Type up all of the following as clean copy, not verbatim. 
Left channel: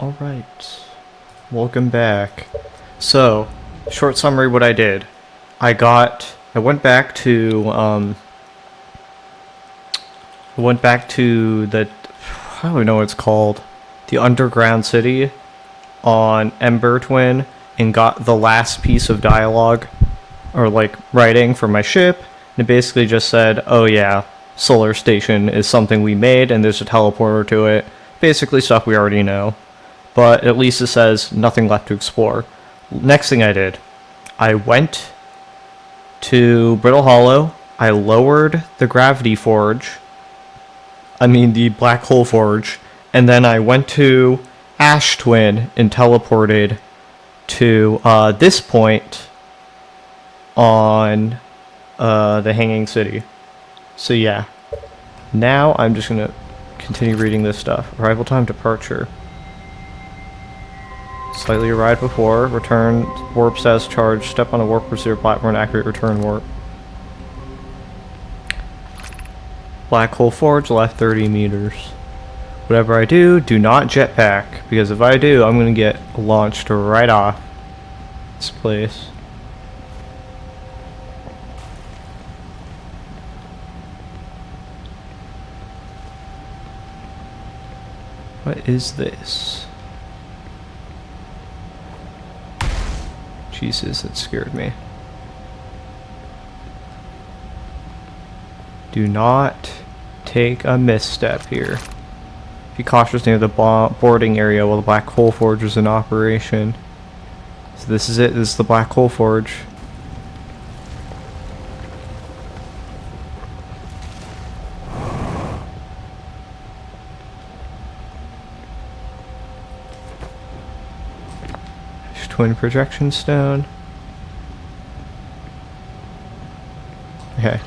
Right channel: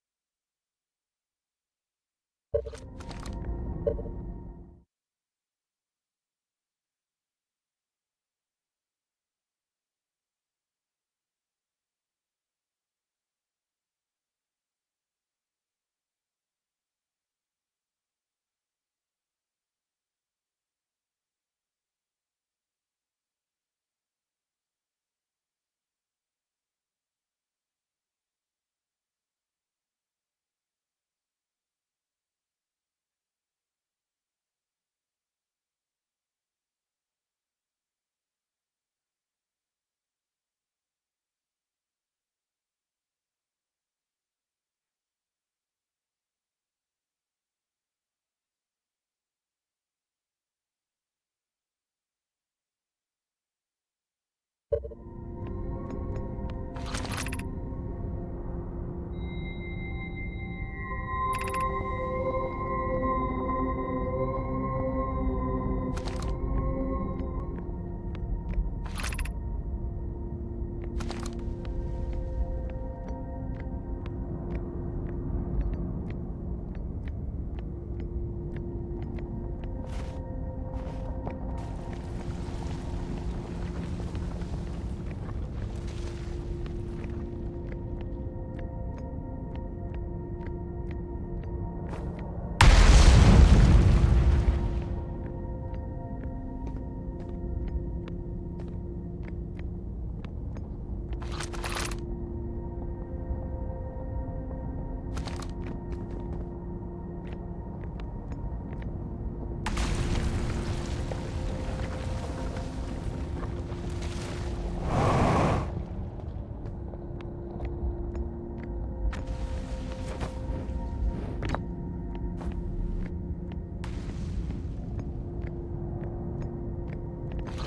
Alright, welcome back. So, short summary what I did. I went back to, the, I don't even know what it's called, the underground city on Ember Twin and got the last piece of dialogue, or like writing for my ship, and it basically just said, oh yeah, Solar Station is something we made and there's a teleporter to it. Basically stuff we already know. But at least it says nothing left to explore. Next thing I did, I went to Brittle Hollow, I lowered the gravity forge, the black hole forge, and then I went to Ash Twin and teleported to this point on the Hanging City. So yeah, now I'm just gonna continue reading this stuff. Arrival time, departure. Slightly arrived before. Return warp status charge. Step on a warp receiver platform and activate return warp. Black hole forge, left 30 meters. Whatever I do, do not jetpack, because if I do, I'm gonna get launched right off this place. What is this? Jesus, it scared me. Do not take a misstep here. Be cautious near the boarding area while the black hole forge is in operation. So this is it. This is the black hole forge. Twin projection stone. Okay.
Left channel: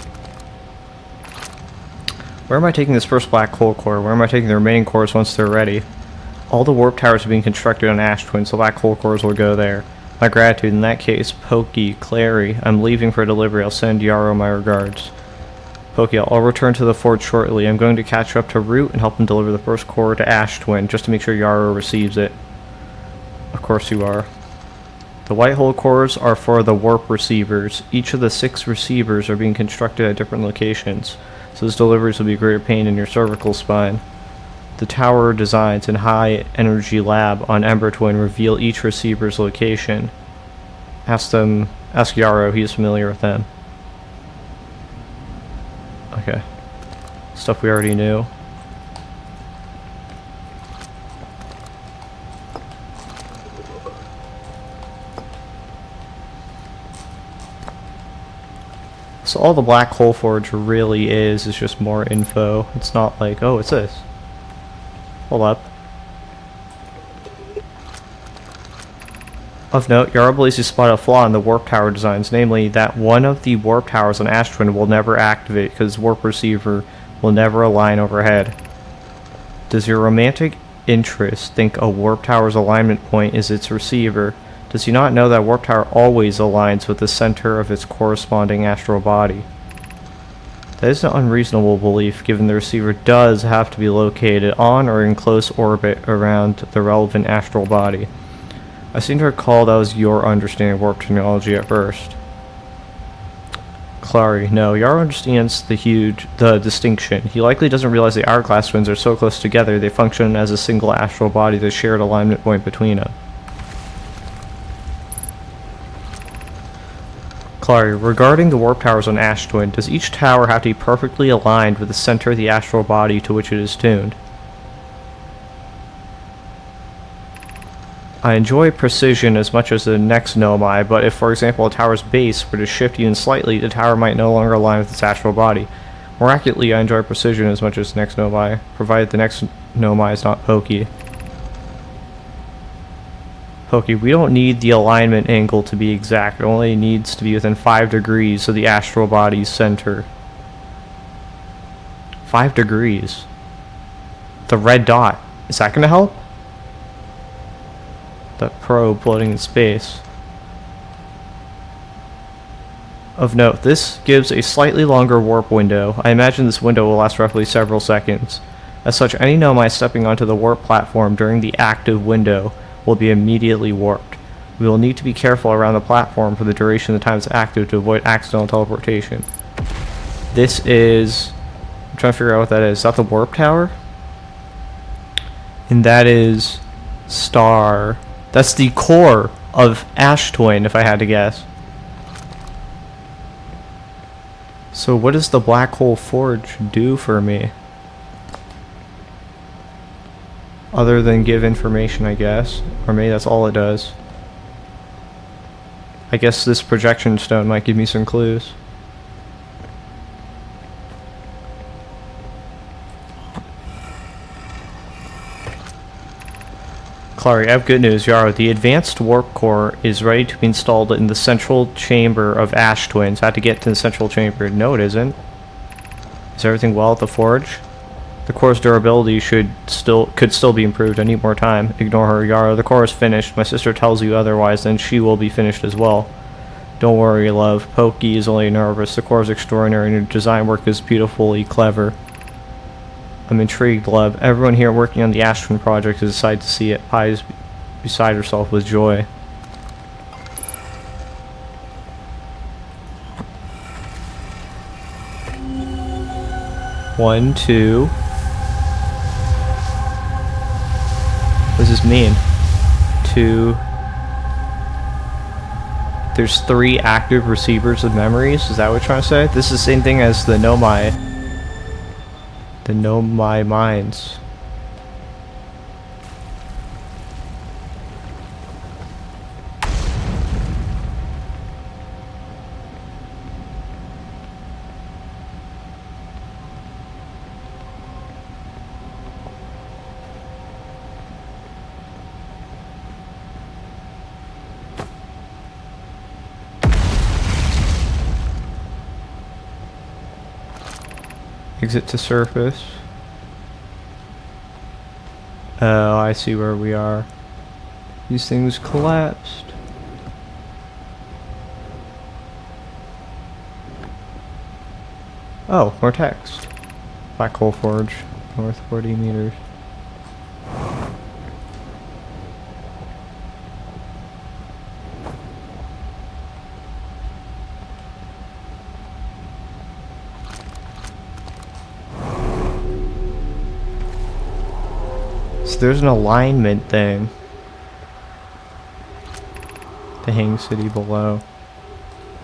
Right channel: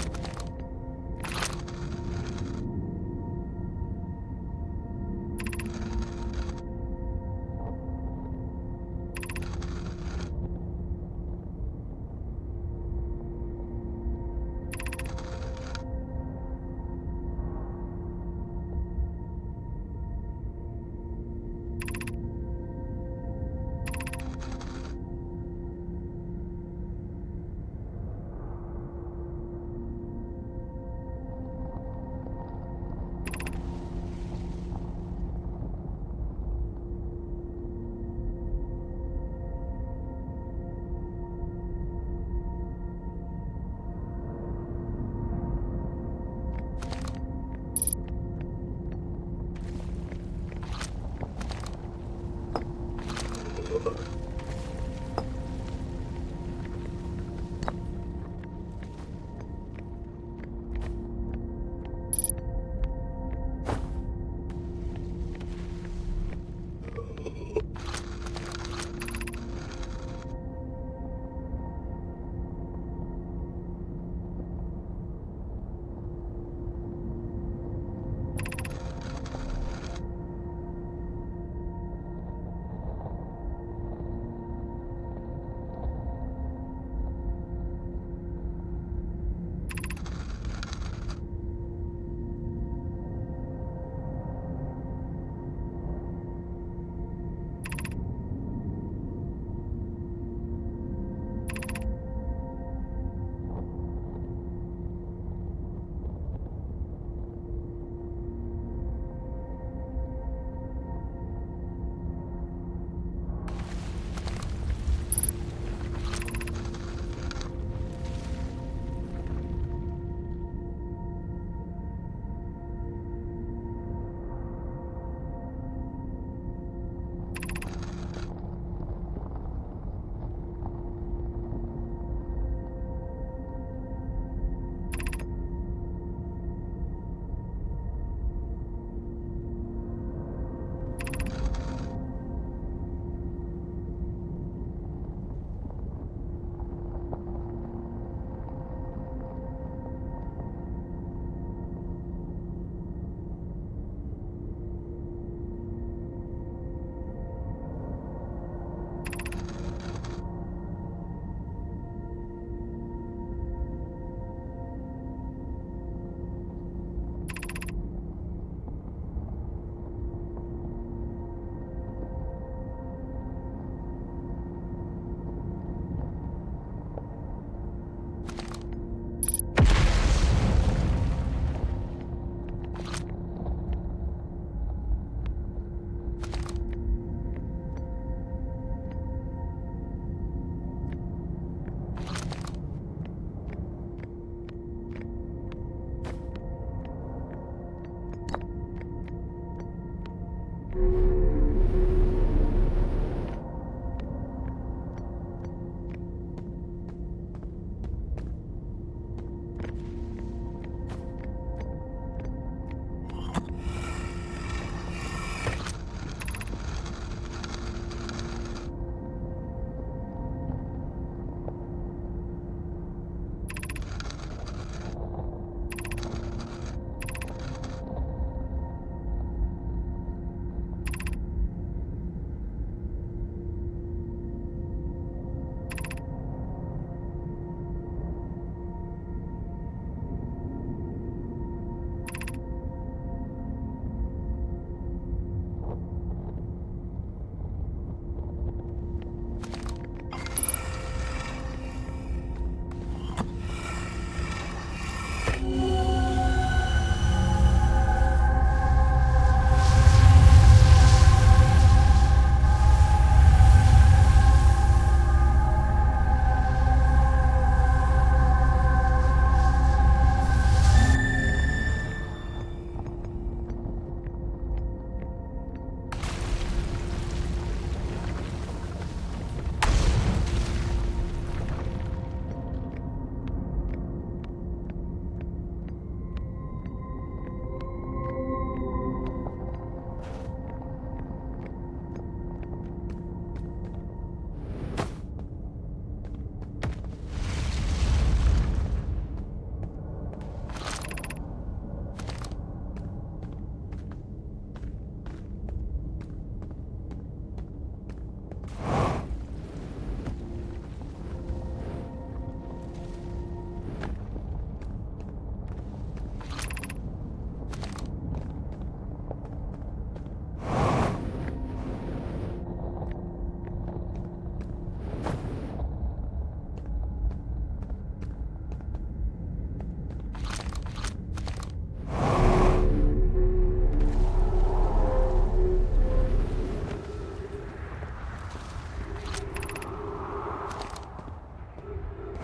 Where am I taking this first black hole core? Where am I taking the remaining cores once they're ready? All the warp towers are being constructed on Ash Twin, so black hole cores will go there. My gratitude. In that case, Pokey, Clary, I'm leaving for delivery. I'll send Yarrow my regards. Pokey, I'll return to the fort shortly. I'm going to catch up to Root and help him deliver the first core to Ash Twin, just to make sure Yarrow receives it. Of course you are. The white hole cores are for the warp receivers. Each of the 6 receivers are being constructed at different locations, so those deliveries will be a greater pain in your cervical spine. The tower designs and high energy lab on Ember Twin reveal each receiver's location. Ask Yarrow, he is familiar with them. Okay. Stuff we already knew. So all the black hole forge really is just more info. It's not like, oh, it's this. Hold up. Of note, Yarrow believes he spotted a flaw in the warp tower designs, namely that one of the warp towers on Ash Twin will never activate because warp receiver will never align overhead. Does your romantic interest think a warp tower's alignment point is its receiver? Does he not know that warp tower always aligns with the center of its corresponding astral body? That is an unreasonable belief, given the receiver does have to be located on or in close orbit around the relevant astral body. I seem to recall that was your understanding of warp technology at first. Clary, no, Yarrow understands the distinction. He likely doesn't realize the hourglass twins are so close together they function as a single astral body, the shared alignment point between them. Clary, regarding the warp towers on Ash Twin, does each tower have to be perfectly aligned with the center of the astral body to which it is tuned? I enjoy precision as much as the next Nomai, but if, for example, a tower's base were to shift even slightly, the tower might no longer align with its astral body. More accurately, I enjoy precision as much as the next Nomai, provided the next Nomai is not Pokey. Pokey, we don't need the alignment angle to be exact. It only needs to be within 5 degrees of the astral body's center. 5 degrees. The red dot. Is that going to help? The probe floating in space. Of note, this gives a slightly longer warp window. I imagine this window will last roughly several seconds. As such, any nomai stepping onto the warp platform during the active window will be immediately warped. We will need to be careful around the platform for the duration of the time it's active to avoid accidental teleportation. This is... I'm trying to figure out what that is. Is that the warp tower? And that is... Star... That's the core of Ash Twin, if I had to guess. So what does the Black Hole Forge do for me? Other than give information, I guess. Or maybe that's all it does. I guess this projection stone might give me some clues. Clary, I have good news, Yara. The advanced warp core is ready to be installed in the central chamber of Ash Twins. I had to get to the central chamber. No, it isn't. Is everything well at the forge? The core's durability could still be improved. I need more time. Ignore her, Yara. The core is finished. My sister tells you otherwise, then she will be finished as well. Don't worry, love. Pokey is only nervous. The core is extraordinary and your design work is beautifully clever. I'm intrigued, love. Everyone here working on the Ash Twin project is excited to see it. Pi is beside herself with joy. One, two. What does this mean? Two. There's 3 active receivers of memories. Is that what you're trying to say? This is the same thing as the Nomai. The Nomai mines. Exit to surface. Oh, I see where we are. These things collapsed. Oh, more text. Black Hole Forge, north 40 meters. There's an alignment thing. The Hang City below.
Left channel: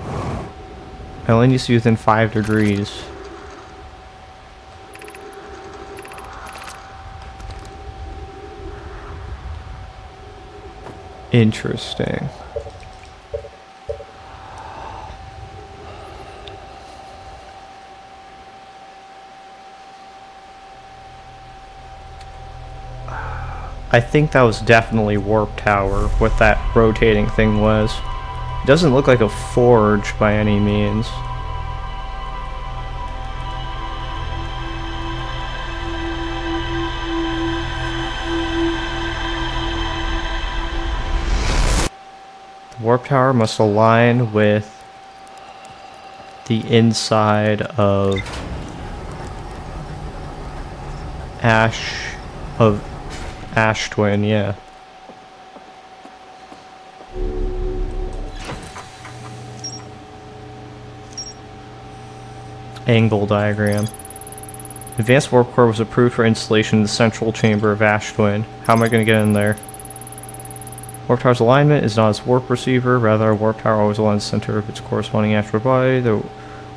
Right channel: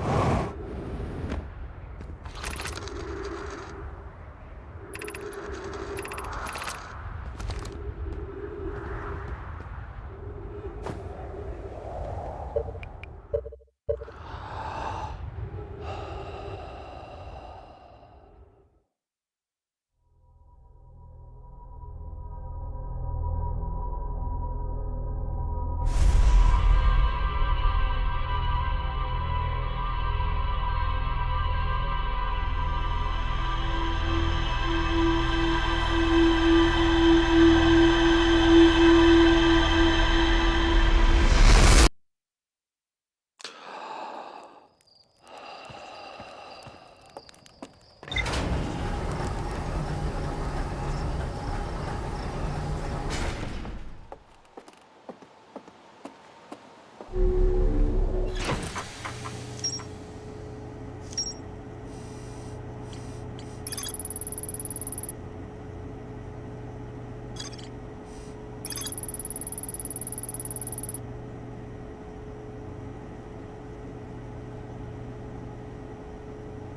It only needs to be within 5 degrees. Interesting. I think that was definitely Warp Tower, what that rotating thing was. It doesn't look like a forge by any means. The Warp Tower must align with the inside of Ash Twin, yeah. Angle diagram. Advanced warp core was approved for installation in the central chamber of Ash Twin. How am I going to get in there? Warp Tower's alignment is not its warp receiver, rather a warp tower always aligns the center of its corresponding astral body. The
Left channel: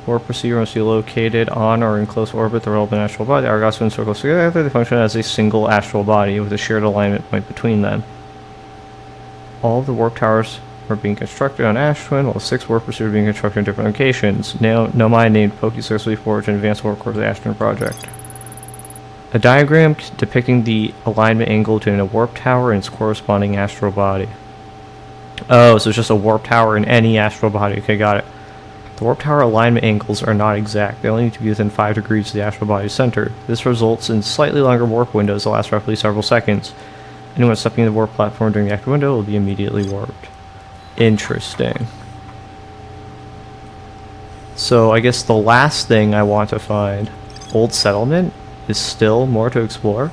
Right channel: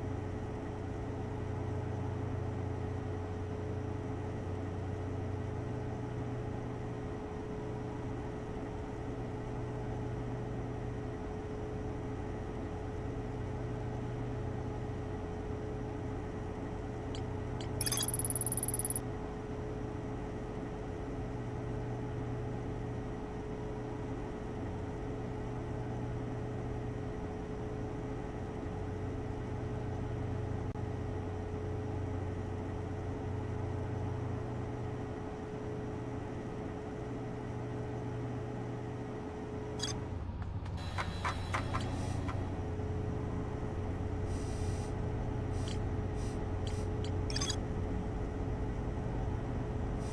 warp receiver must be located on or in close orbit the relevant astral body. The Argos twin circles together. They function as a single astral body with a shared alignment point between them. All of the warp towers are being constructed on Ash Twin, while 6 warp receivers are being constructed in different locations. Nomai named Pokey Successfully Forge and Advanced Warp Core of the Ash Twin project. A diagram depicting the alignment angle between a warp tower and its corresponding astral body. Oh, so it's just a warp tower in any astral body. Okay, got it. The warp tower alignment angles are not exact. They only need to be within 5 degrees of the astral body's center. This results in slightly longer warp windows that last roughly several seconds. Anyone stepping in the warp platform during the active window will be immediately warped. Interesting. So I guess the last thing I want to find, Old Settlement? is still more to explore.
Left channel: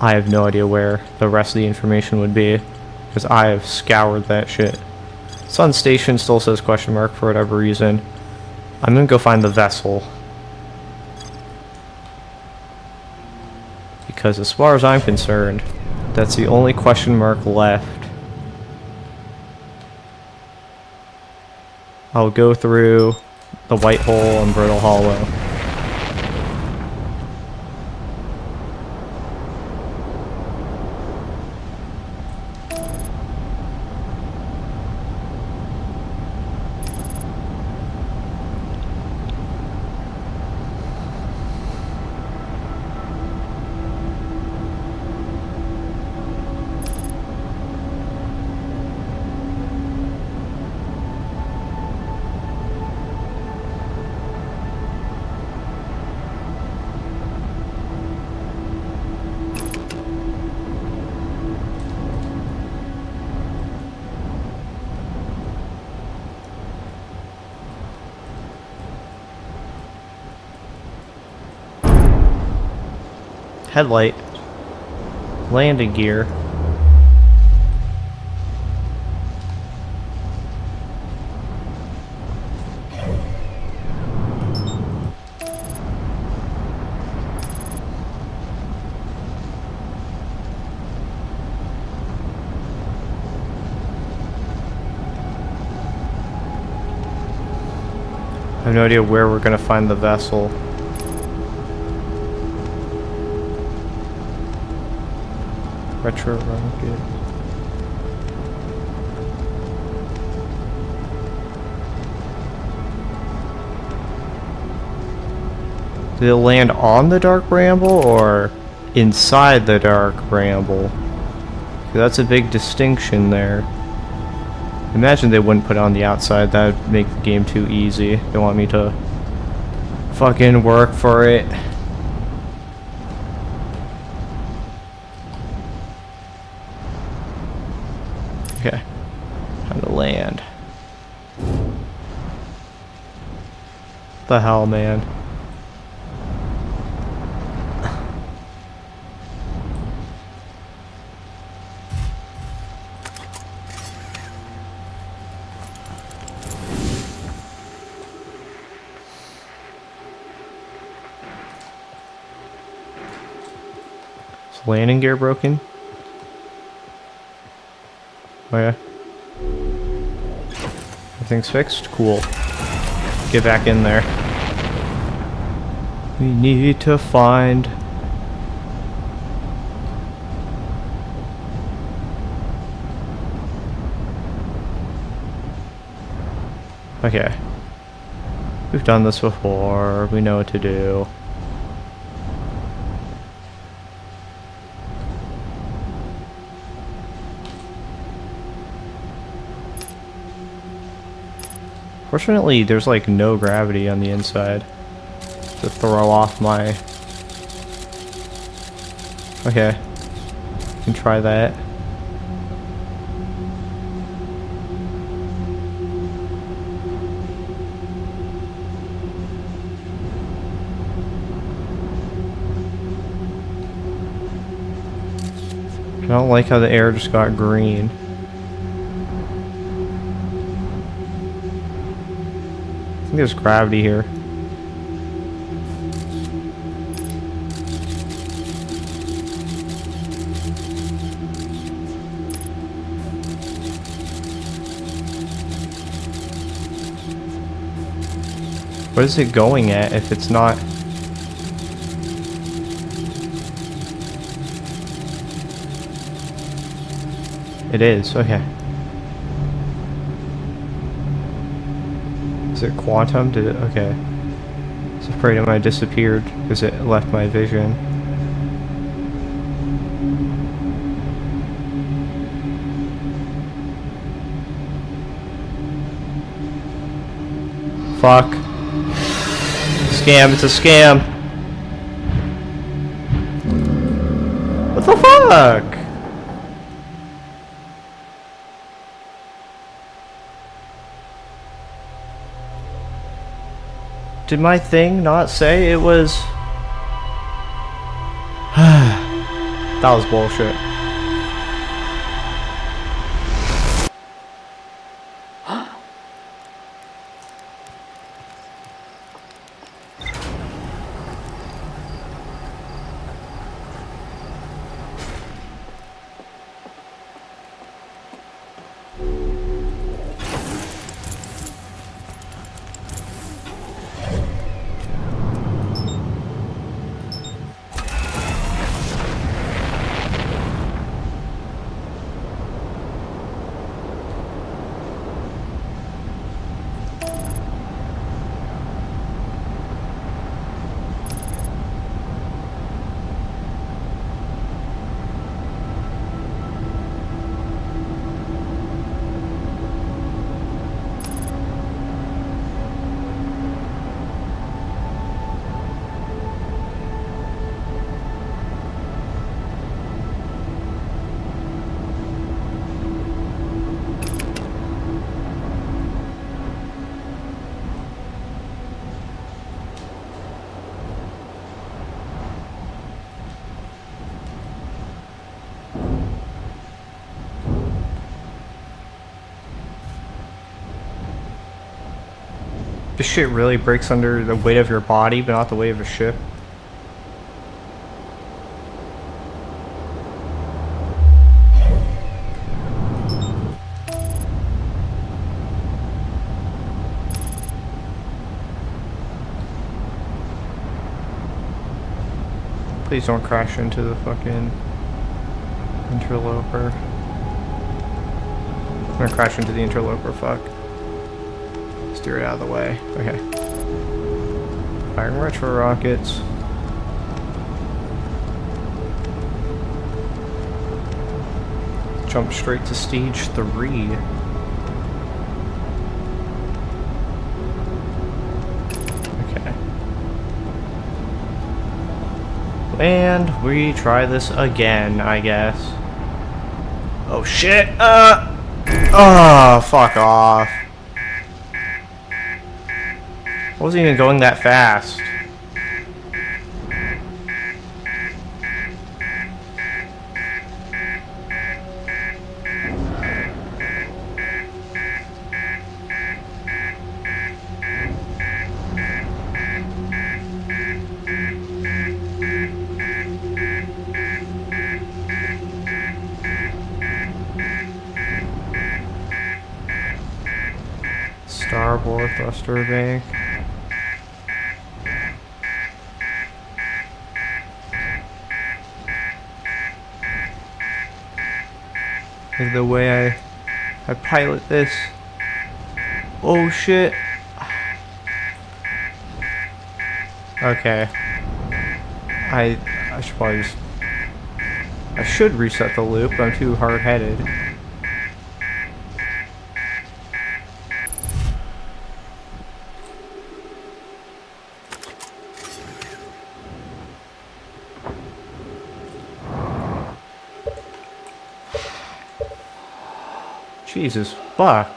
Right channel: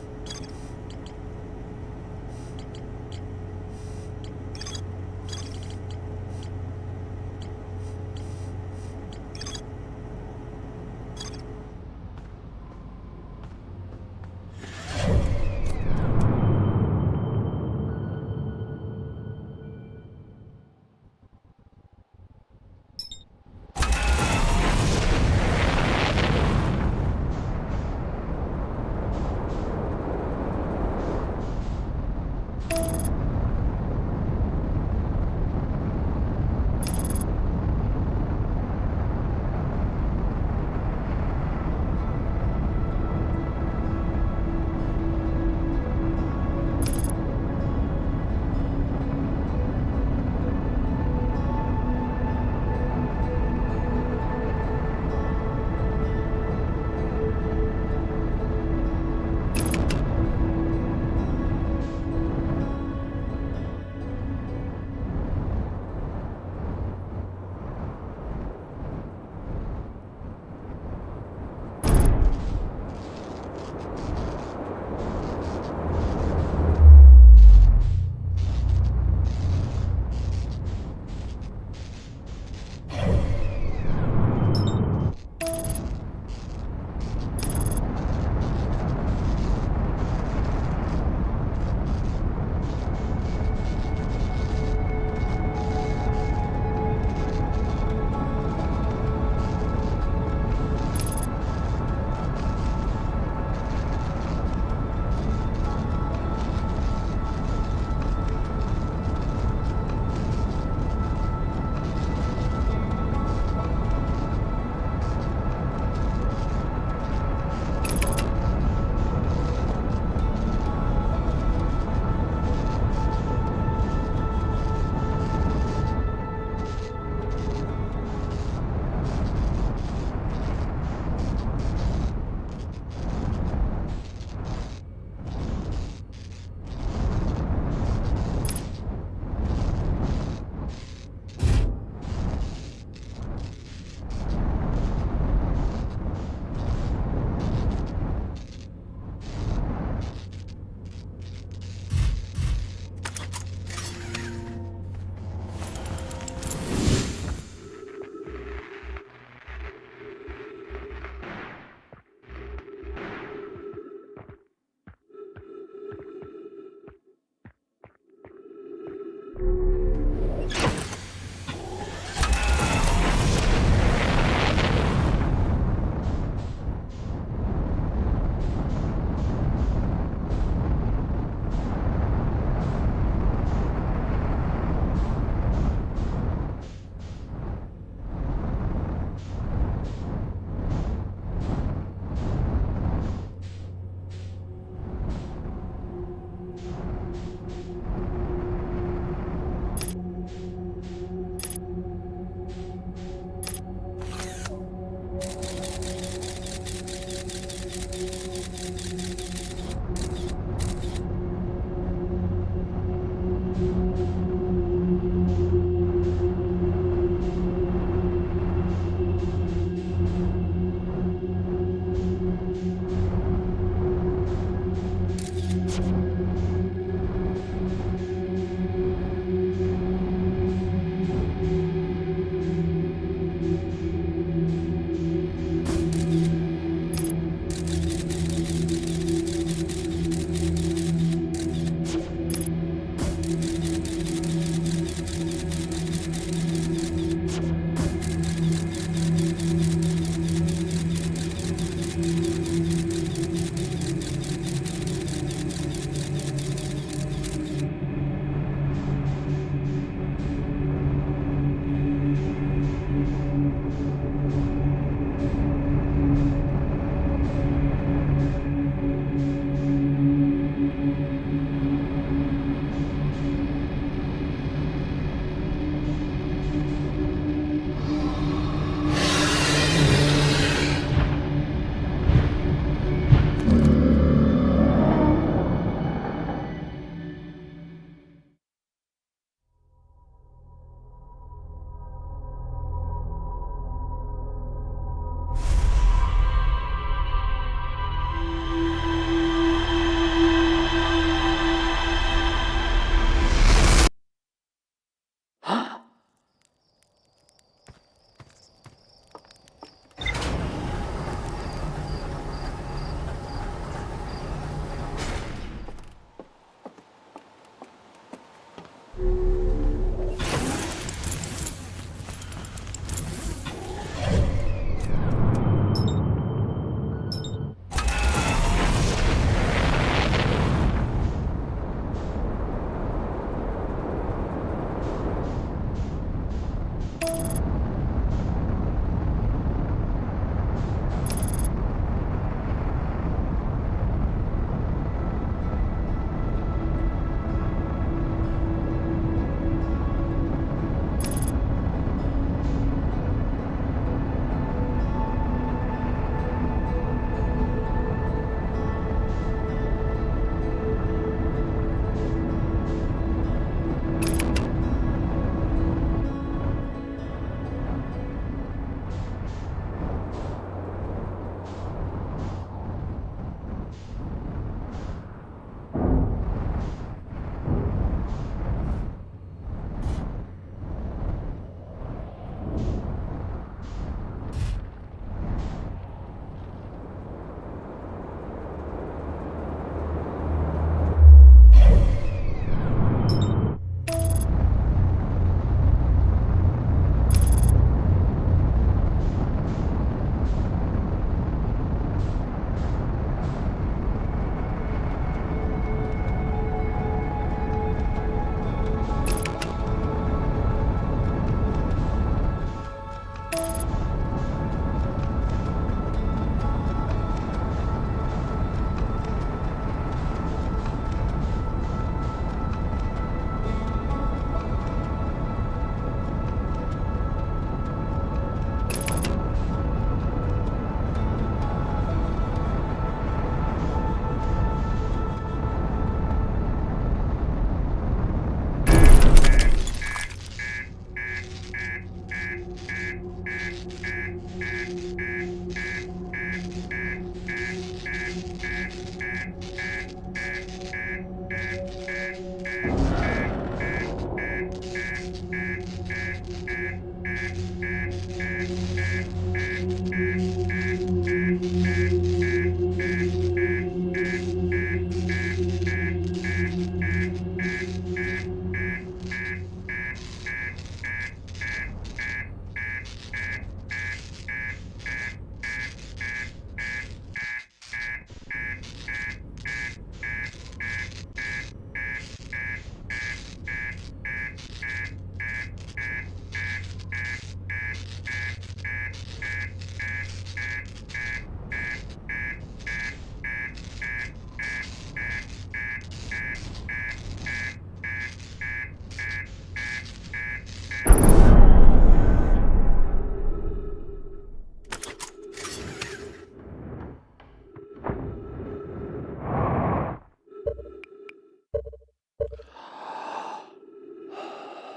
I have no idea where the rest of the information would be, because I have scoured that shit. Sun Station still says question mark for whatever reason. I'm gonna go find the vessel. Because as far as I'm concerned, that's the only question mark left. I'll go through the White Hole and Brittle Hollow. Headlight. Landing gear. I have no idea where we're gonna find the vessel. Retro landing. Did it land on the Dark Bramble or inside the Dark Bramble? That's a big distinction there. Imagine they wouldn't put it on the outside. That would make the game too easy. They want me to fucking work for it. Okay. Time to land. The hell, man? Is landing gear broken? Oh yeah. Everything's fixed? Cool. Get back in there. We need to find... Okay. We've done this before. We know what to do. Fortunately, there's like no gravity on the inside to throw off my... Okay. Can try that. I don't like how the air just got green. I think there's gravity here. What is it going at if it's not? It is, okay. Is it quantum? Did it? Okay. I was afraid it might have disappeared because it left my vision. Fuck. Scam, it's a scam. What the fuck? Did my thing not say it was... That was bullshit. This shit really breaks under the weight of your body, but not the weight of a ship. Please don't crash into the fucking interloper. I'm gonna crash into the interloper, fuck. Steer it out of the way. Okay. Firing retro rockets. Jump straight to stage 3. Okay. And we try this again, I guess. Oh shit! Oh, fuck off. I wasn't even going that fast. Starboard thruster bank. Is the way I pilot this. Oh shit. Okay. I should probably just... I should reset the loop, but I'm too hard-headed. Jesus fuck.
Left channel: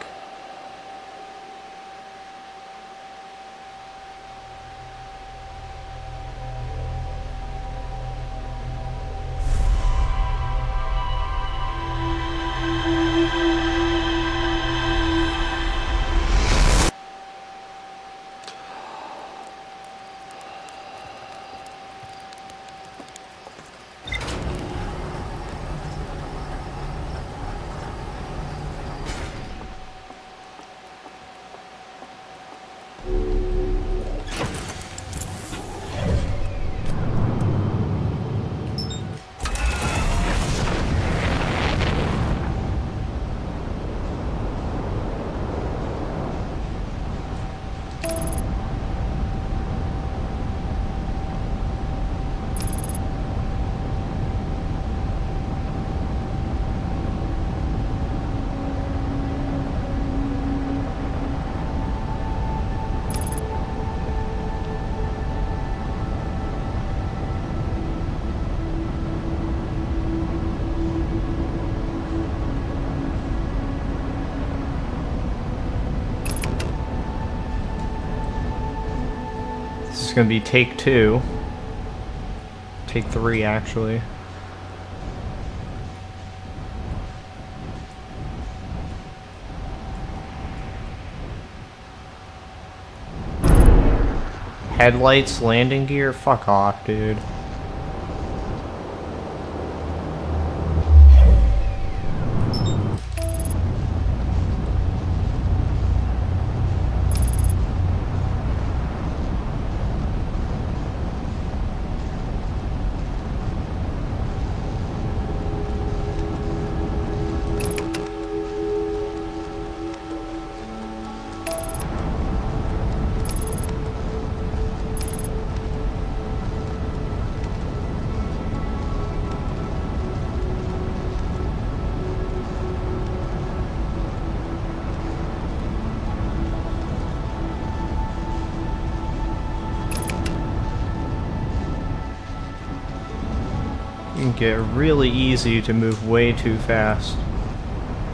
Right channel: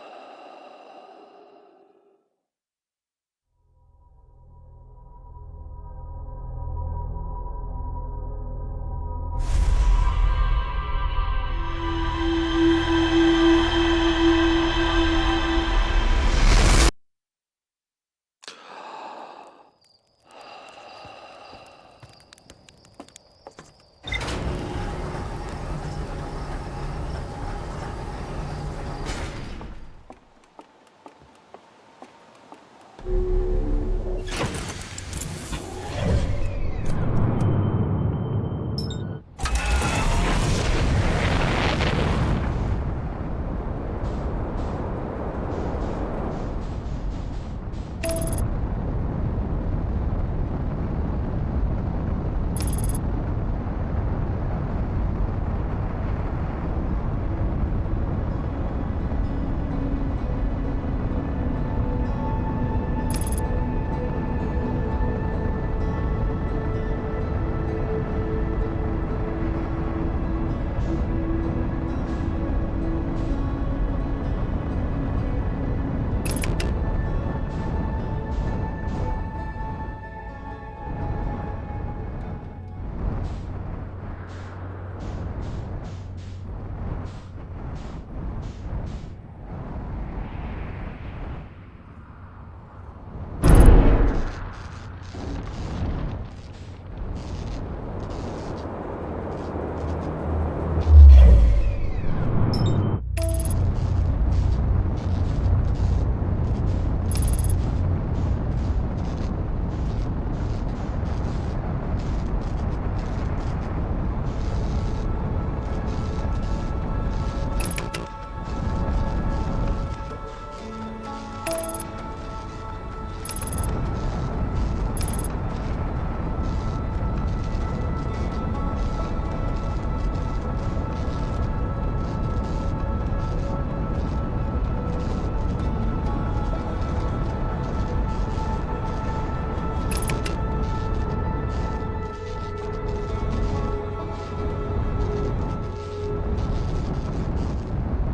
It's gonna be take 2. Take 3, actually. Headlights, landing gear? Fuck off, dude. Get really easy to move way too fast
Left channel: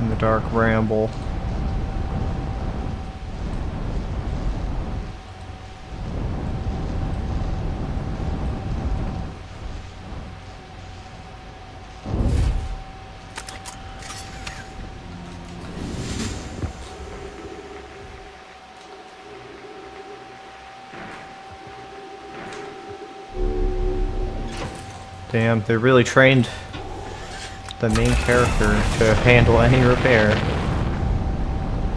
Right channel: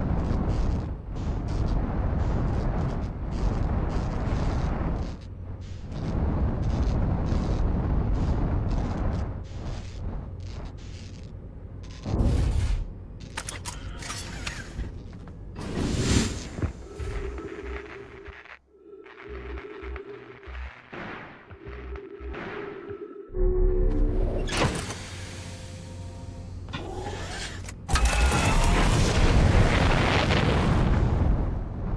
in the dark ramble. Damn, they really trained the main character to handle any repair.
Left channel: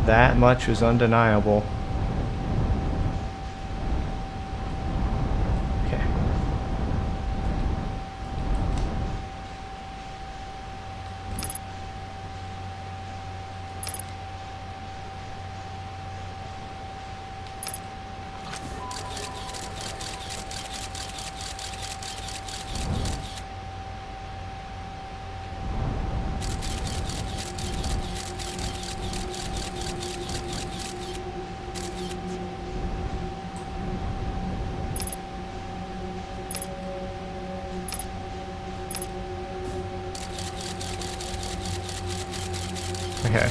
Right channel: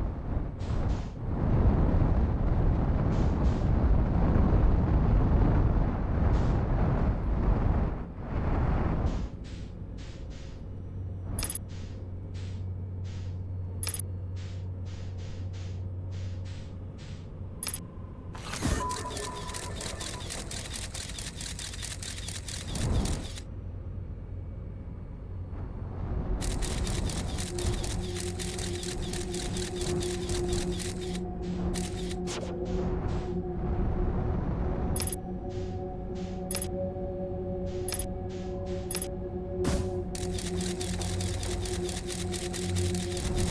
That much is undeniable. Okay. Okay.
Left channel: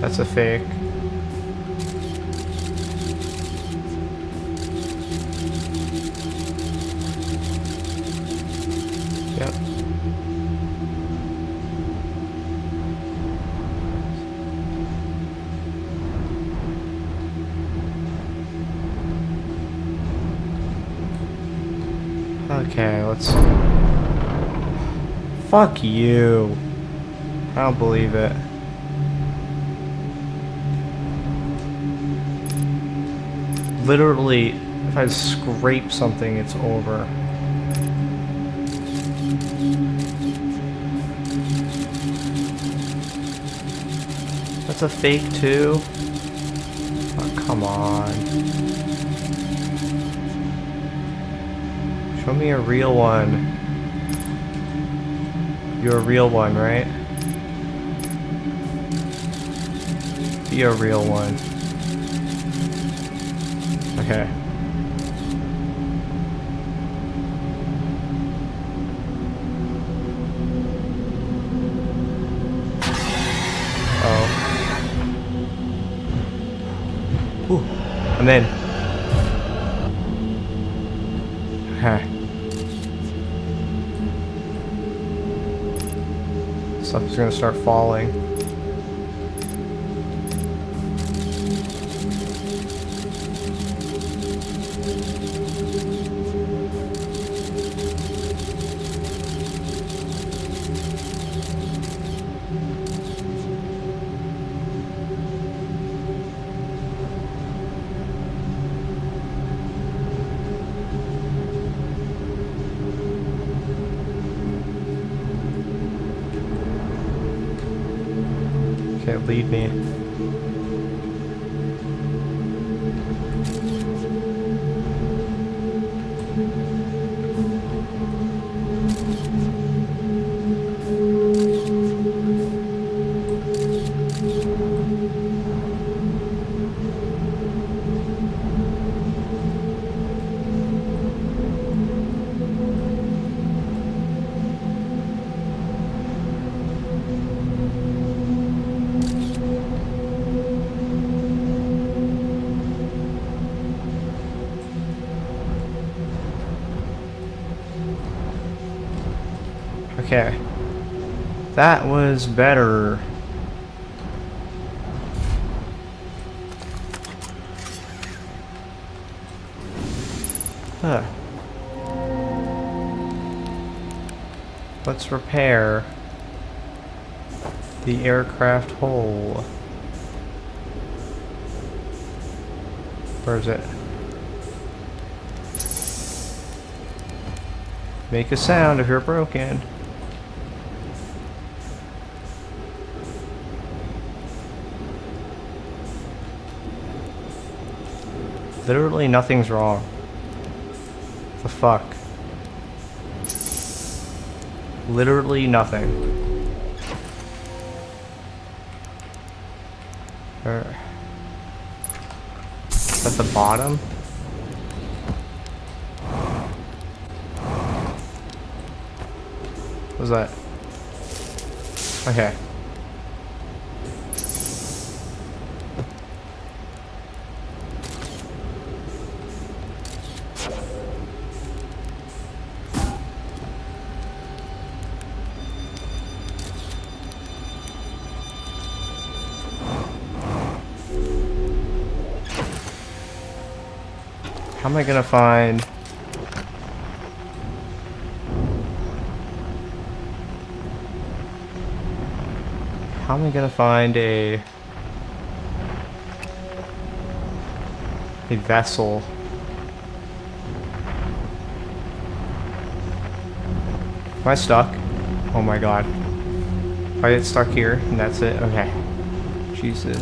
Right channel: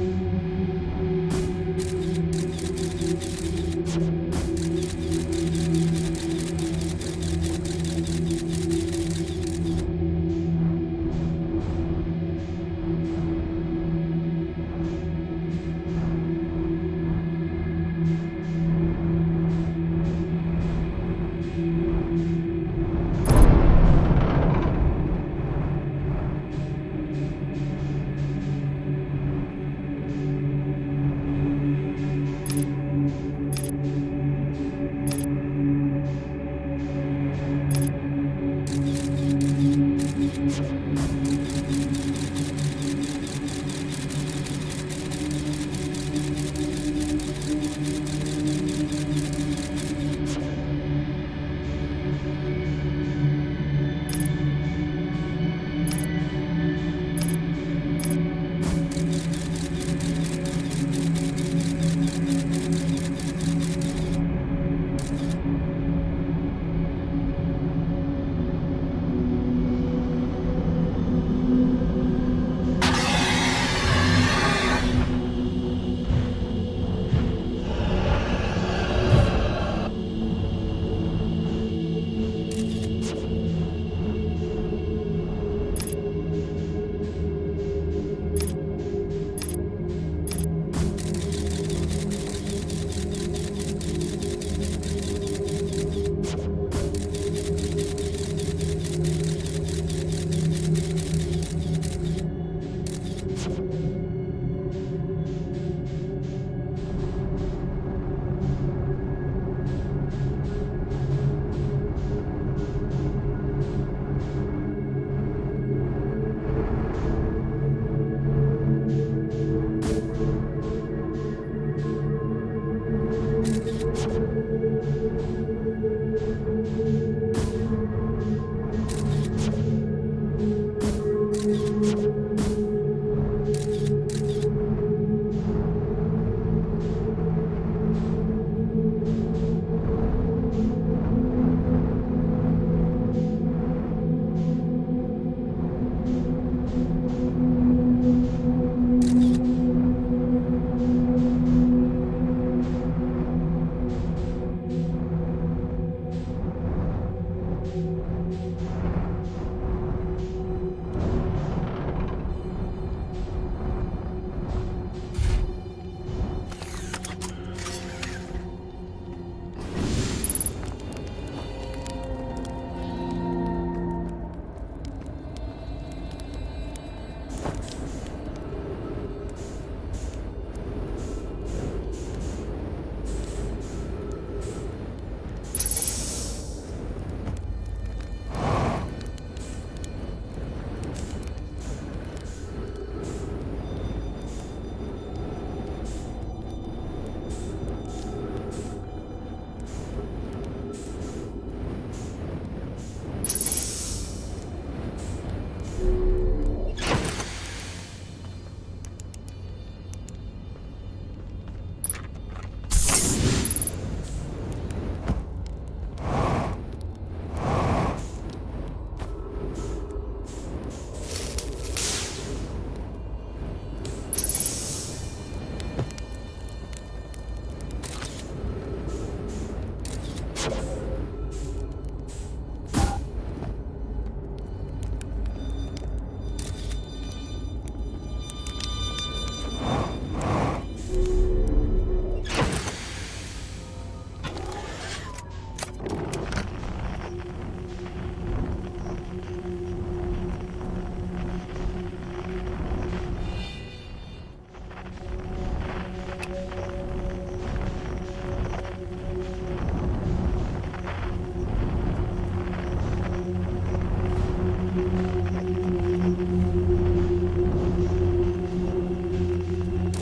That's a fake. Yep. Okay, let's... Fuck you. I don't believe it. Literally, if I scrape something, it's over. That's a fake too? Oh, come on. Show me a real one. You're a real one, right? Be a real one. Okay. Oh. Ooh. And then. Okay. Stuff is gonna start falling. Can't lead me. Okay. That was better. Huh. Let's repair the aircraft hull. Where is it? Make a sound if you're broken. Literally nothing's wrong. The fuck? Literally nothing. At the bottom? What was that? Okay. How am I gonna find... How am I gonna find a vessel? Am I stuck? Oh my god. If I get stuck here, and that's it? Okay. Jesus.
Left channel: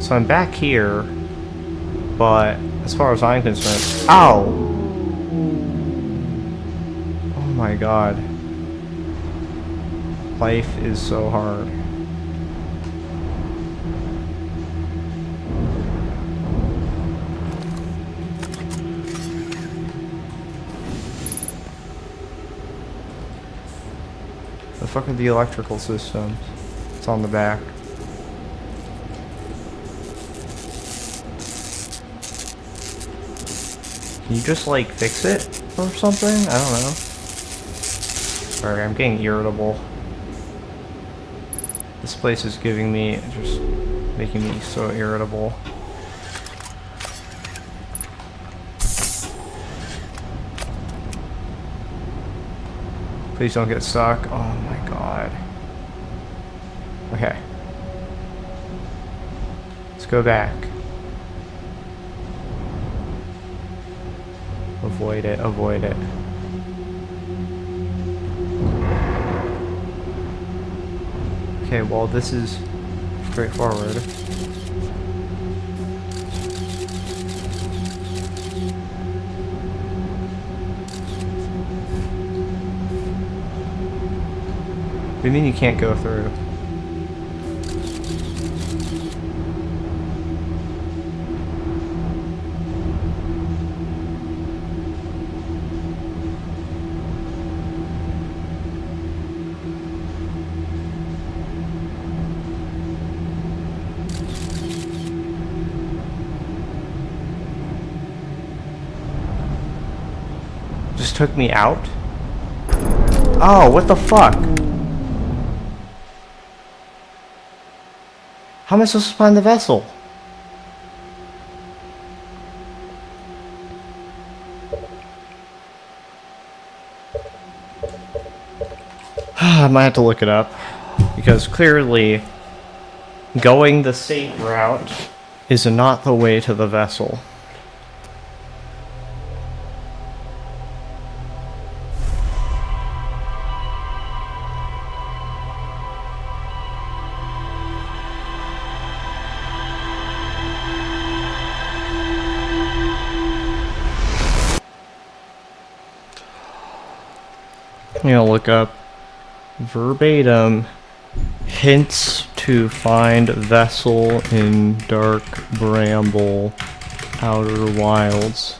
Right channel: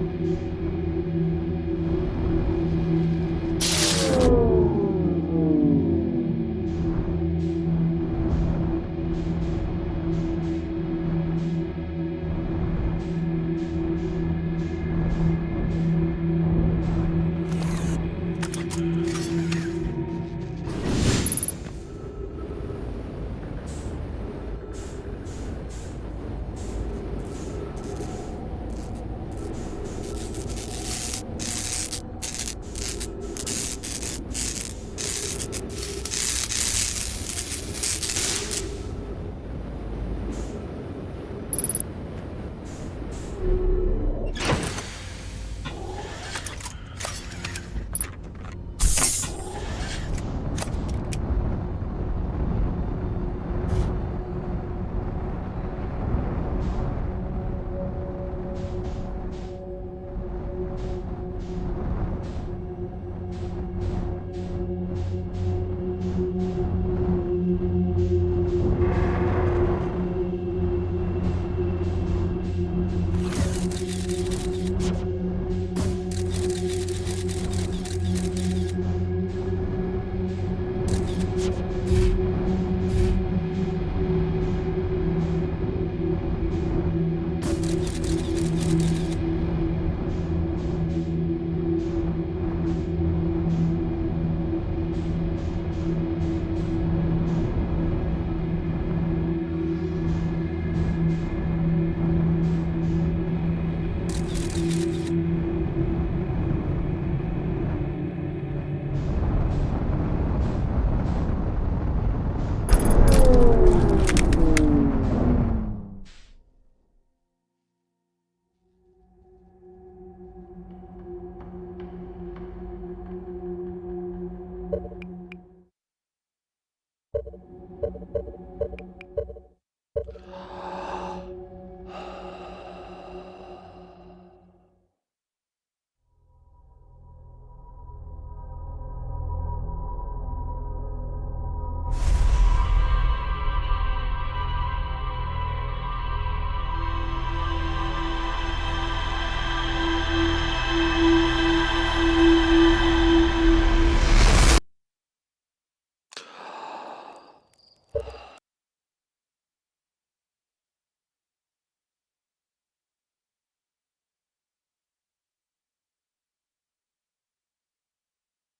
So I'm back here, but as far as I'm concerned... Ow! Oh my god. Life is so hard. The fuck are the electrical systems? It's on the back. Can you just, like, fix it or something? I don't know. Sorry, I'm getting irritable. This place is giving me, just making me so irritable. Please don't get stuck. Oh my god. Okay. Let's go back. Avoid it, avoid it. Okay, well this is straightforward. What do you mean you can't go through? Just took me out? Oh, what the fuck? How am I supposed to find the vessel? I might have to look it up. Because clearly, going the safe route is not the way to the vessel. You know, look up verbatim hints to find vessel in dark bramble outer wilds.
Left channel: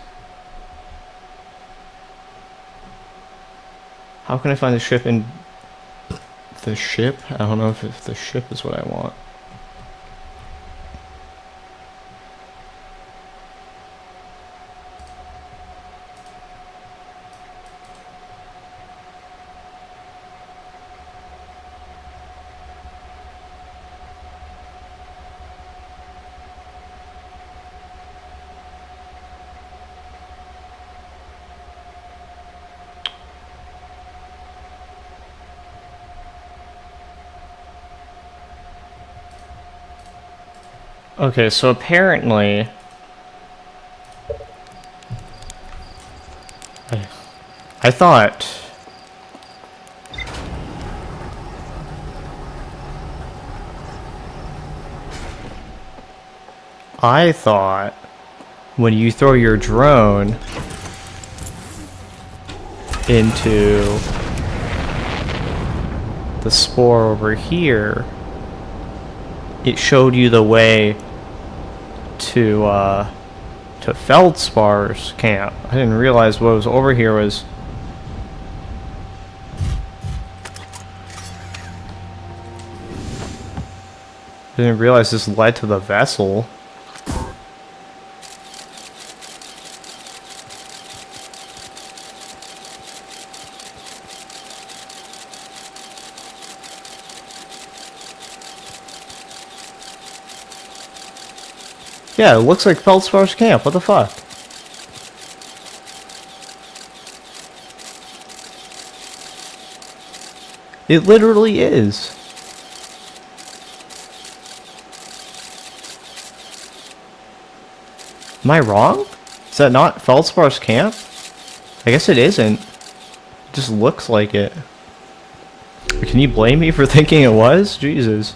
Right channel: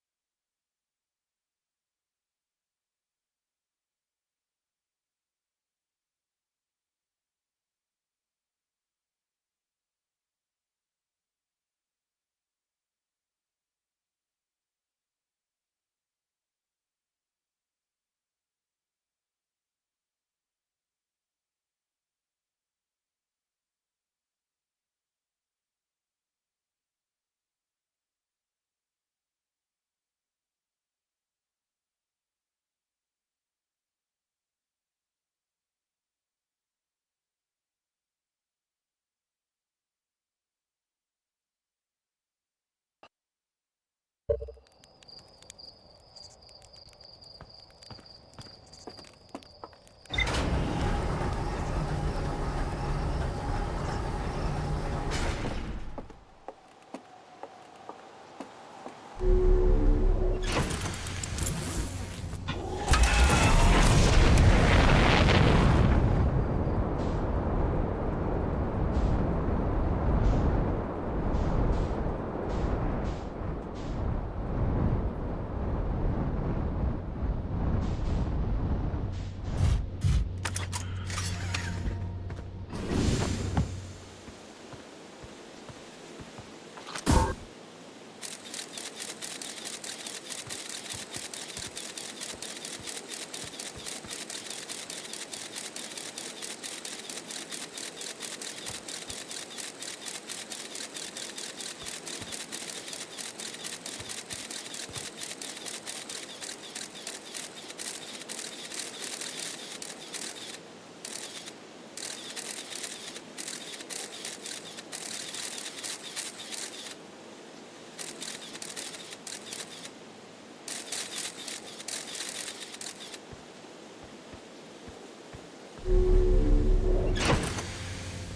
How can I find the ship in The ship? I don't know if the ship is what I want. Okay, so apparently I thought when you throw your drone into the spore over here, it showed you the way to Feldspar's camp. I didn't realize what was over here was... I didn't realize this led to the vessel. Yeah, it looks like Feldspar's camp. What the fuck? It literally is. Am I wrong? Is that not Feldspar's camp? I guess it isn't. It just looks like it. Can you blame me for thinking it was? Jesus.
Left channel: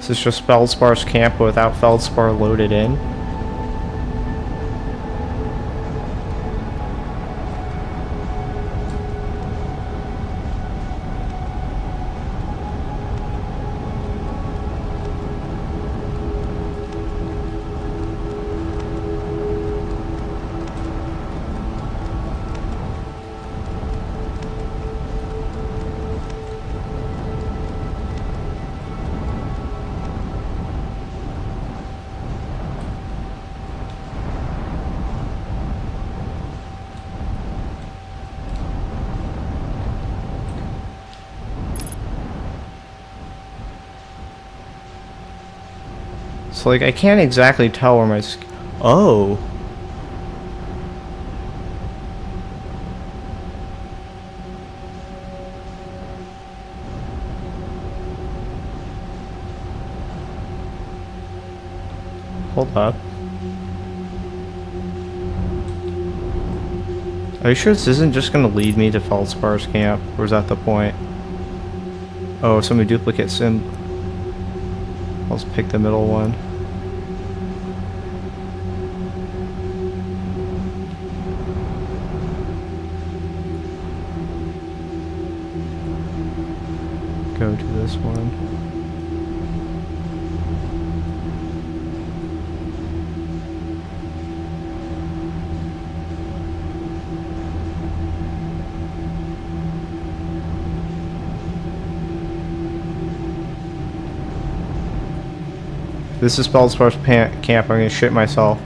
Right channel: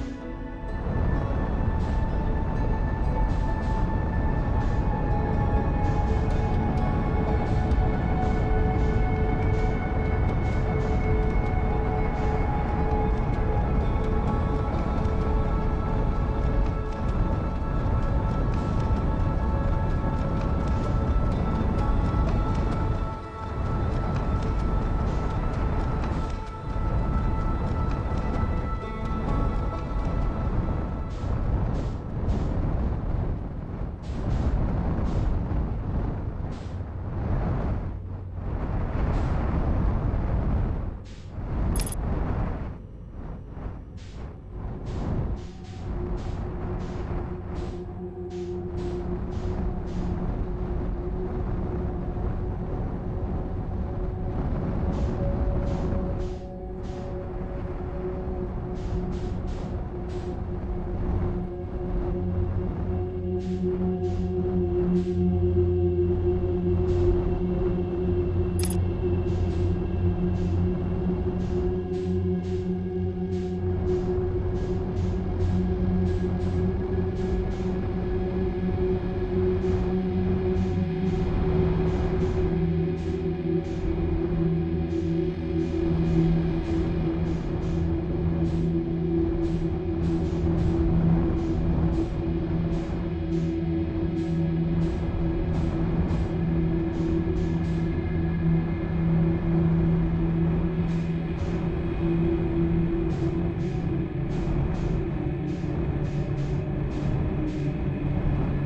Is this just Feldspar's camp without Feldspar loaded in? So, like, I can't exactly tell where my... Oh. Hold up. Are you sure this isn't just gonna lead me to Feldspar's camp? Or is that the point? Oh, so many duplicate sim... I'll just pick the middle one. Go to this one. This is Feldspar's camp. I'm gonna shit myself.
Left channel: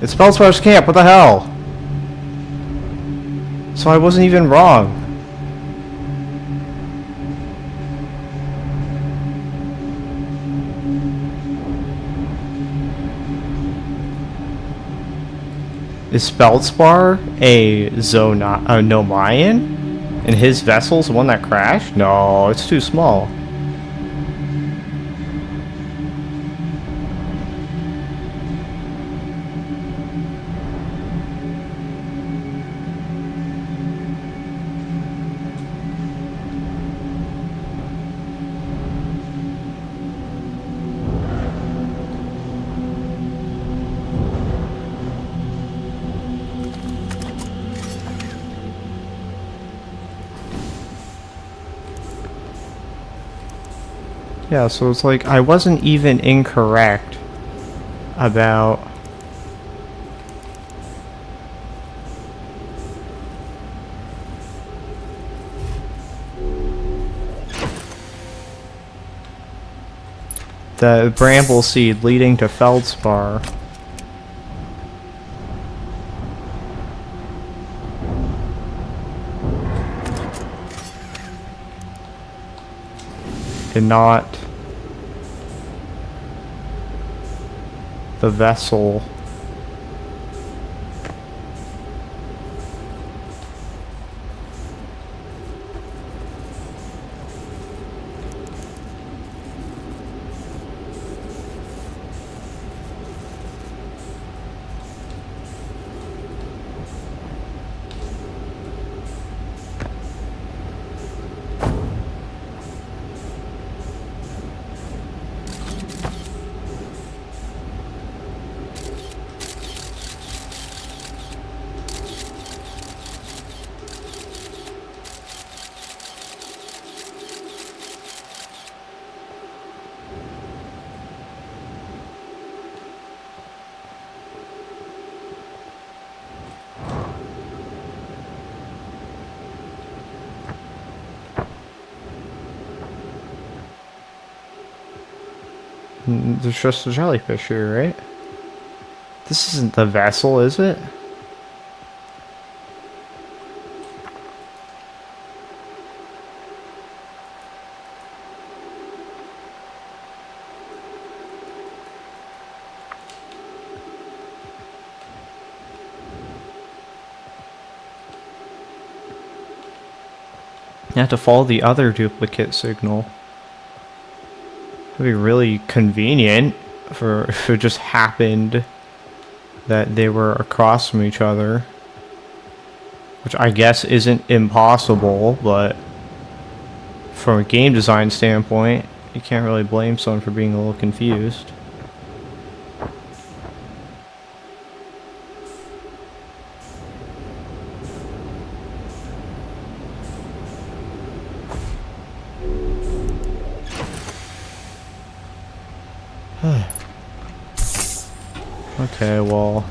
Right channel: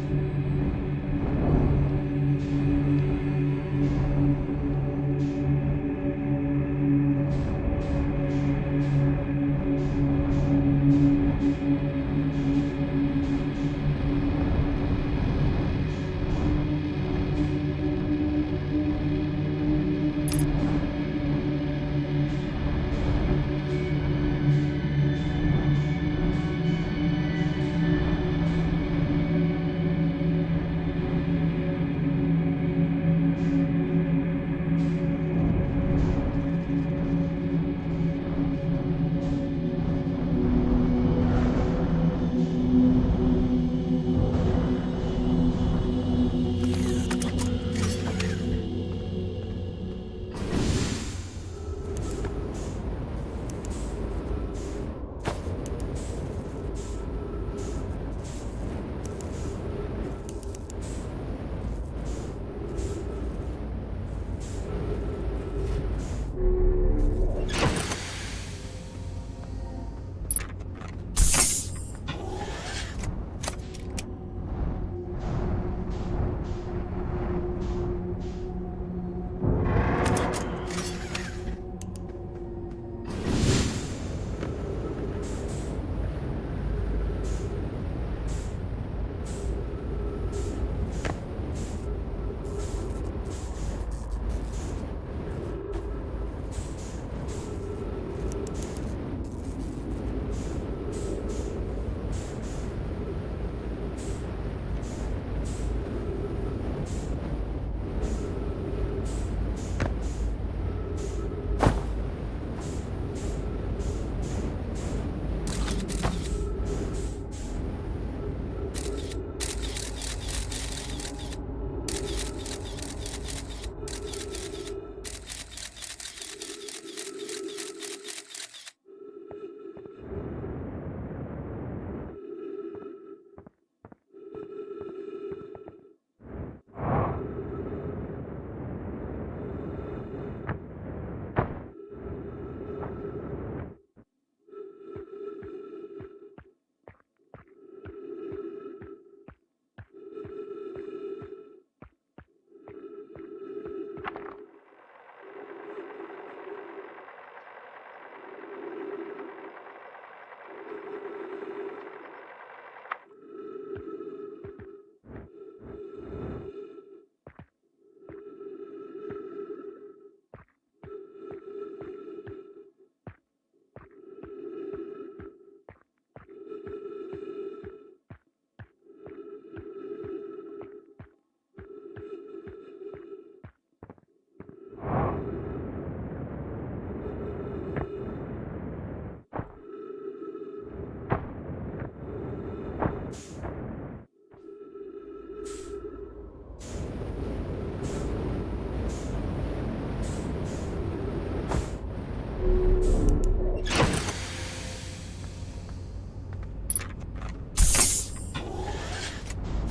It's Feldspar's camp. What the hell? So I wasn't even wrong. Is Feldspar a Nomayan? And his vessel's the one that crashed? No, it's too small. Yeah, so it's like I wasn't even incorrect about the bramble seed leading to feldspar. And not the vessel. There's just a jellyfish here, right? This isn't the vessel, is it? You have to follow the other duplicate signal. It'd be really convenient for if it just happened that they were across from each other. Which I guess isn't impossible, but from a game design standpoint, you can't really blame someone for being a little confused. Okay, well...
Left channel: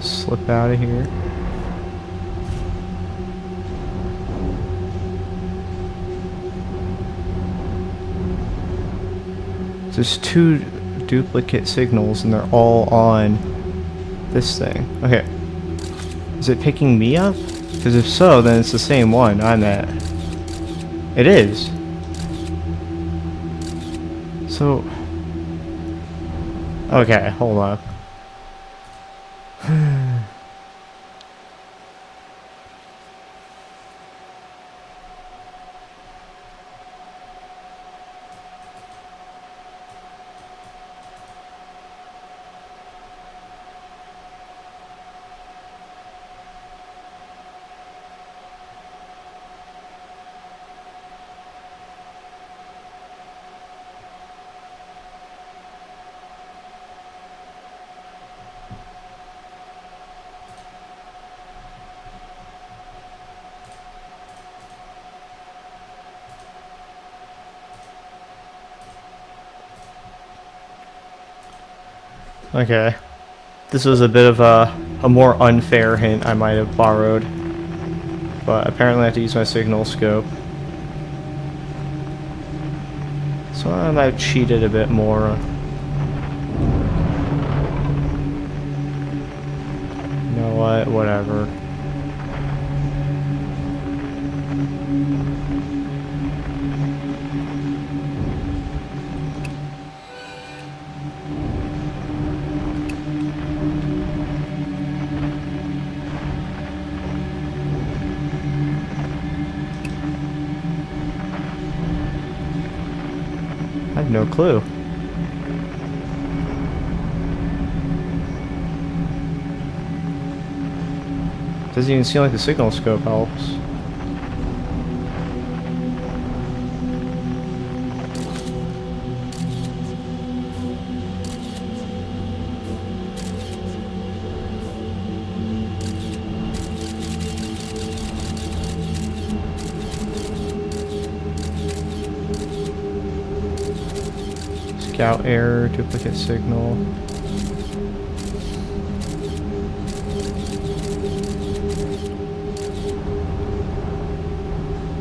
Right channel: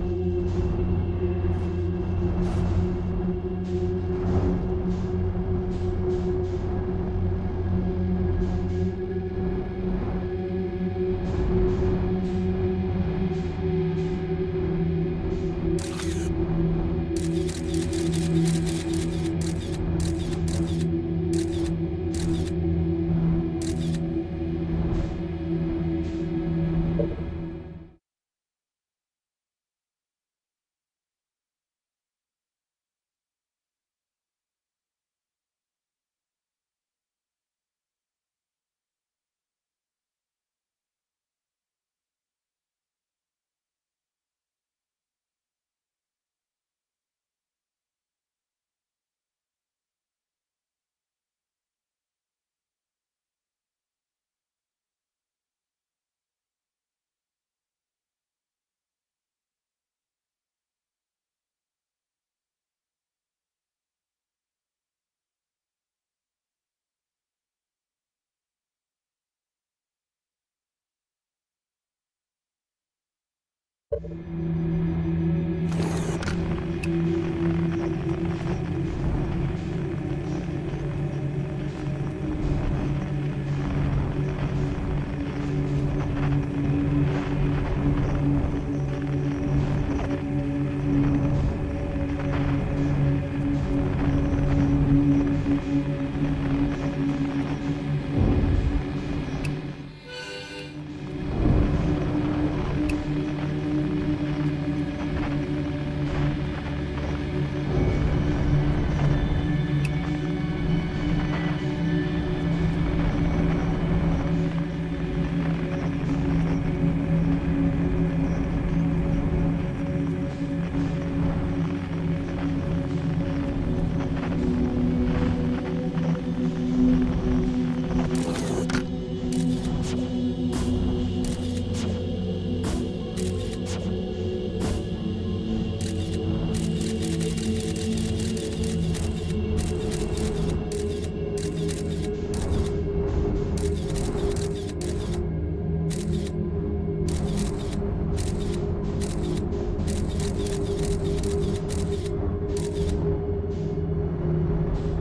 slip out of here. There's two duplicate signals and they're all on this thing. Okay. Is it picking me up? Because if so, then it's the same one I'm at. It is. So... Okay, hold on. Okay. This was a bit of a more unfair hint I might have borrowed. But apparently I have to use my signal scope. So I might have cheated a bit more. You know what? Whatever. I have no clue. Doesn't even seem like the signal scope helps. Scout error, duplicate signal.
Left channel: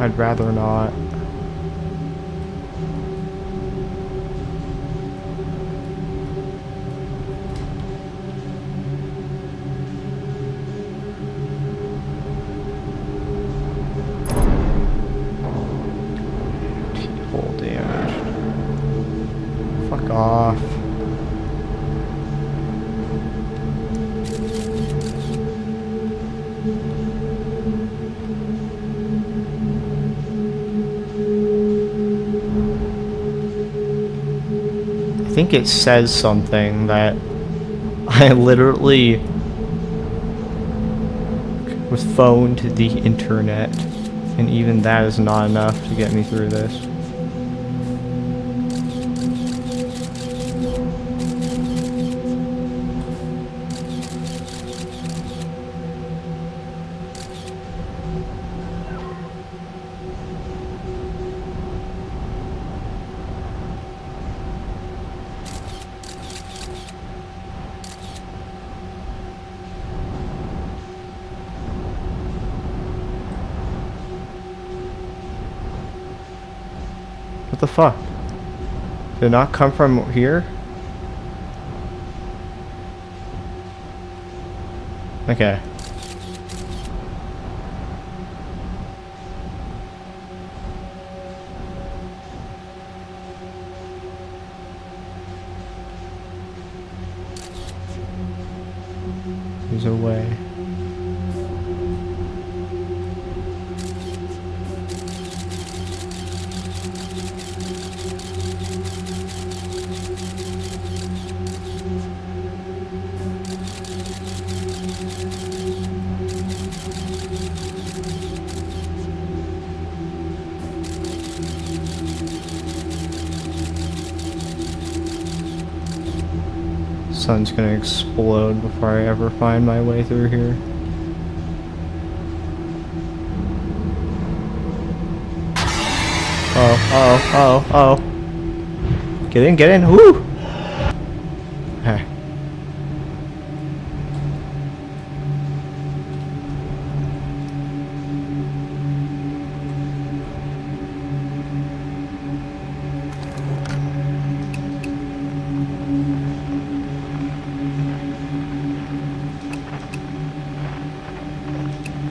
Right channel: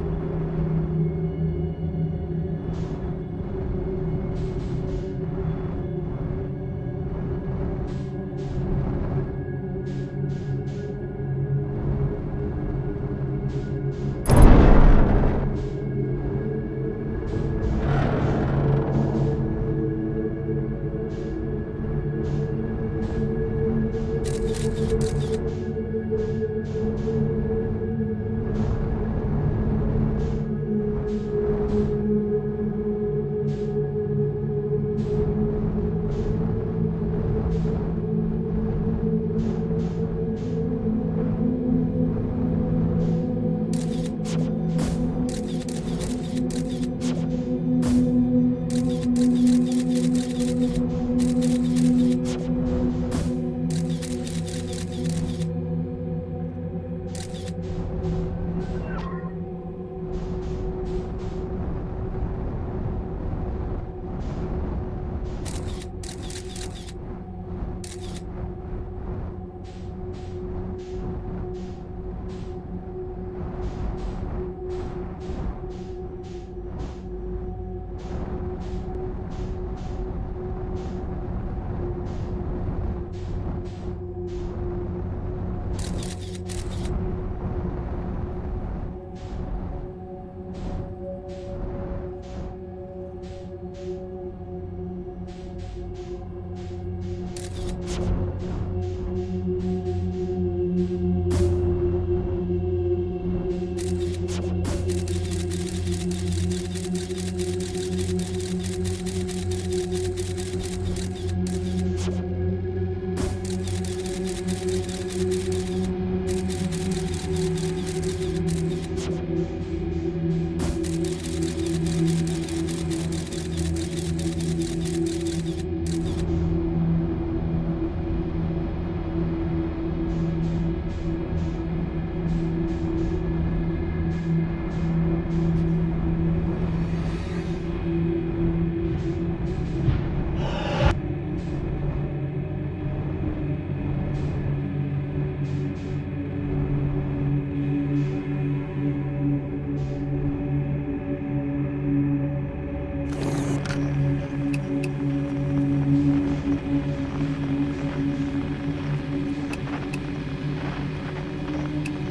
I'd rather not. T-hole damage. Fuck off. I think it says something that I literally was phoned to the internet, and even that is not enough to get me through this. What the fuck? Did it not come from here? Okay. There's a way. Sun's gonna explode before I ever find my way through here. Oh. Get in, woo! Okay.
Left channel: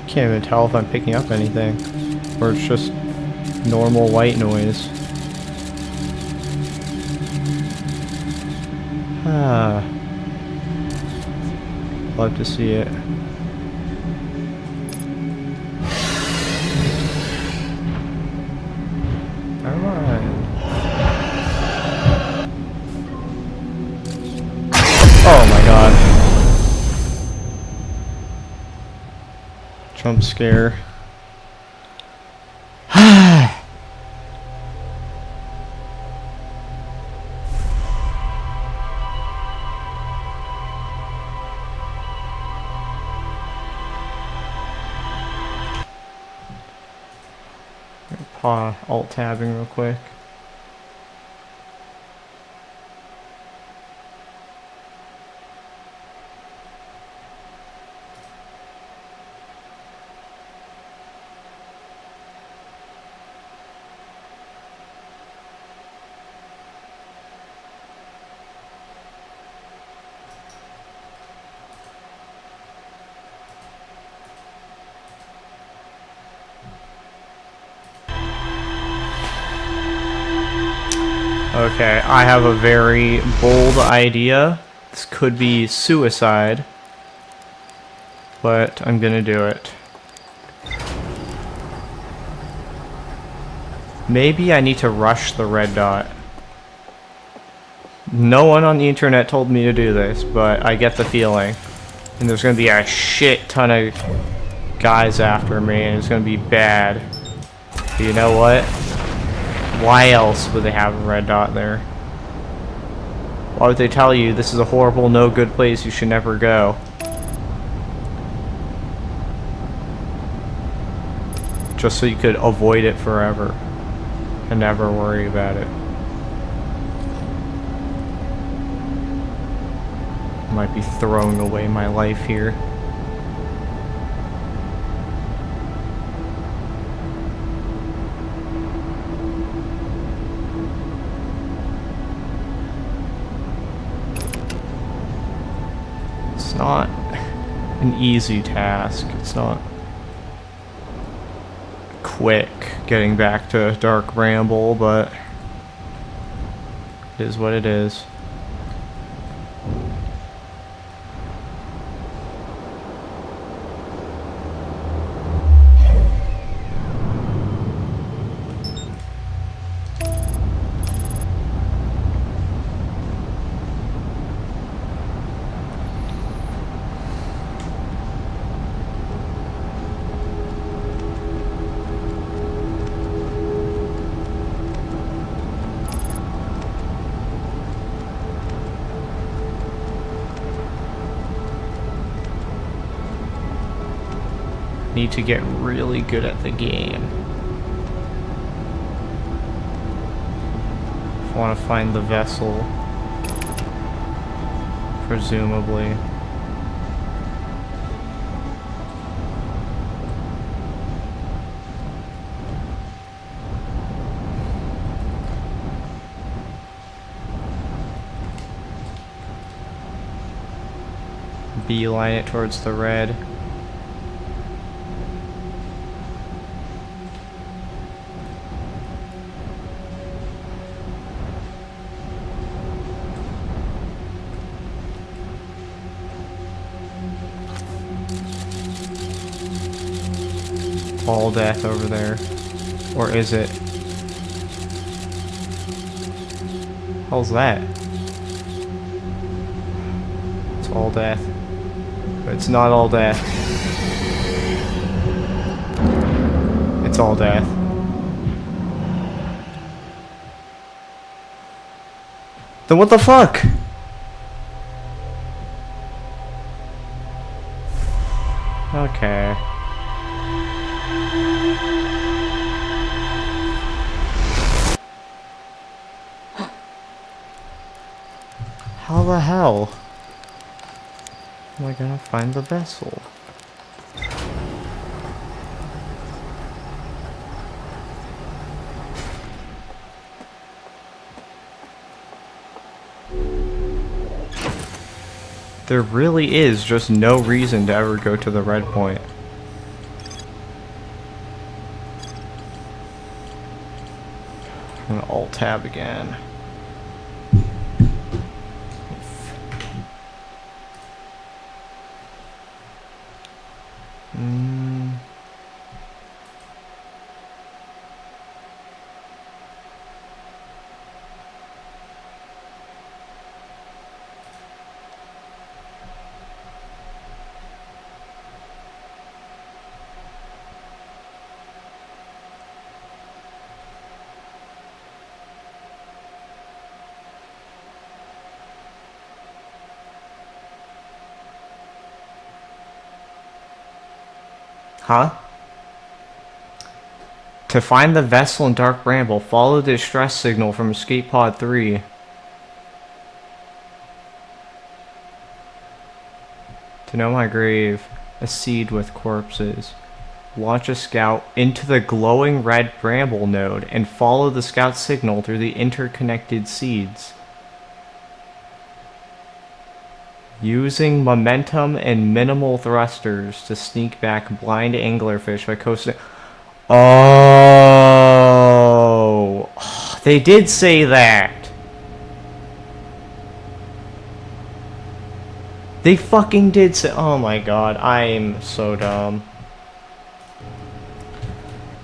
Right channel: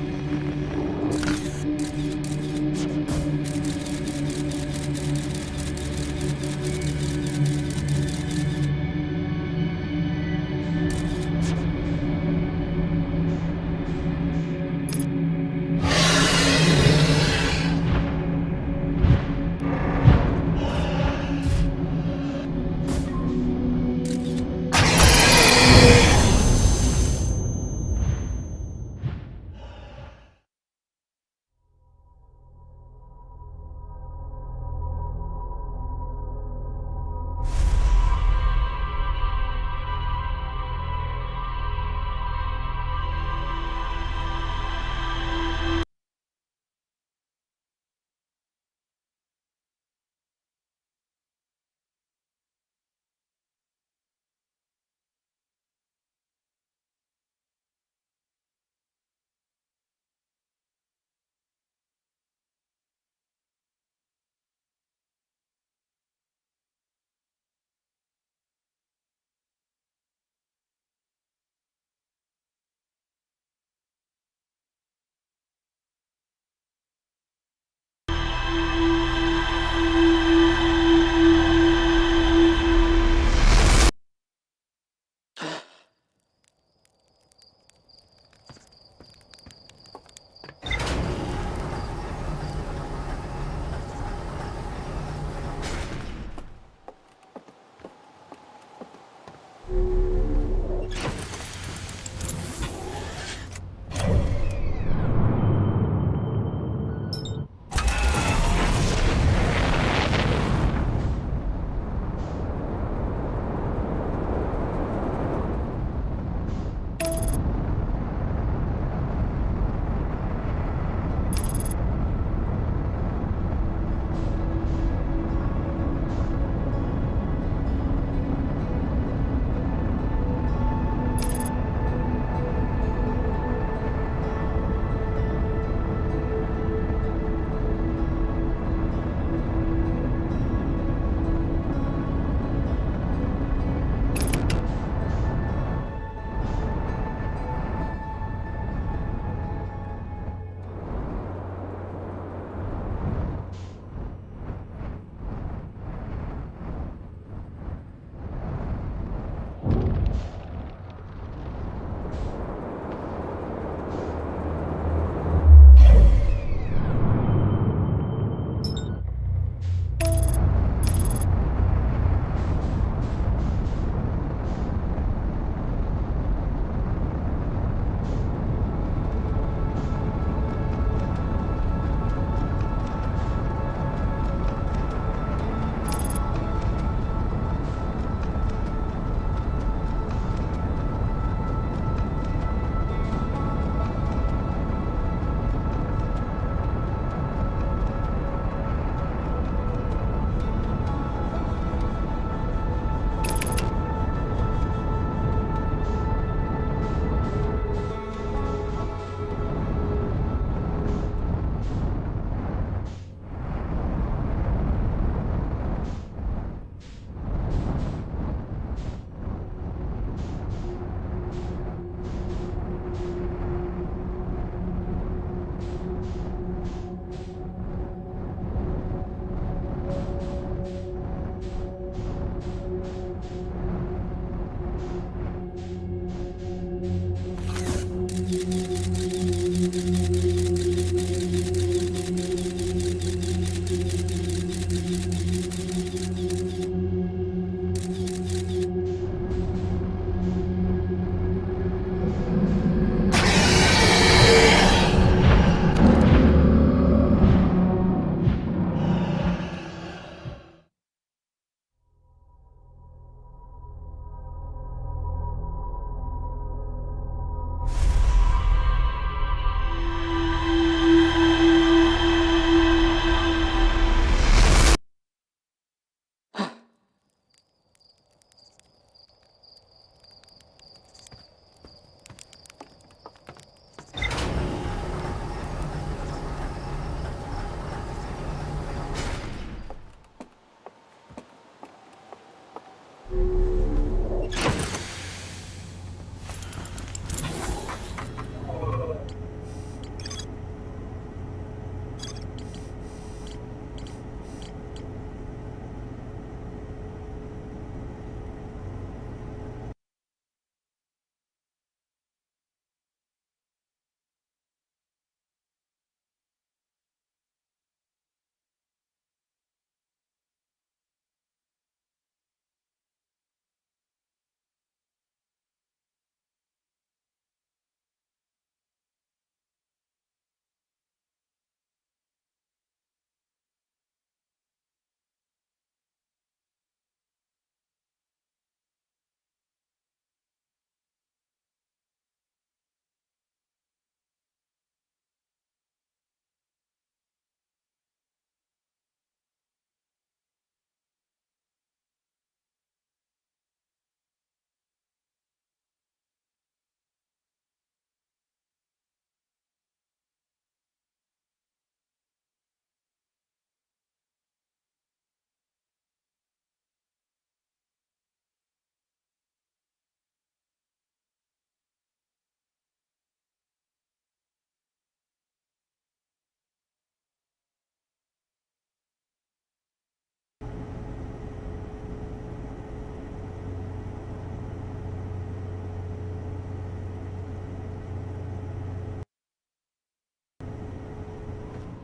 Can't even tell if I'm picking up anything, or it's just normal white noise. Ah, love to see it. Oh my god. Jump scare. Alt tabbing real quick. Okay, I have a very bold idea. This could be suicide, but I'm gonna do it. Maybe I need to rush the red dot. No one on the internet told me to do this, but I get the feeling. And there's gonna be a shit ton of guys after me, and it's gonna be bad. But you know what? Why else would they have a red dot there? Why would they tell you this is a horrible, no good place, you should never go? Just so you could avoid it forever and never worry about it. I might be throwing away my life here. It's not an easy task. It's not quick getting back to Dark Bramble, but it is what it is. Need to get really good at the game. I want to find the vessel, presumably. Beeline it towards the red. All death over there. Or is it? How's that? It's all death. But it's not all death. It's all death. Then what the fuck? Okay. How the hell am I gonna find the vessel? There really is just no reason to ever go to the red point. I'm gonna alt-tab again. Huh? To find the vessel in Dark Bramble, follow the distress signal from Escape Pod 3. To know my grave, a seed with corpses. Launch a scout into the glowing red bramble node and follow the scout signal through the interconnected seeds. Using momentum and minimal thrusters to sneak back blind anglerfish by coasting. Oh, they did say that. They fucking did say. Oh my god, I'm so dumb.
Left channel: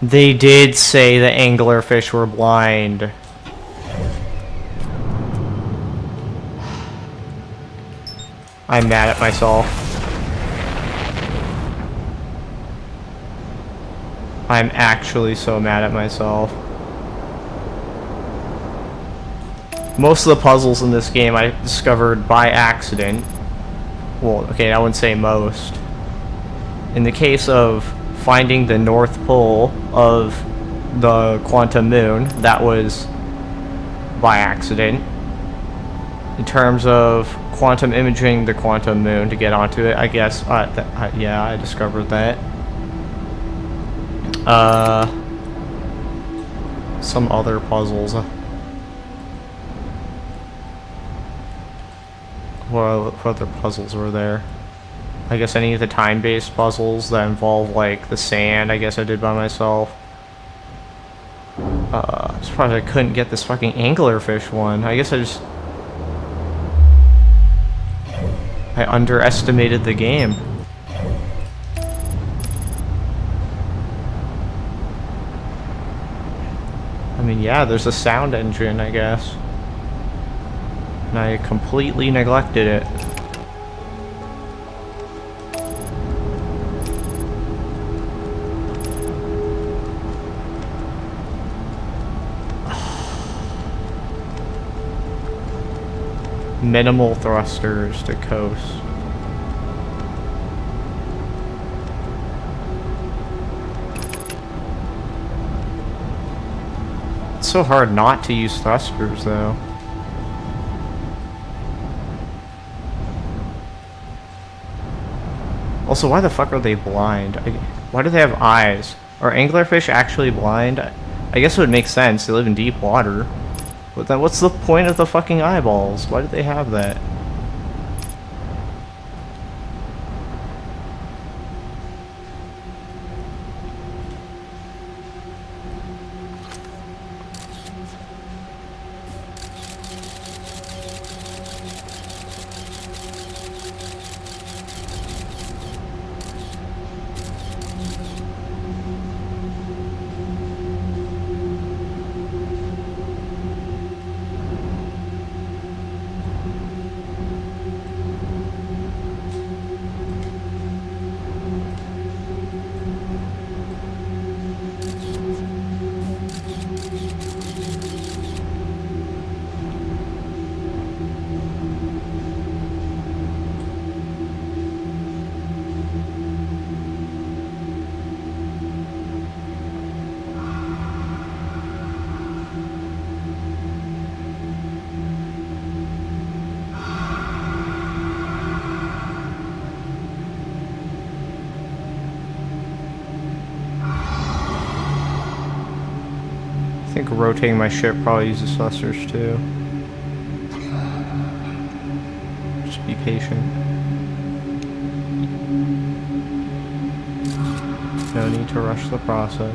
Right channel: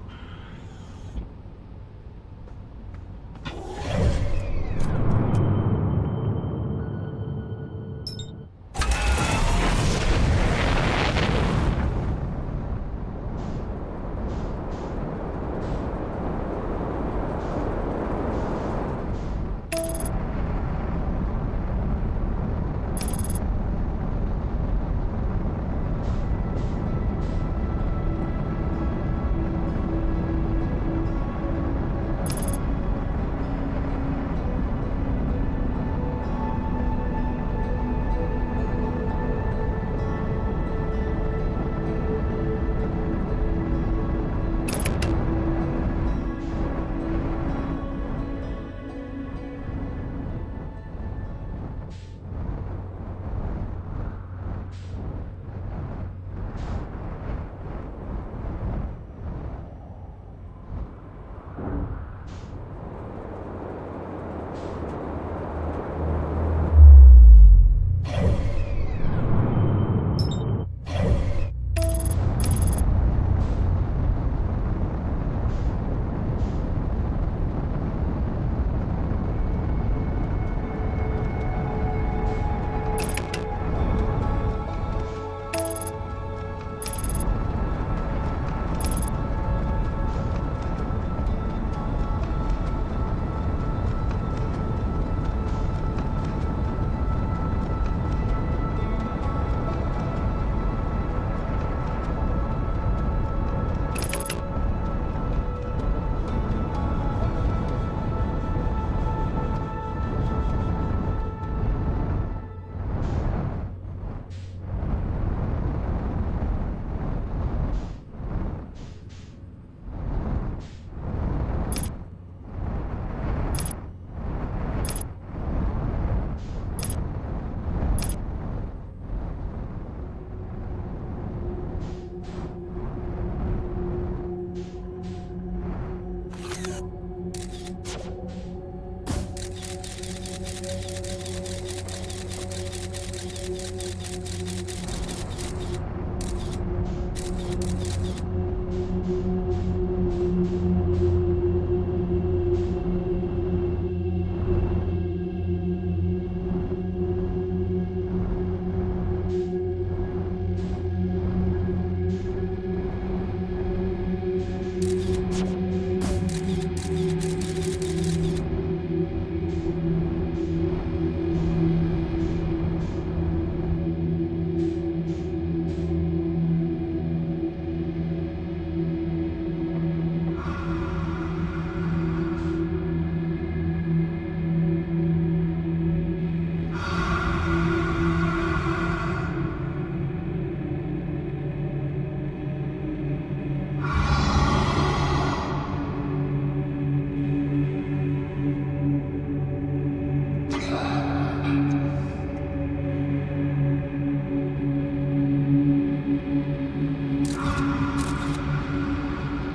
They did say the anglerfish were blind. I'm mad at myself. I'm actually so mad at myself. Most of the puzzles in this game I discovered by accident. Well, okay, I wouldn't say most. In the case of finding the North Pole of the Quantum Moon, that was by accident. In terms of quantum imaging the Quantum Moon to get onto it, I guess, yeah, I discovered that. Some other puzzles. What other puzzles were there? I guess any of the time-based puzzles that involve, like, the sand, I guess I did by myself. I'm surprised I couldn't get this fucking anglerfish one. I guess I underestimated the game. I mean, yeah, there's a sound engine, I guess. And I completely neglected it. Minimal thrusters to coast. It's so hard not to use thrusters, though. Also, why the fuck are they blind? Why do they have eyes? Are anglerfish actually blind? I guess it would make sense. They live in deep water. But then what's the point of the fucking eyeballs? Why do they have that? I think rotating my ship probably uses thrusters too. Just be patient. No need to rush the process.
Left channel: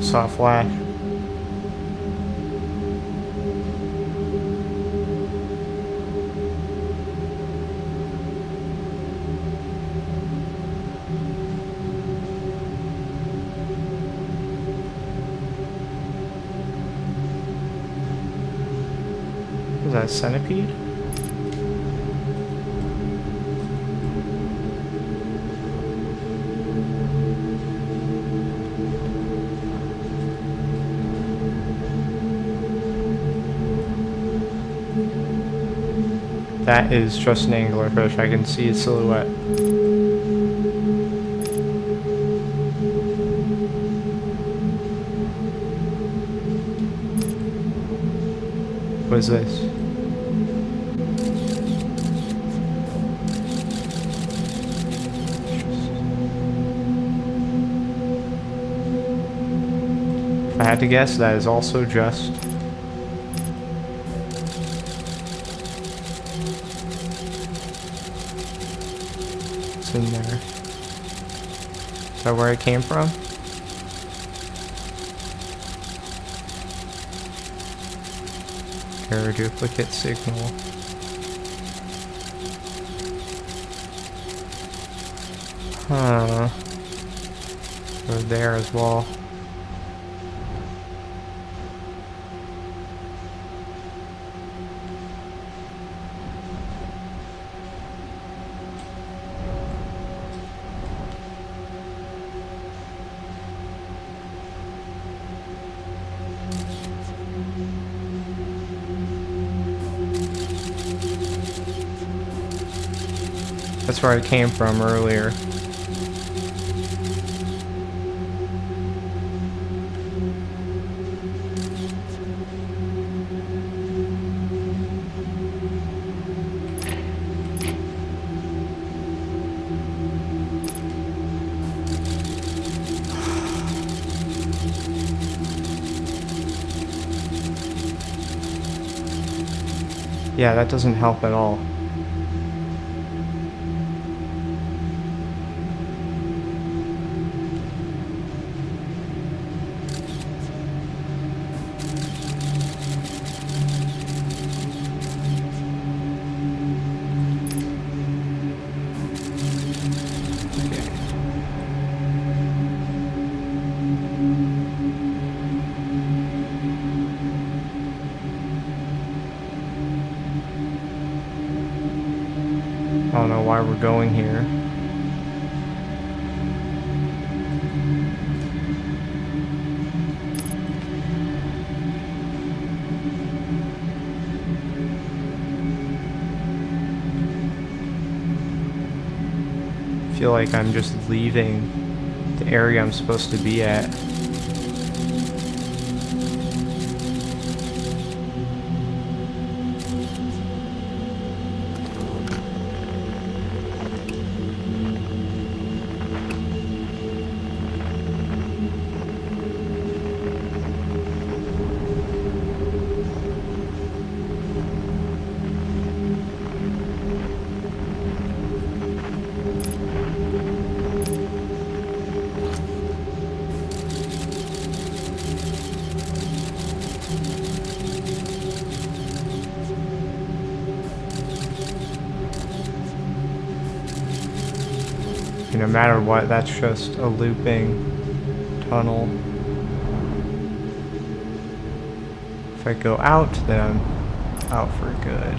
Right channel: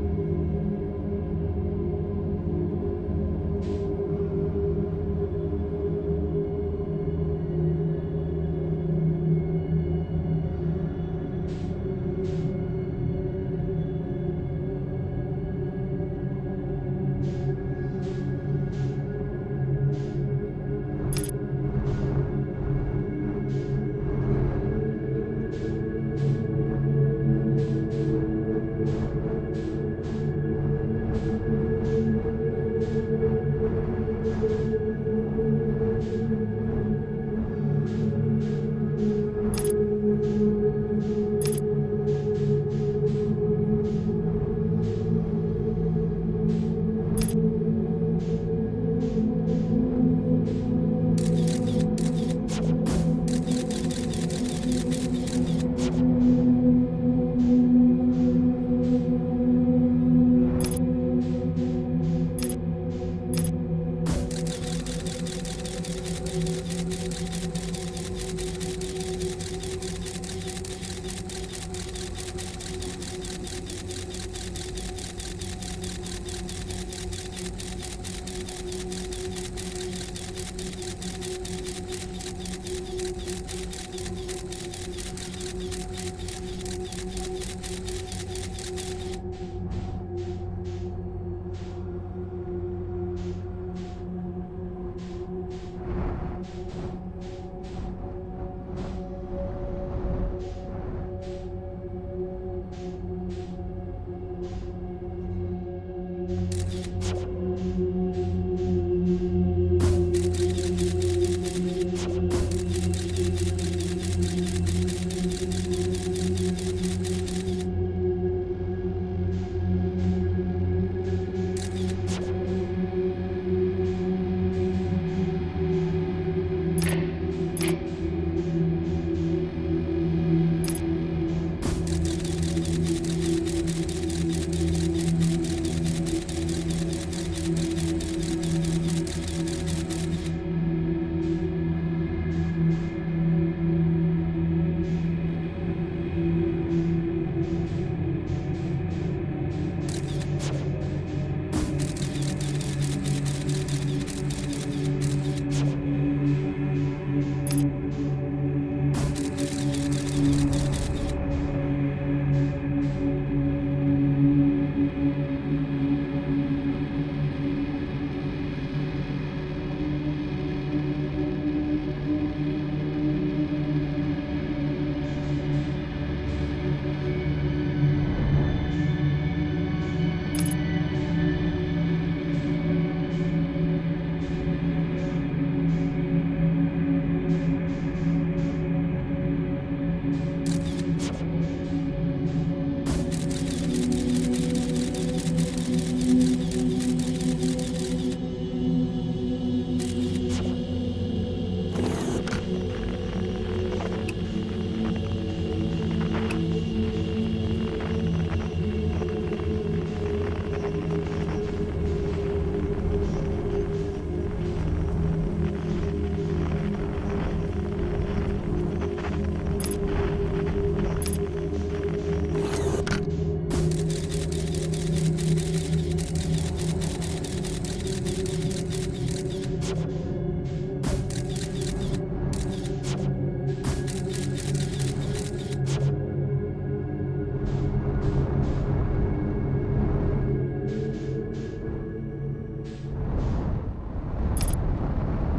Soft flash. Is that a centipede? That is just an anglerfish. I can see its silhouette. What is this? had to guess, that is also just... What's in there? Is that where it came from? Error duplicate signal. Huh. Go there as well. That's where I came from earlier. Yeah, that doesn't help at all. I don't know why we're going here. I feel like I'm just leaving the area I'm supposed to be at. No matter what, that's just a looping tunnel. If I go out, then I'm out for good.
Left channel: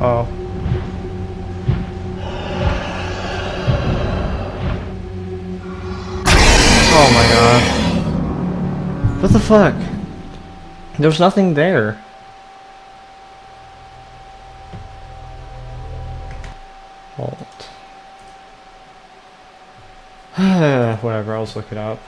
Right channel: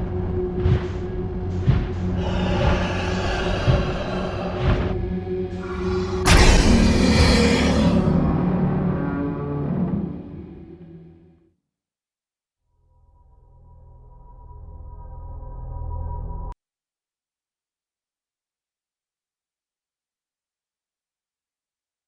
Oh. Oh my god. What the fuck? There's nothing there. Halt. whatever, I'll just look it up.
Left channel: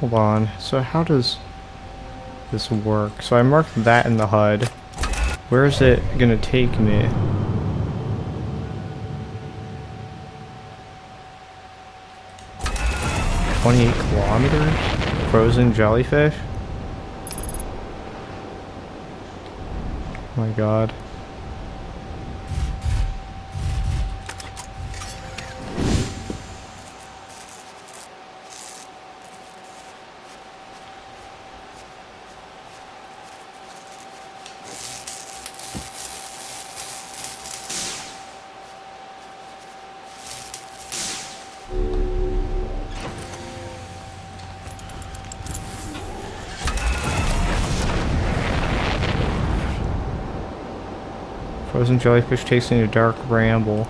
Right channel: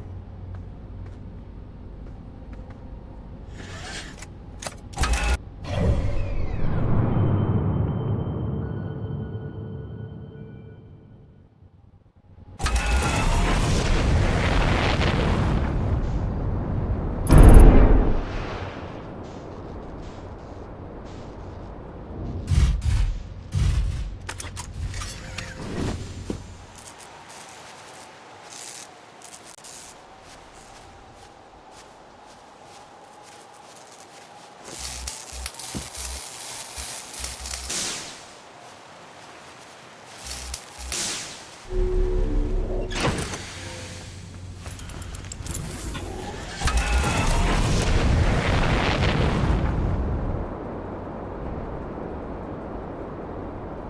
Hold on, so how does this work? So I marked that in the HUD. Where is it gonna take me? $28 frozen jellyfish? Oh my god. Frozen jellyfish tasting a dark bramble.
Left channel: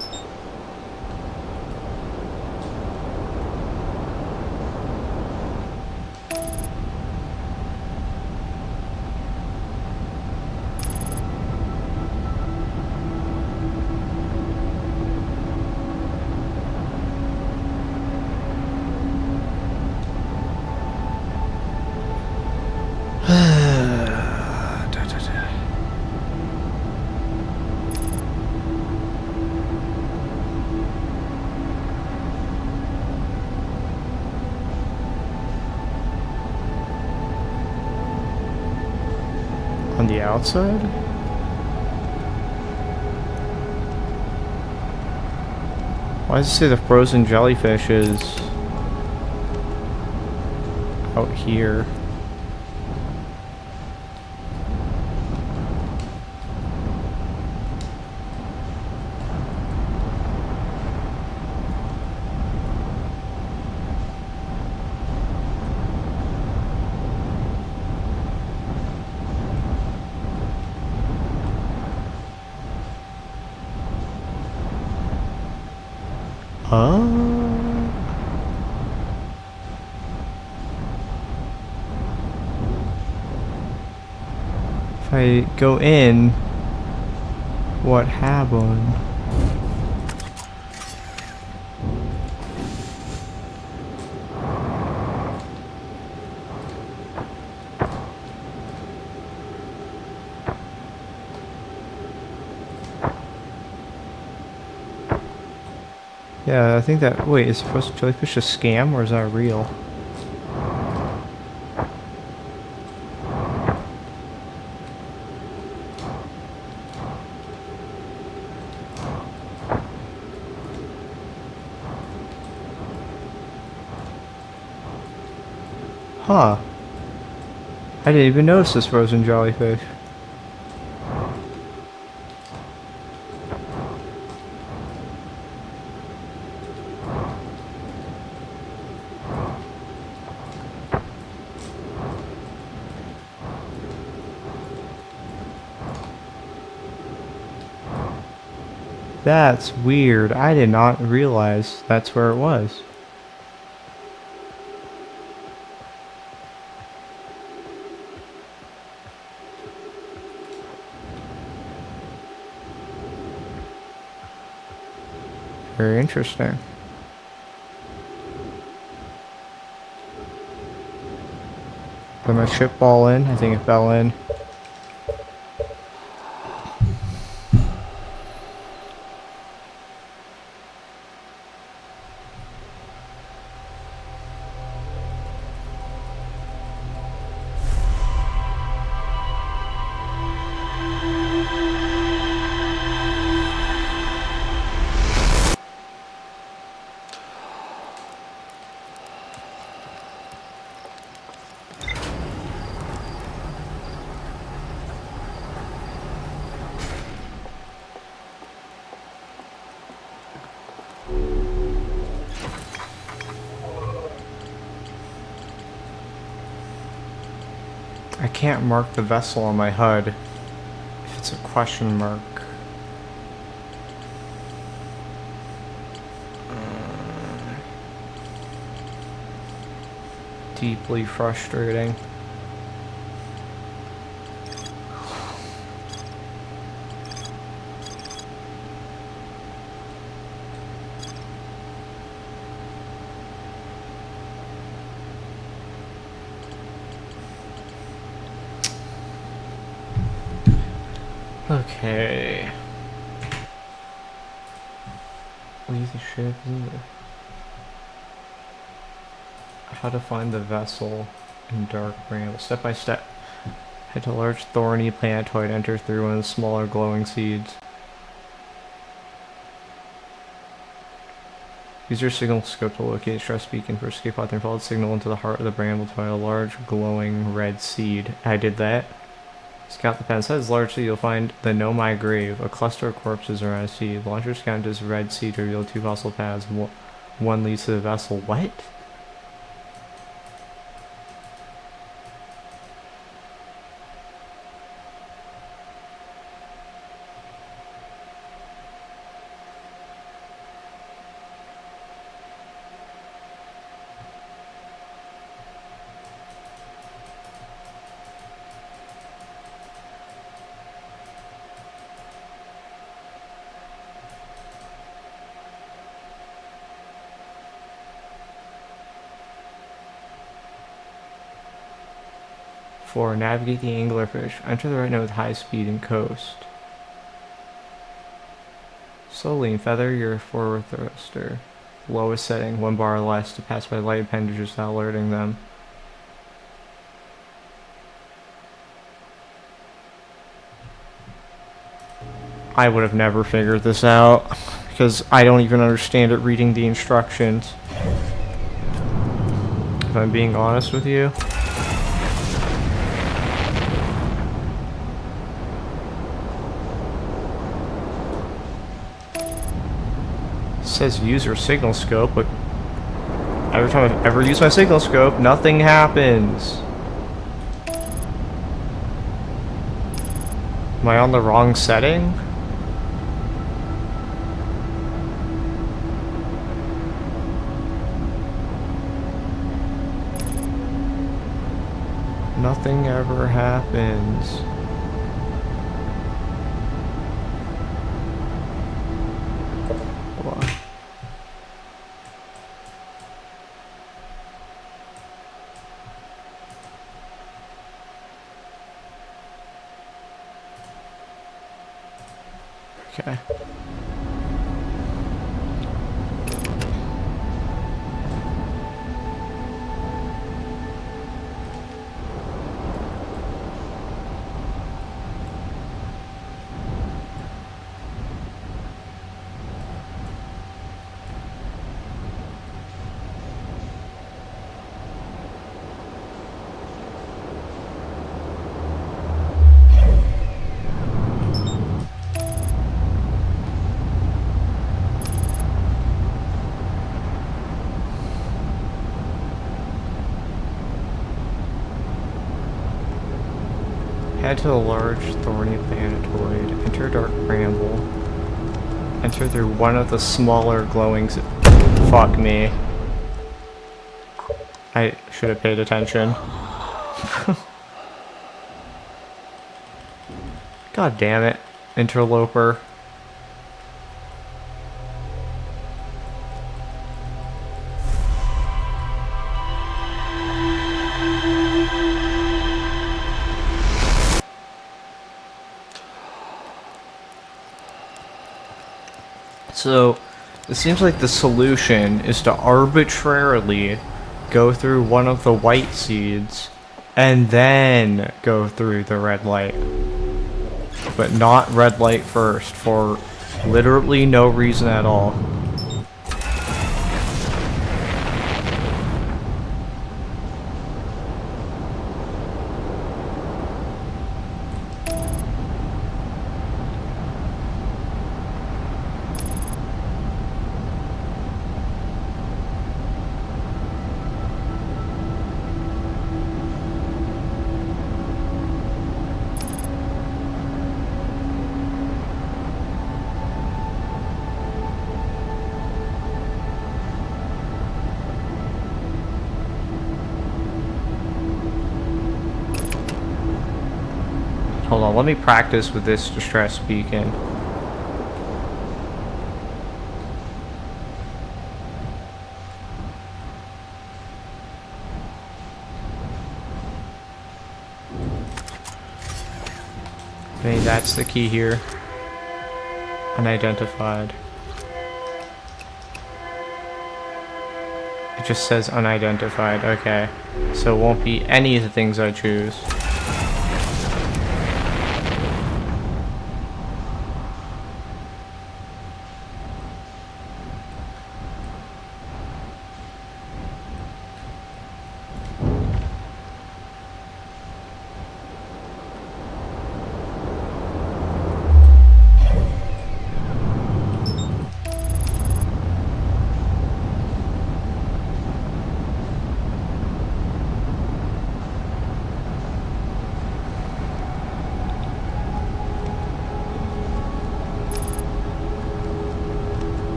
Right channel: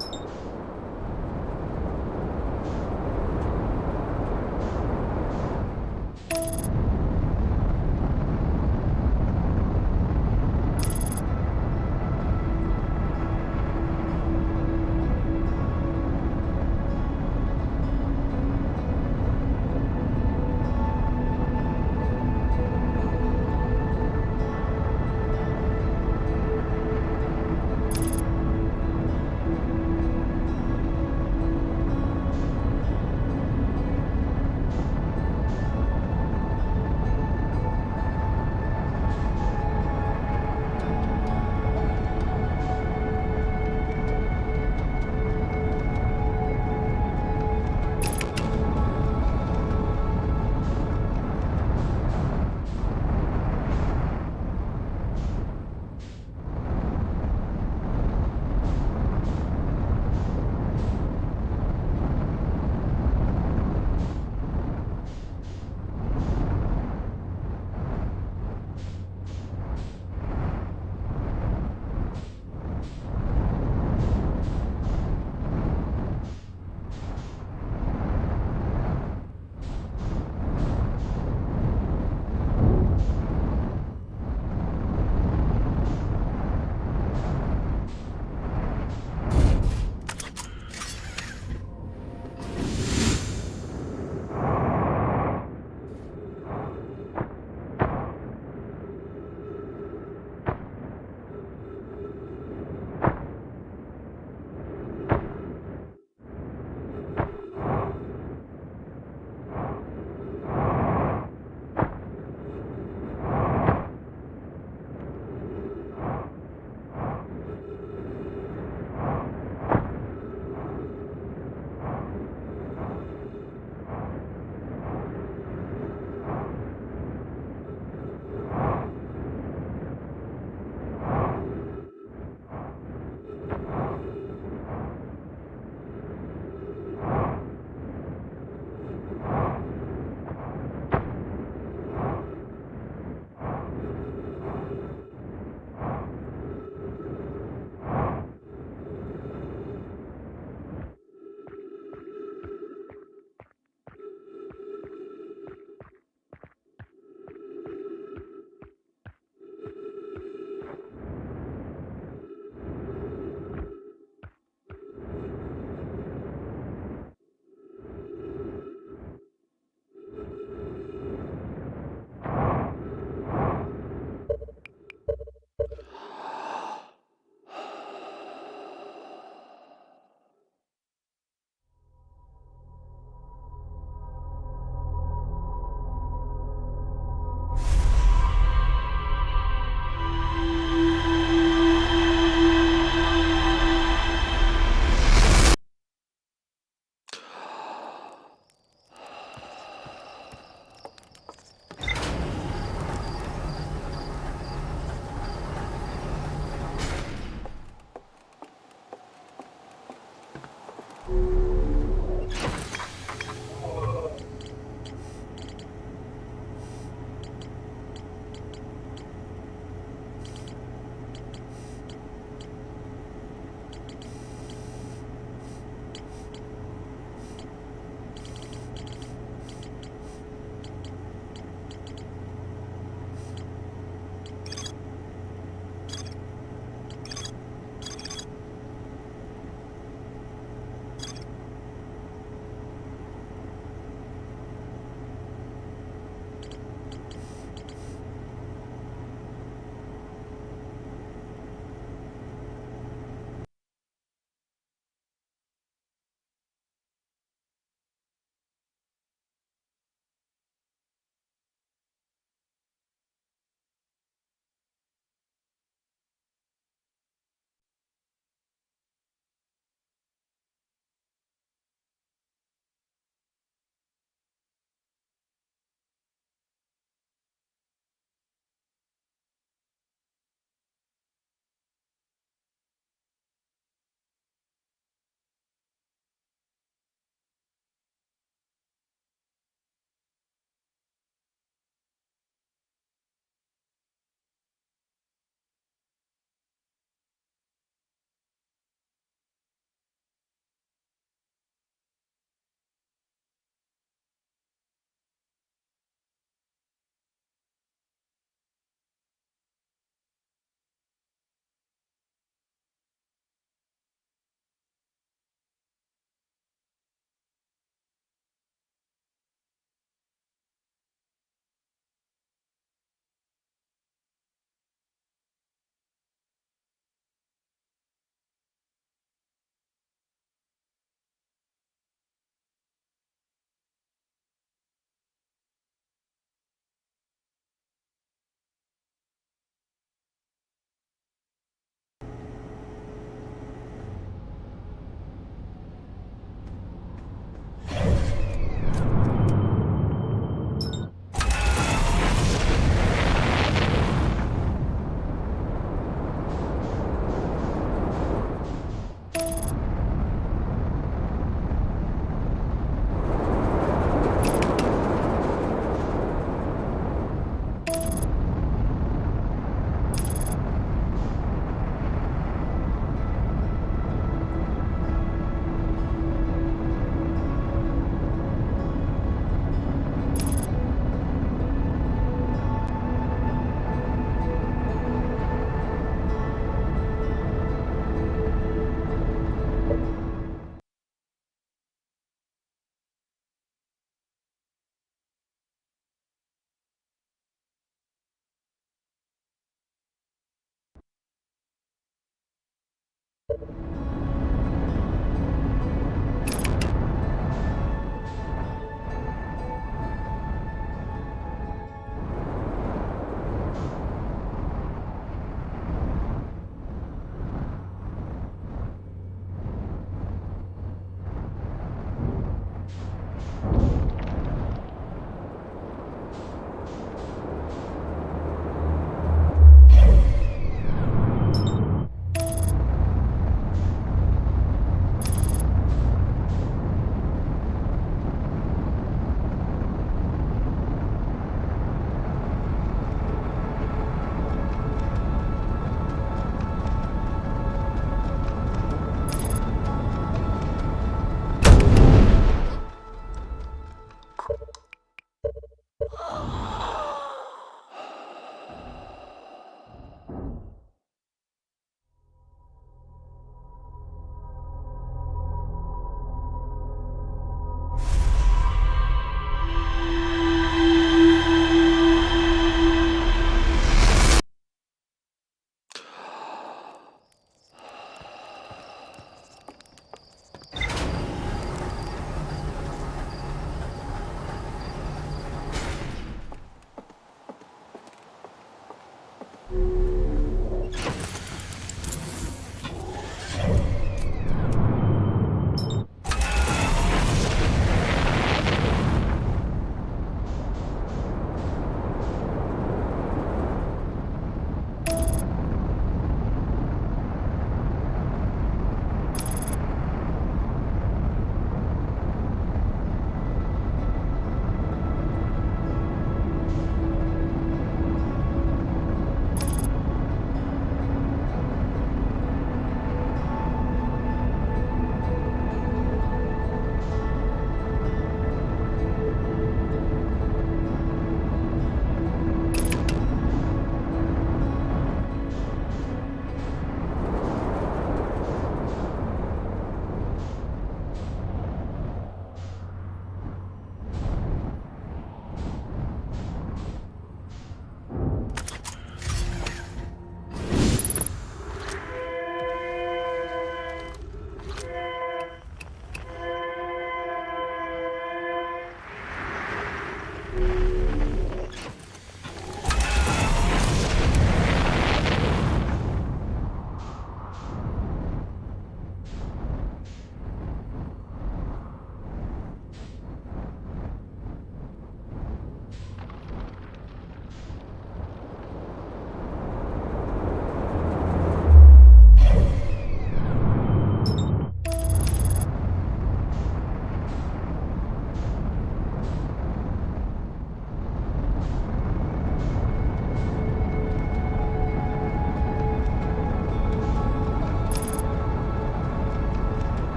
On the outside? Why does it say the frozen jellyfish is out here? Huh? If I go in, what happened? Yeah, I think that. Wait, is frozen jellyfish a scam or is that real? Huh. I didn't even notice this frozen jellyfish. That's weird. I did not realize that's where it was. Very interesting. Did my ship fall in? I think it fell in. I can't mark the vessel on my HUD if it's a question mark. Deeply frustrating. Okay. Leave the ship. How to find the vessel in dark bramble. Step by step. Head to a large thorny plantoid. Enter through one of the smaller glowing seeds. Use your signal scope to locate stress beacon for escape pod and follow the signal into the heart of the bramble to find a large glowing red seed. I did that. Scout the pen. Inside this large seed, you'll find the Know My Grave, a cluster of corpses around a seed. Launch your scout into this red seed to reveal 2 fossil paths. One leads to the vessel. What? For navigate the anglerfish. Enter the right note with high speed and coast. Slowly and feather your forward thruster. Lowest setting, 1 bar or less, to pass by light appendages without alerting them. I would have never figured this out because I don't even understand it reading the instructions. If I'm being honest with you. Says use your signal scope, but every time I've ever used my signal scope, nothing happens. Am I on the wrong setting? Nothing ever happens. Okay. Head to a large thorny planetoid. Enter dark bramble. Enter through one of the smaller glowing. Fuck me. I should have paid attention. God damn it, interloper. So, it seems like the solution is to arbitrarily go through one of the white seeds and then go through the red light. But not red light first for literally no reason at all. Hold on, let me practice with this distress beacon. I think that's the key here. Unidentified. It just says unidentified, okay. So it won't be any of the things I choose.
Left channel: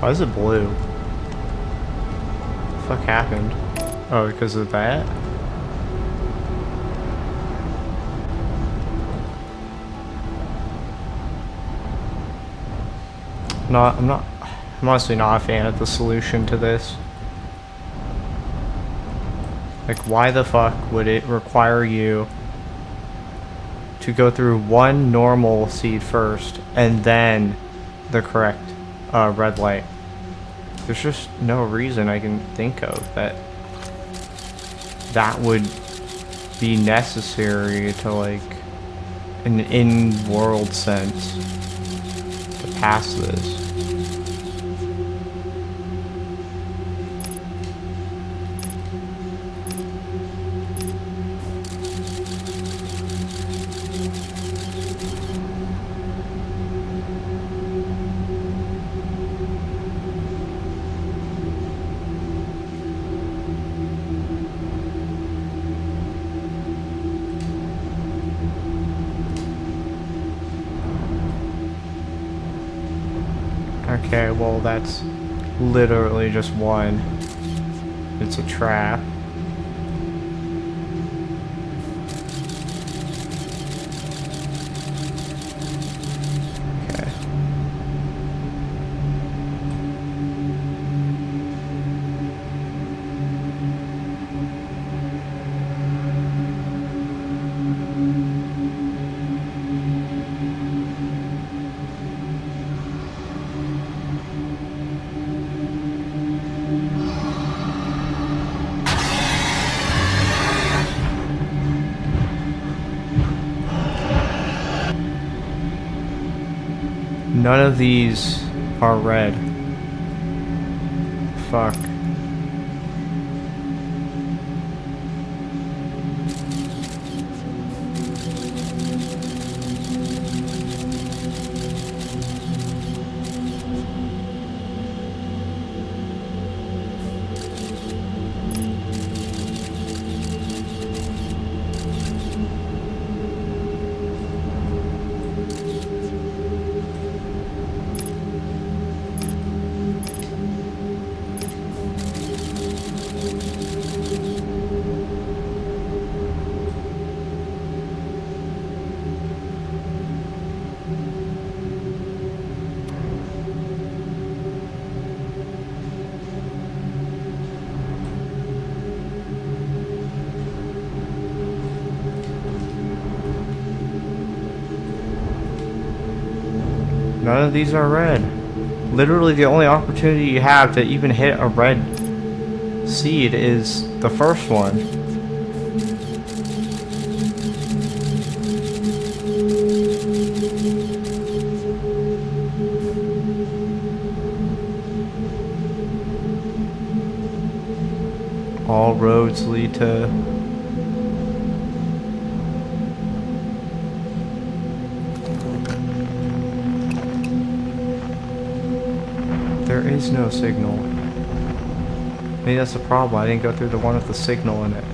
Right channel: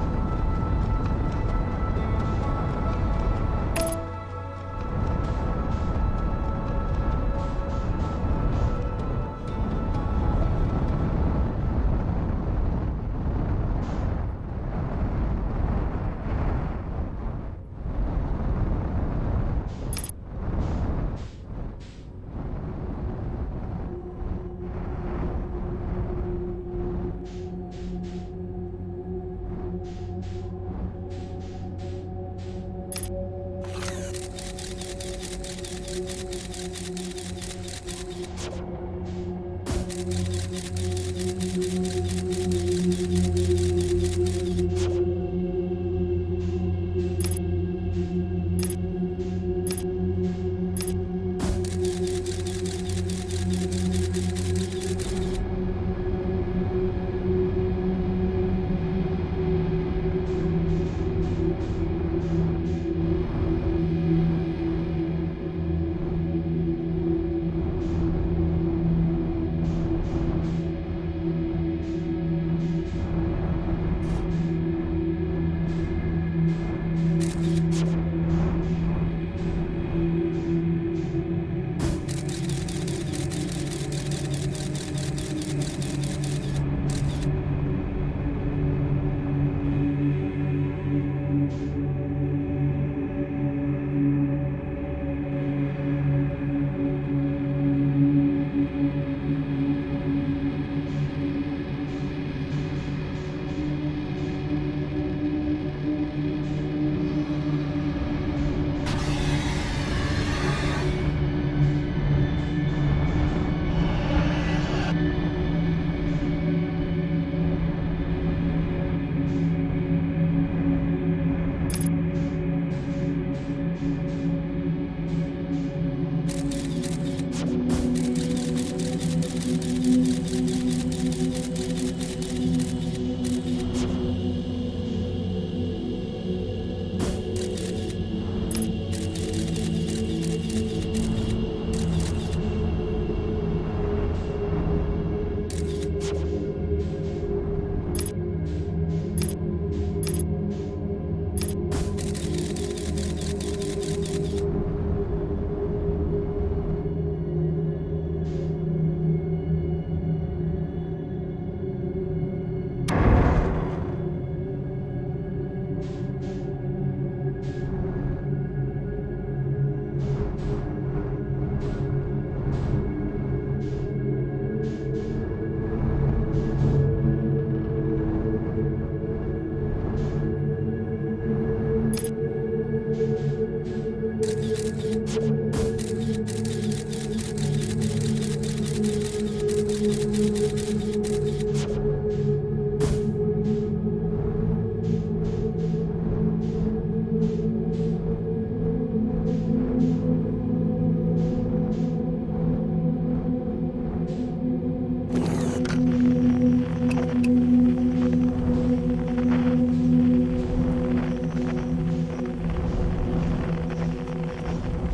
Why is it blue? What the fuck happened? Oh, because of that? I'm honestly not a fan of the solution to this. Like, why the fuck would it require you to go through one normal seed first and then the correct red light? There's just no reason I can think of that would be necessary to, like, an in-world sense to pass this. Okay, well that's literally just one. It's a trap. Okay. None of these are red. Fuck. None of these are red. Literally the only opportunity you have to even hit a red seed is the first one. All roads lead to... There is no signal. Maybe that's the problem. I didn't go through the one with the signal in it.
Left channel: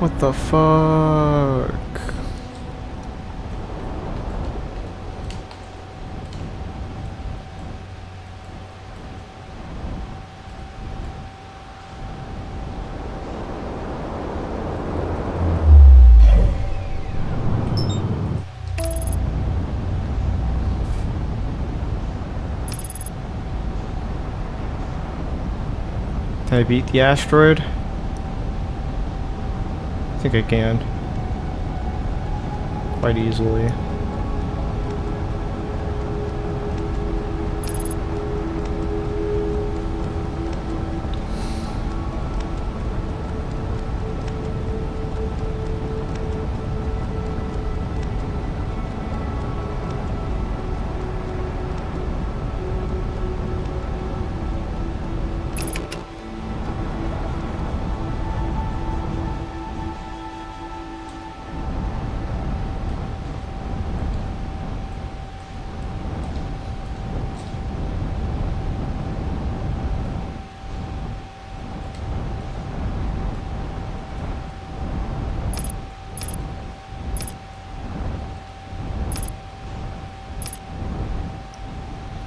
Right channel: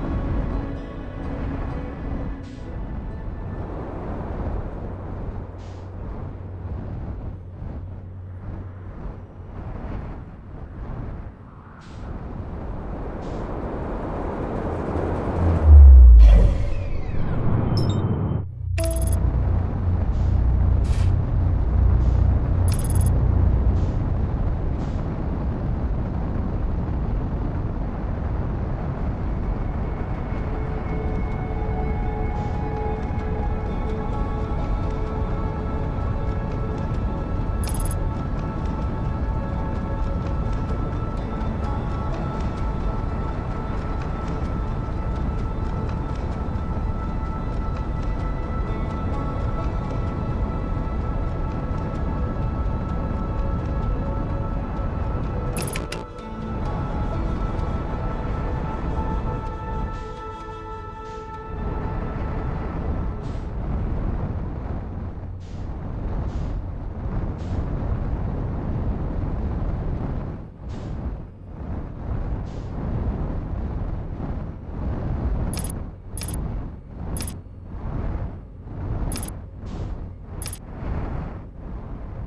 What the fuck? Can I beat the asteroid? I think I can. Quite easily.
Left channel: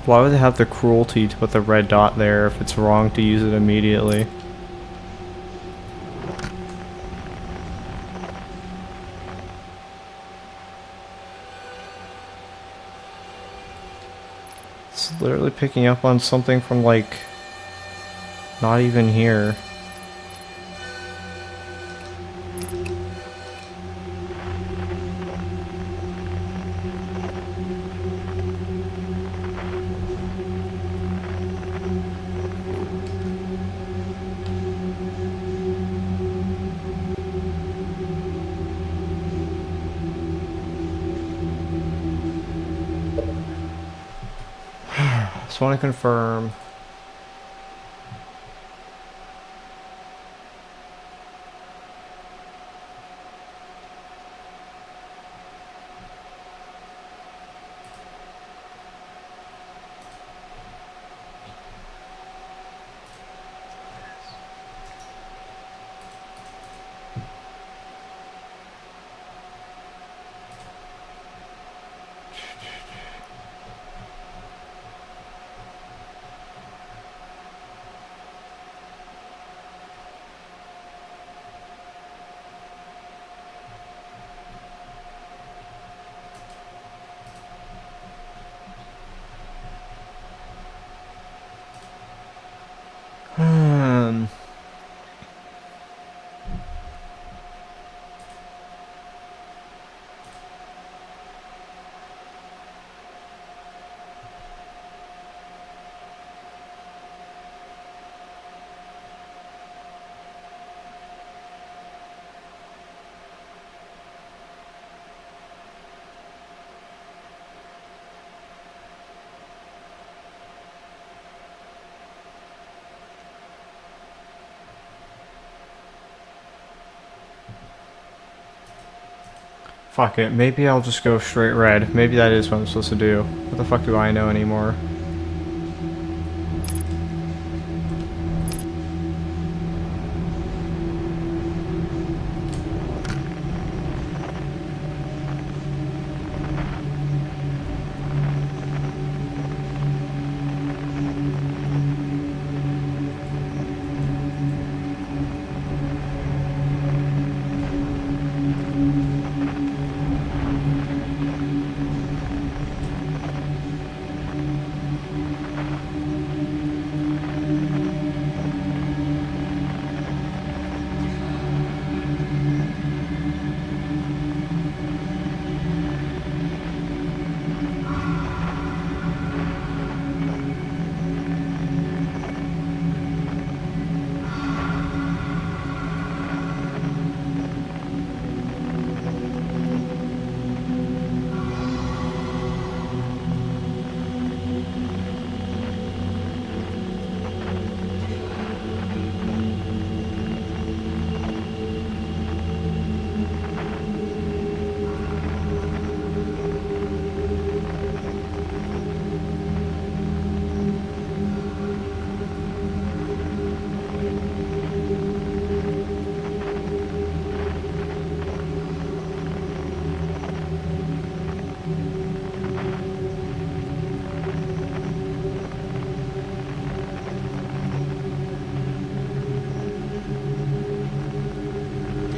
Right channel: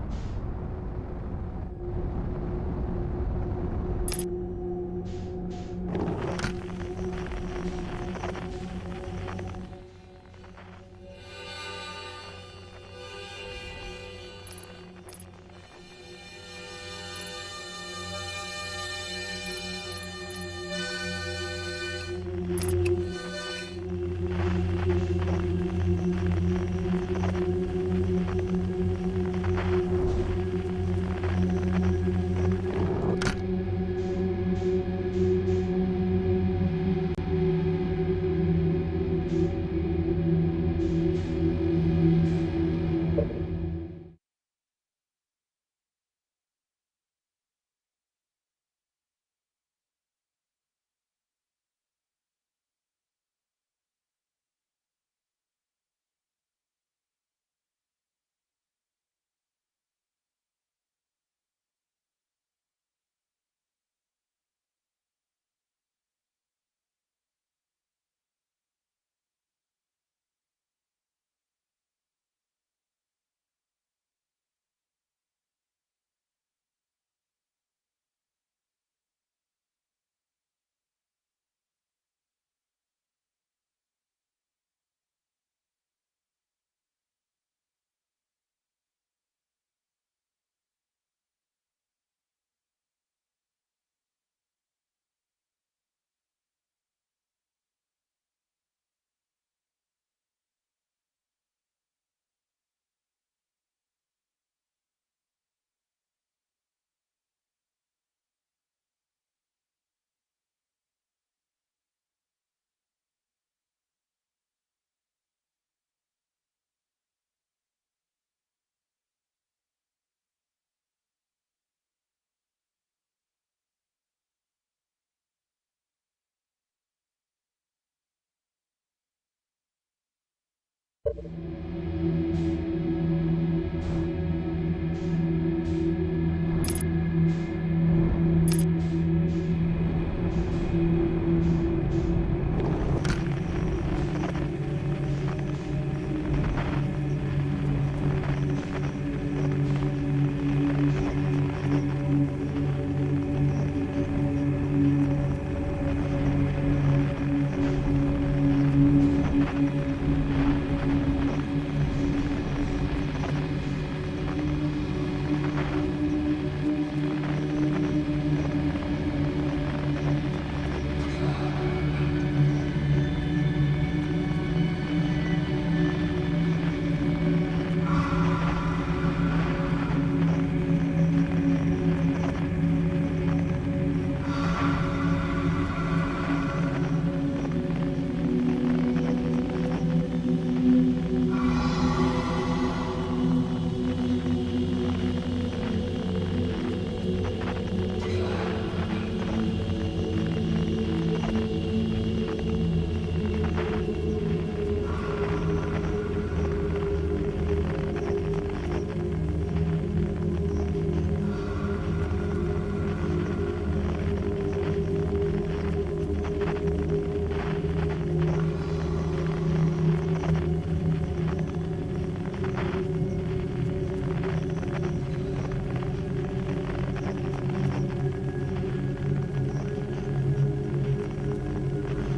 Why would they have the cruelty to put the red dot there if it's wrong to use it immediately? It's literally picking up on something from, like, not even here. Just want to confirm. Fuck it, maybe I'll just go straight red. Maybe that is what I'm supposed to do. What the fuck do I know anymore?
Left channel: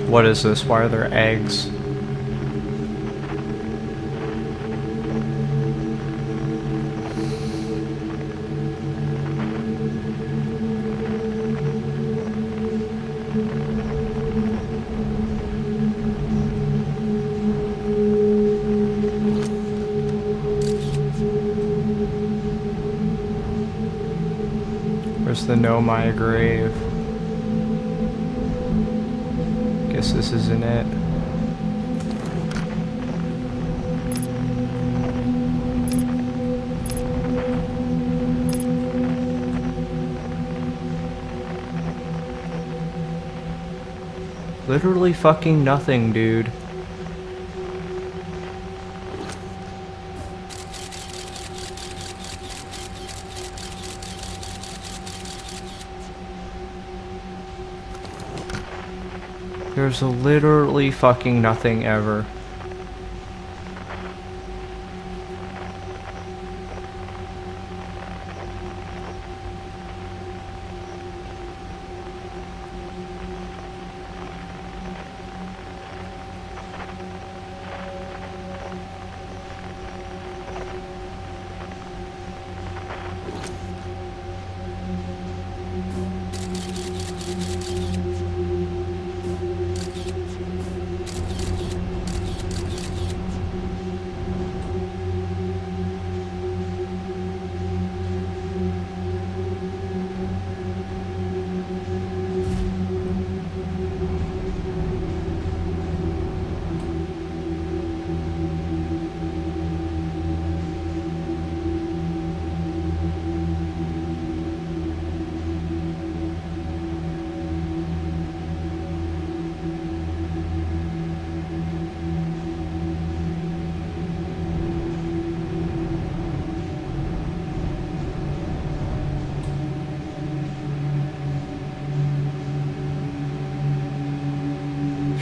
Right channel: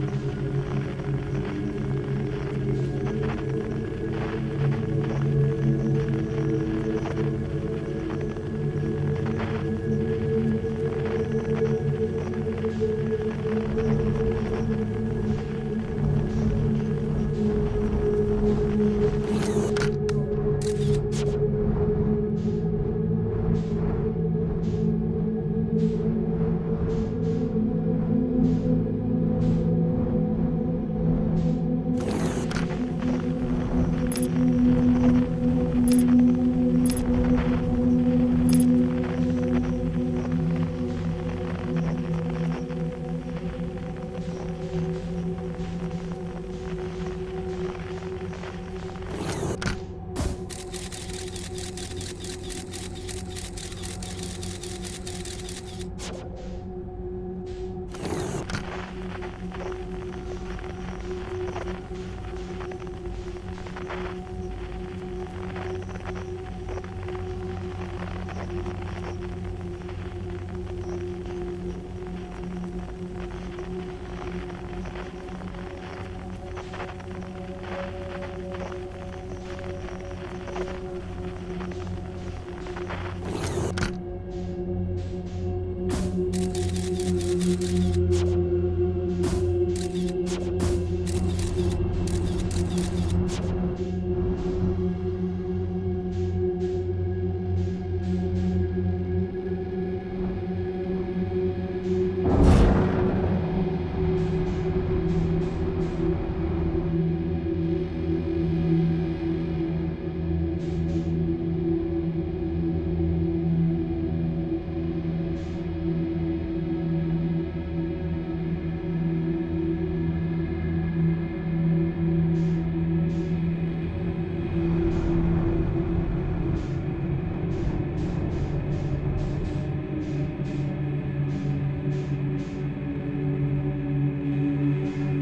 What is this? Why are there eggs? Where's the know my grave? Guess this isn't it. Literally fucking nothing, dude. There's literally fucking nothing ever.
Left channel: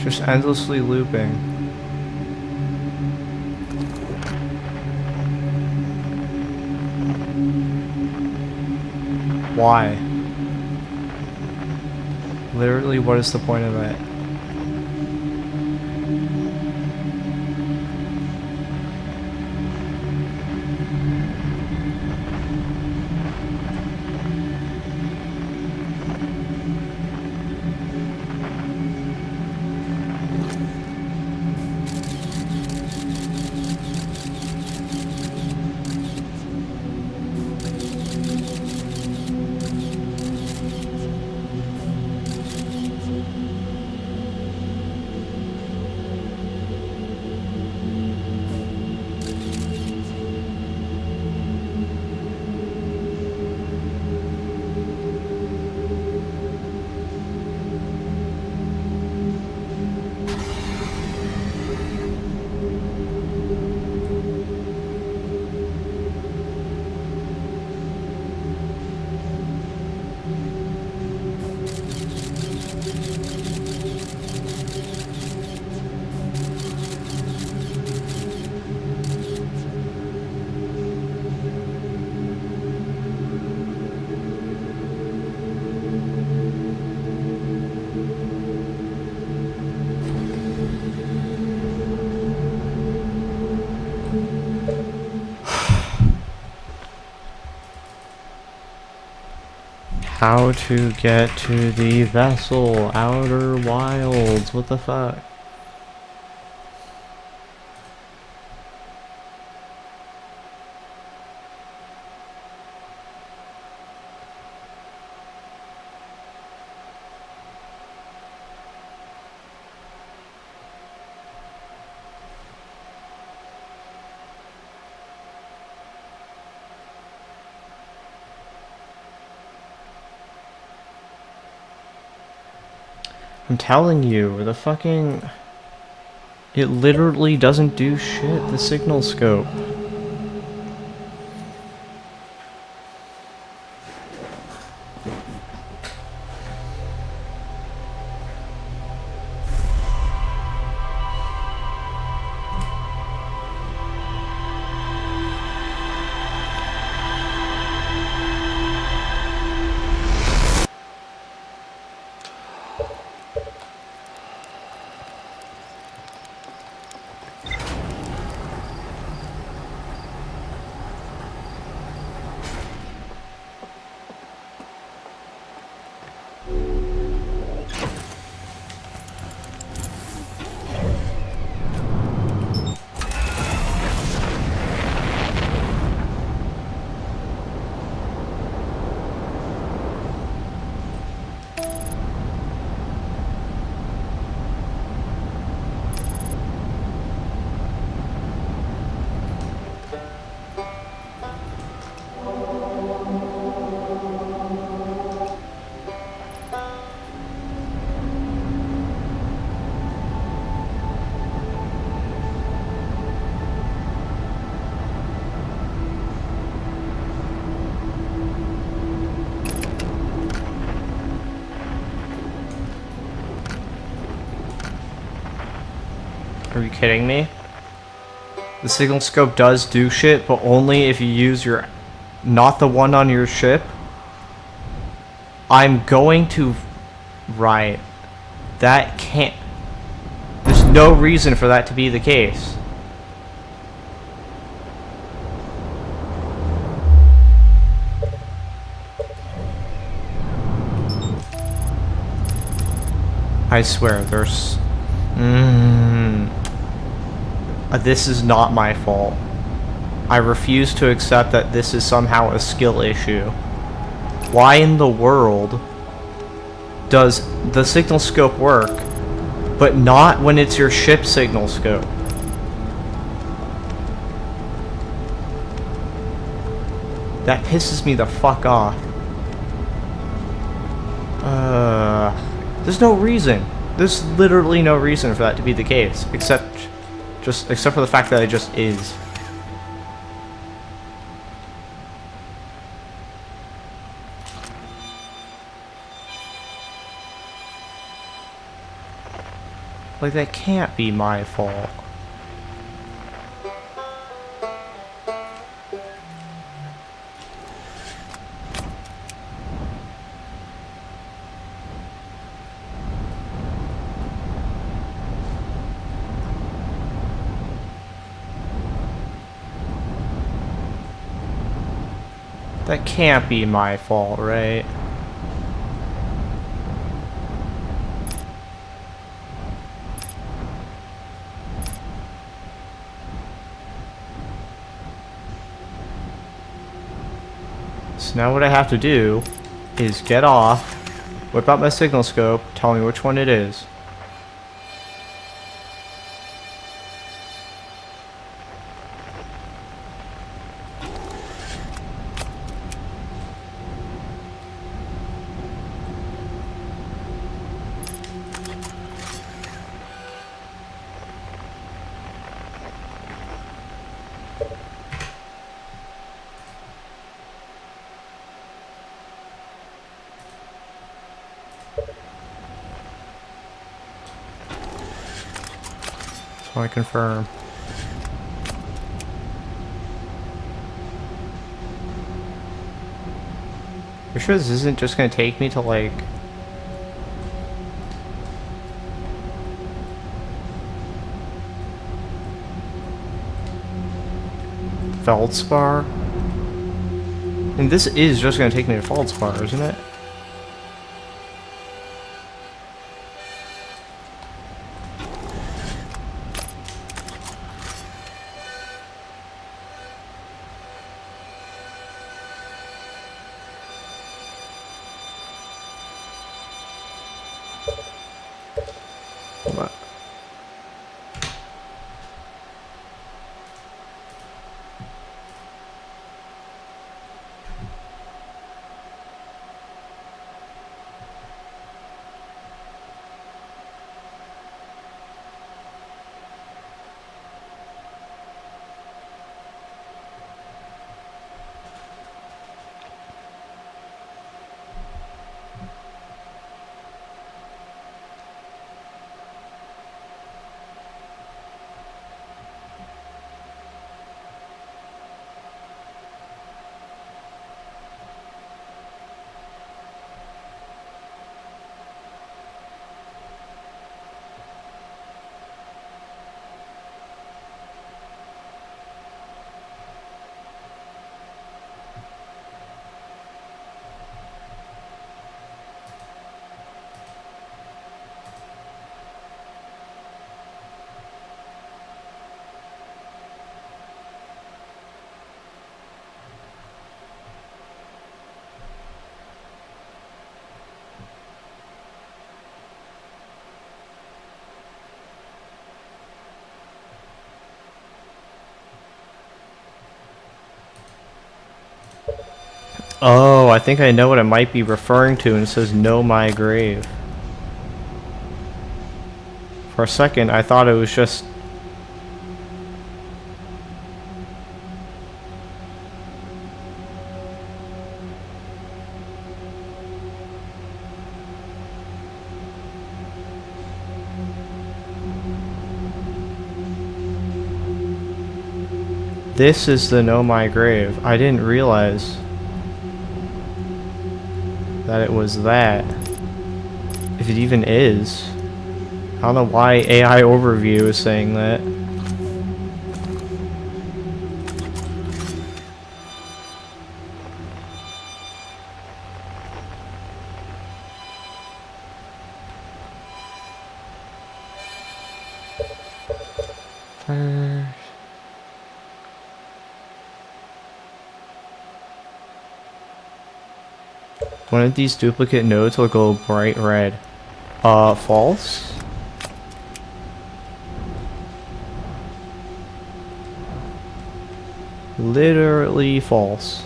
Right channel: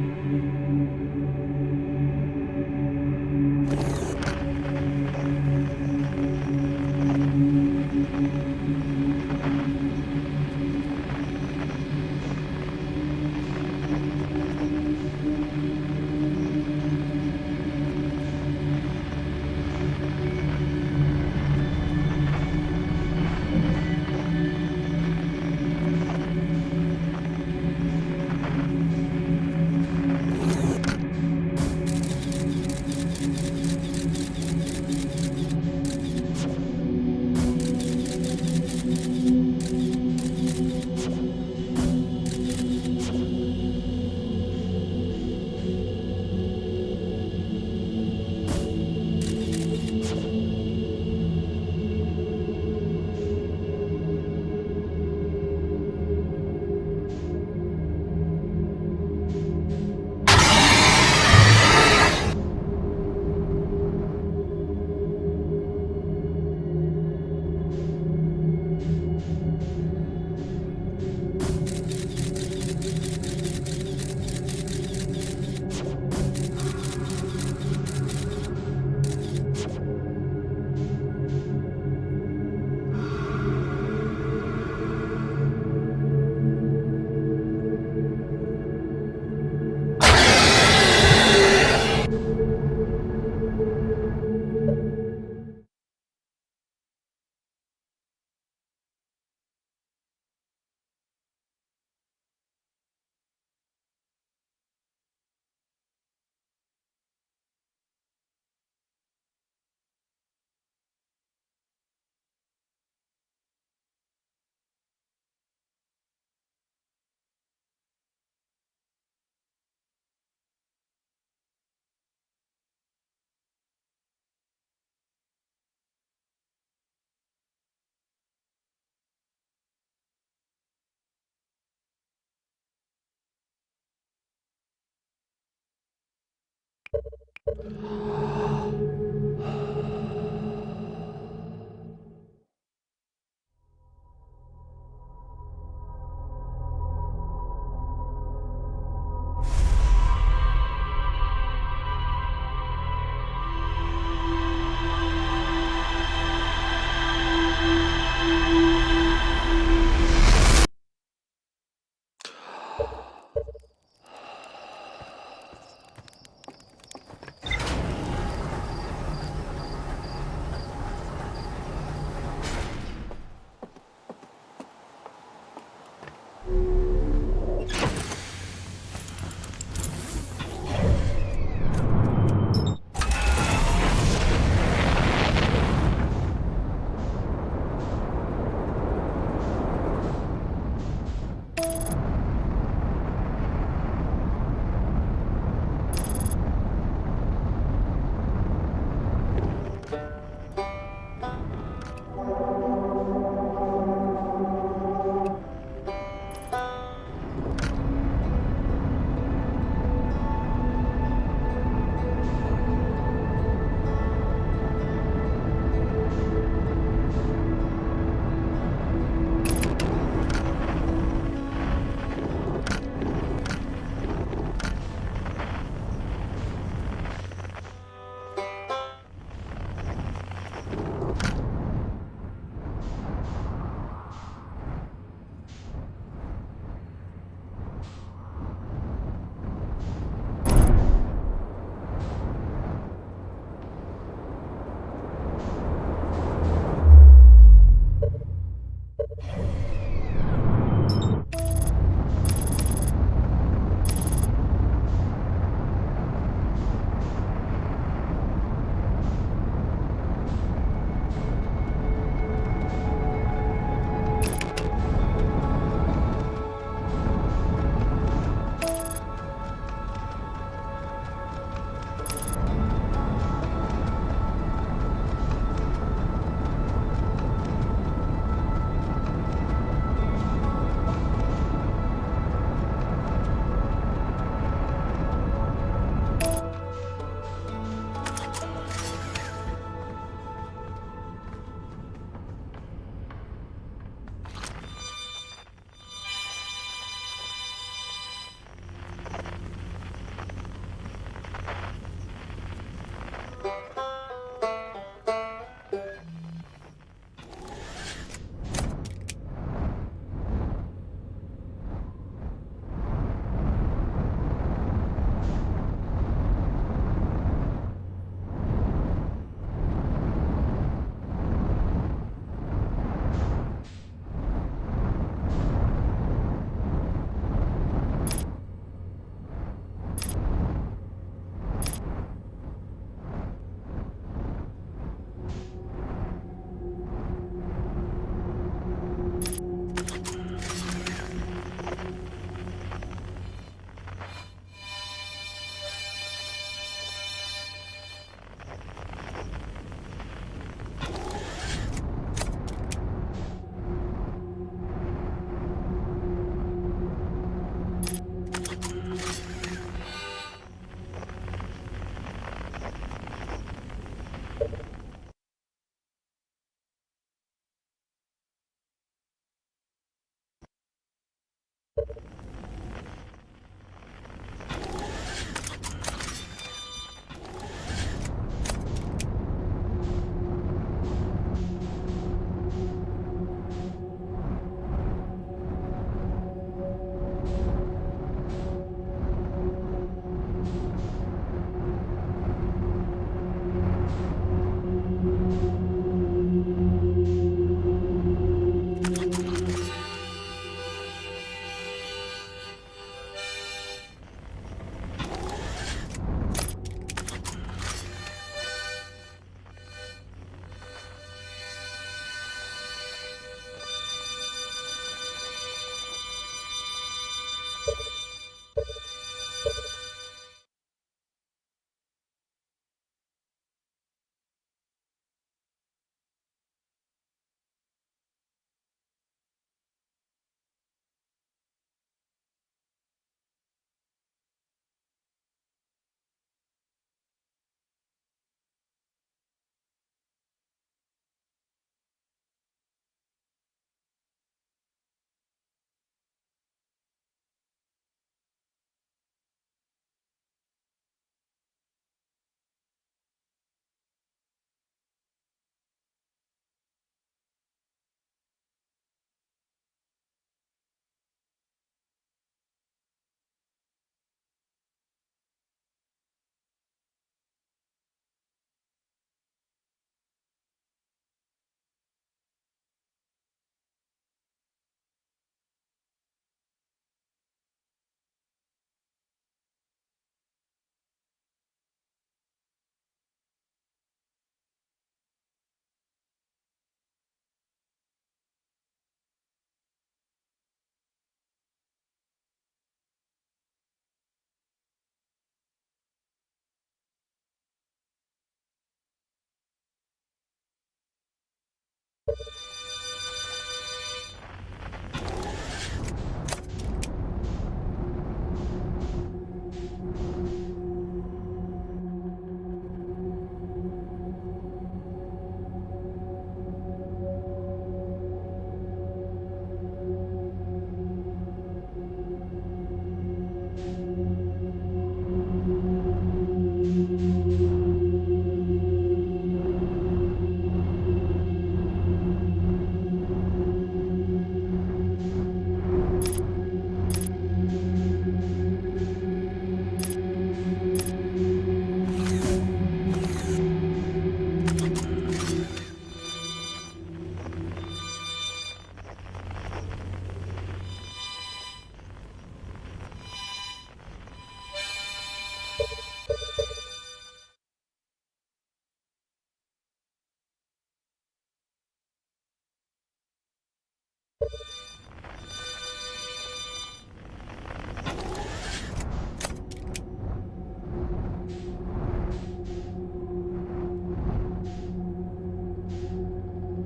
Just endlessly looping. Why? Literally, what is the point of that? How to get to the vessel, Outer Wilds, what the fuck? I'm telling you, the fucking... It literally doesn't do shit, the signal scope. Are you kidding me? The signal scope does do shit, but only if you use your... Not the one on your ship. I'm going to... Right. That can't... There's no reason for that to be the case. I swear, there's... This is not my fault. I refuse to accept that this is somehow a skill issue. Why in the world does the signal scope work, but not when it's your ship signal scope? That pisses me the fuck off. There's no reason. There's literally no reason for that to be the case, except for the fact that it just is. Like, that can't be my fault. That can't be my fault, right? So now what I have to do is get off, whip out my signal scope, tell me which one it is. I confirm. You're sure this isn't just gonna take me to, like... Feldspar? And this is just gonna take me to Feldspar, isn't it? Hold on. Oh, I think I know what it might be referring to, and it says "Know My Grave." For a second, I thought it was just... This is the Know My Grave. I didn't realize that it was that. If it even is. I don't know why AI Overview is saying that. One of these duplicate nodes will go bright red. False? Literally false.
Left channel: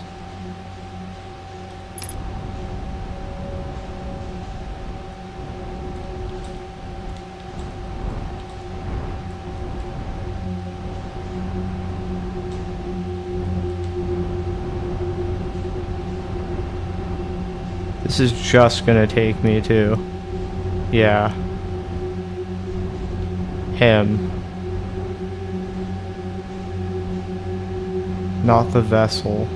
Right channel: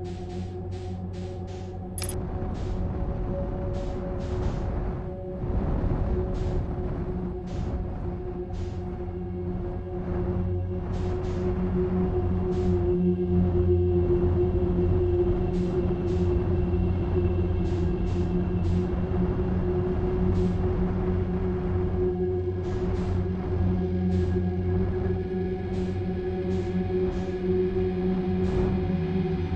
This is just gonna take me to... Yeah. Him. Not the vessel.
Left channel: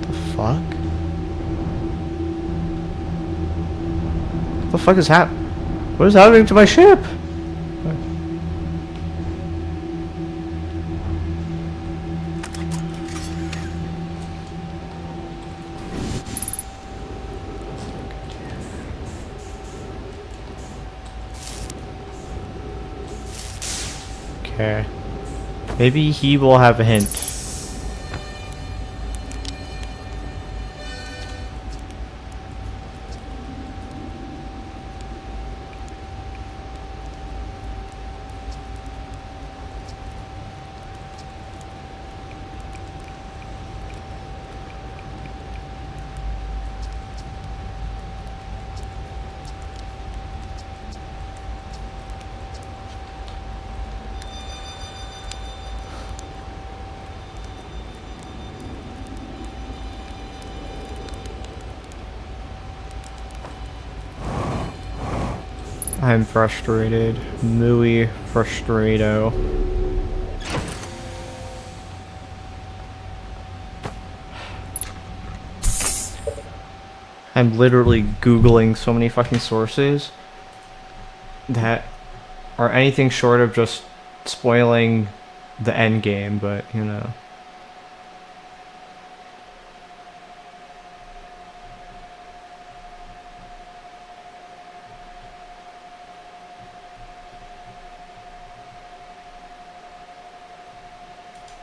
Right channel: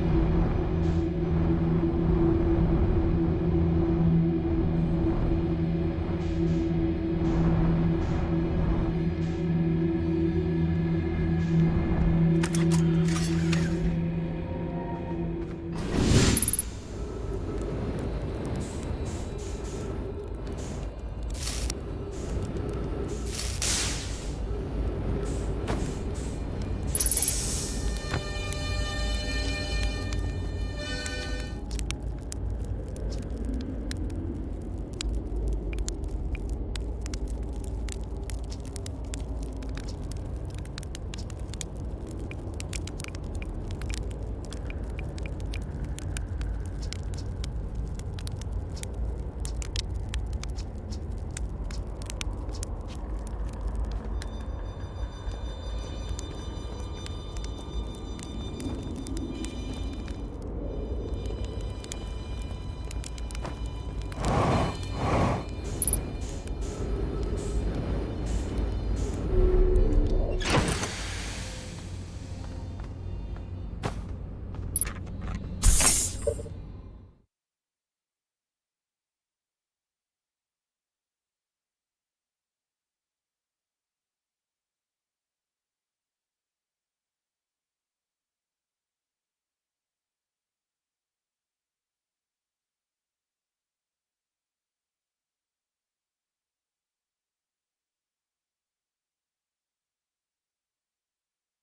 The fuck? What the fuck is What is happening to my ship? Okay. Maybe he will have a hint. I'm frustrated. Muy frustrado. I'm literally Googling so many fucking sources that are anything short of just spoiling the end game, but you know.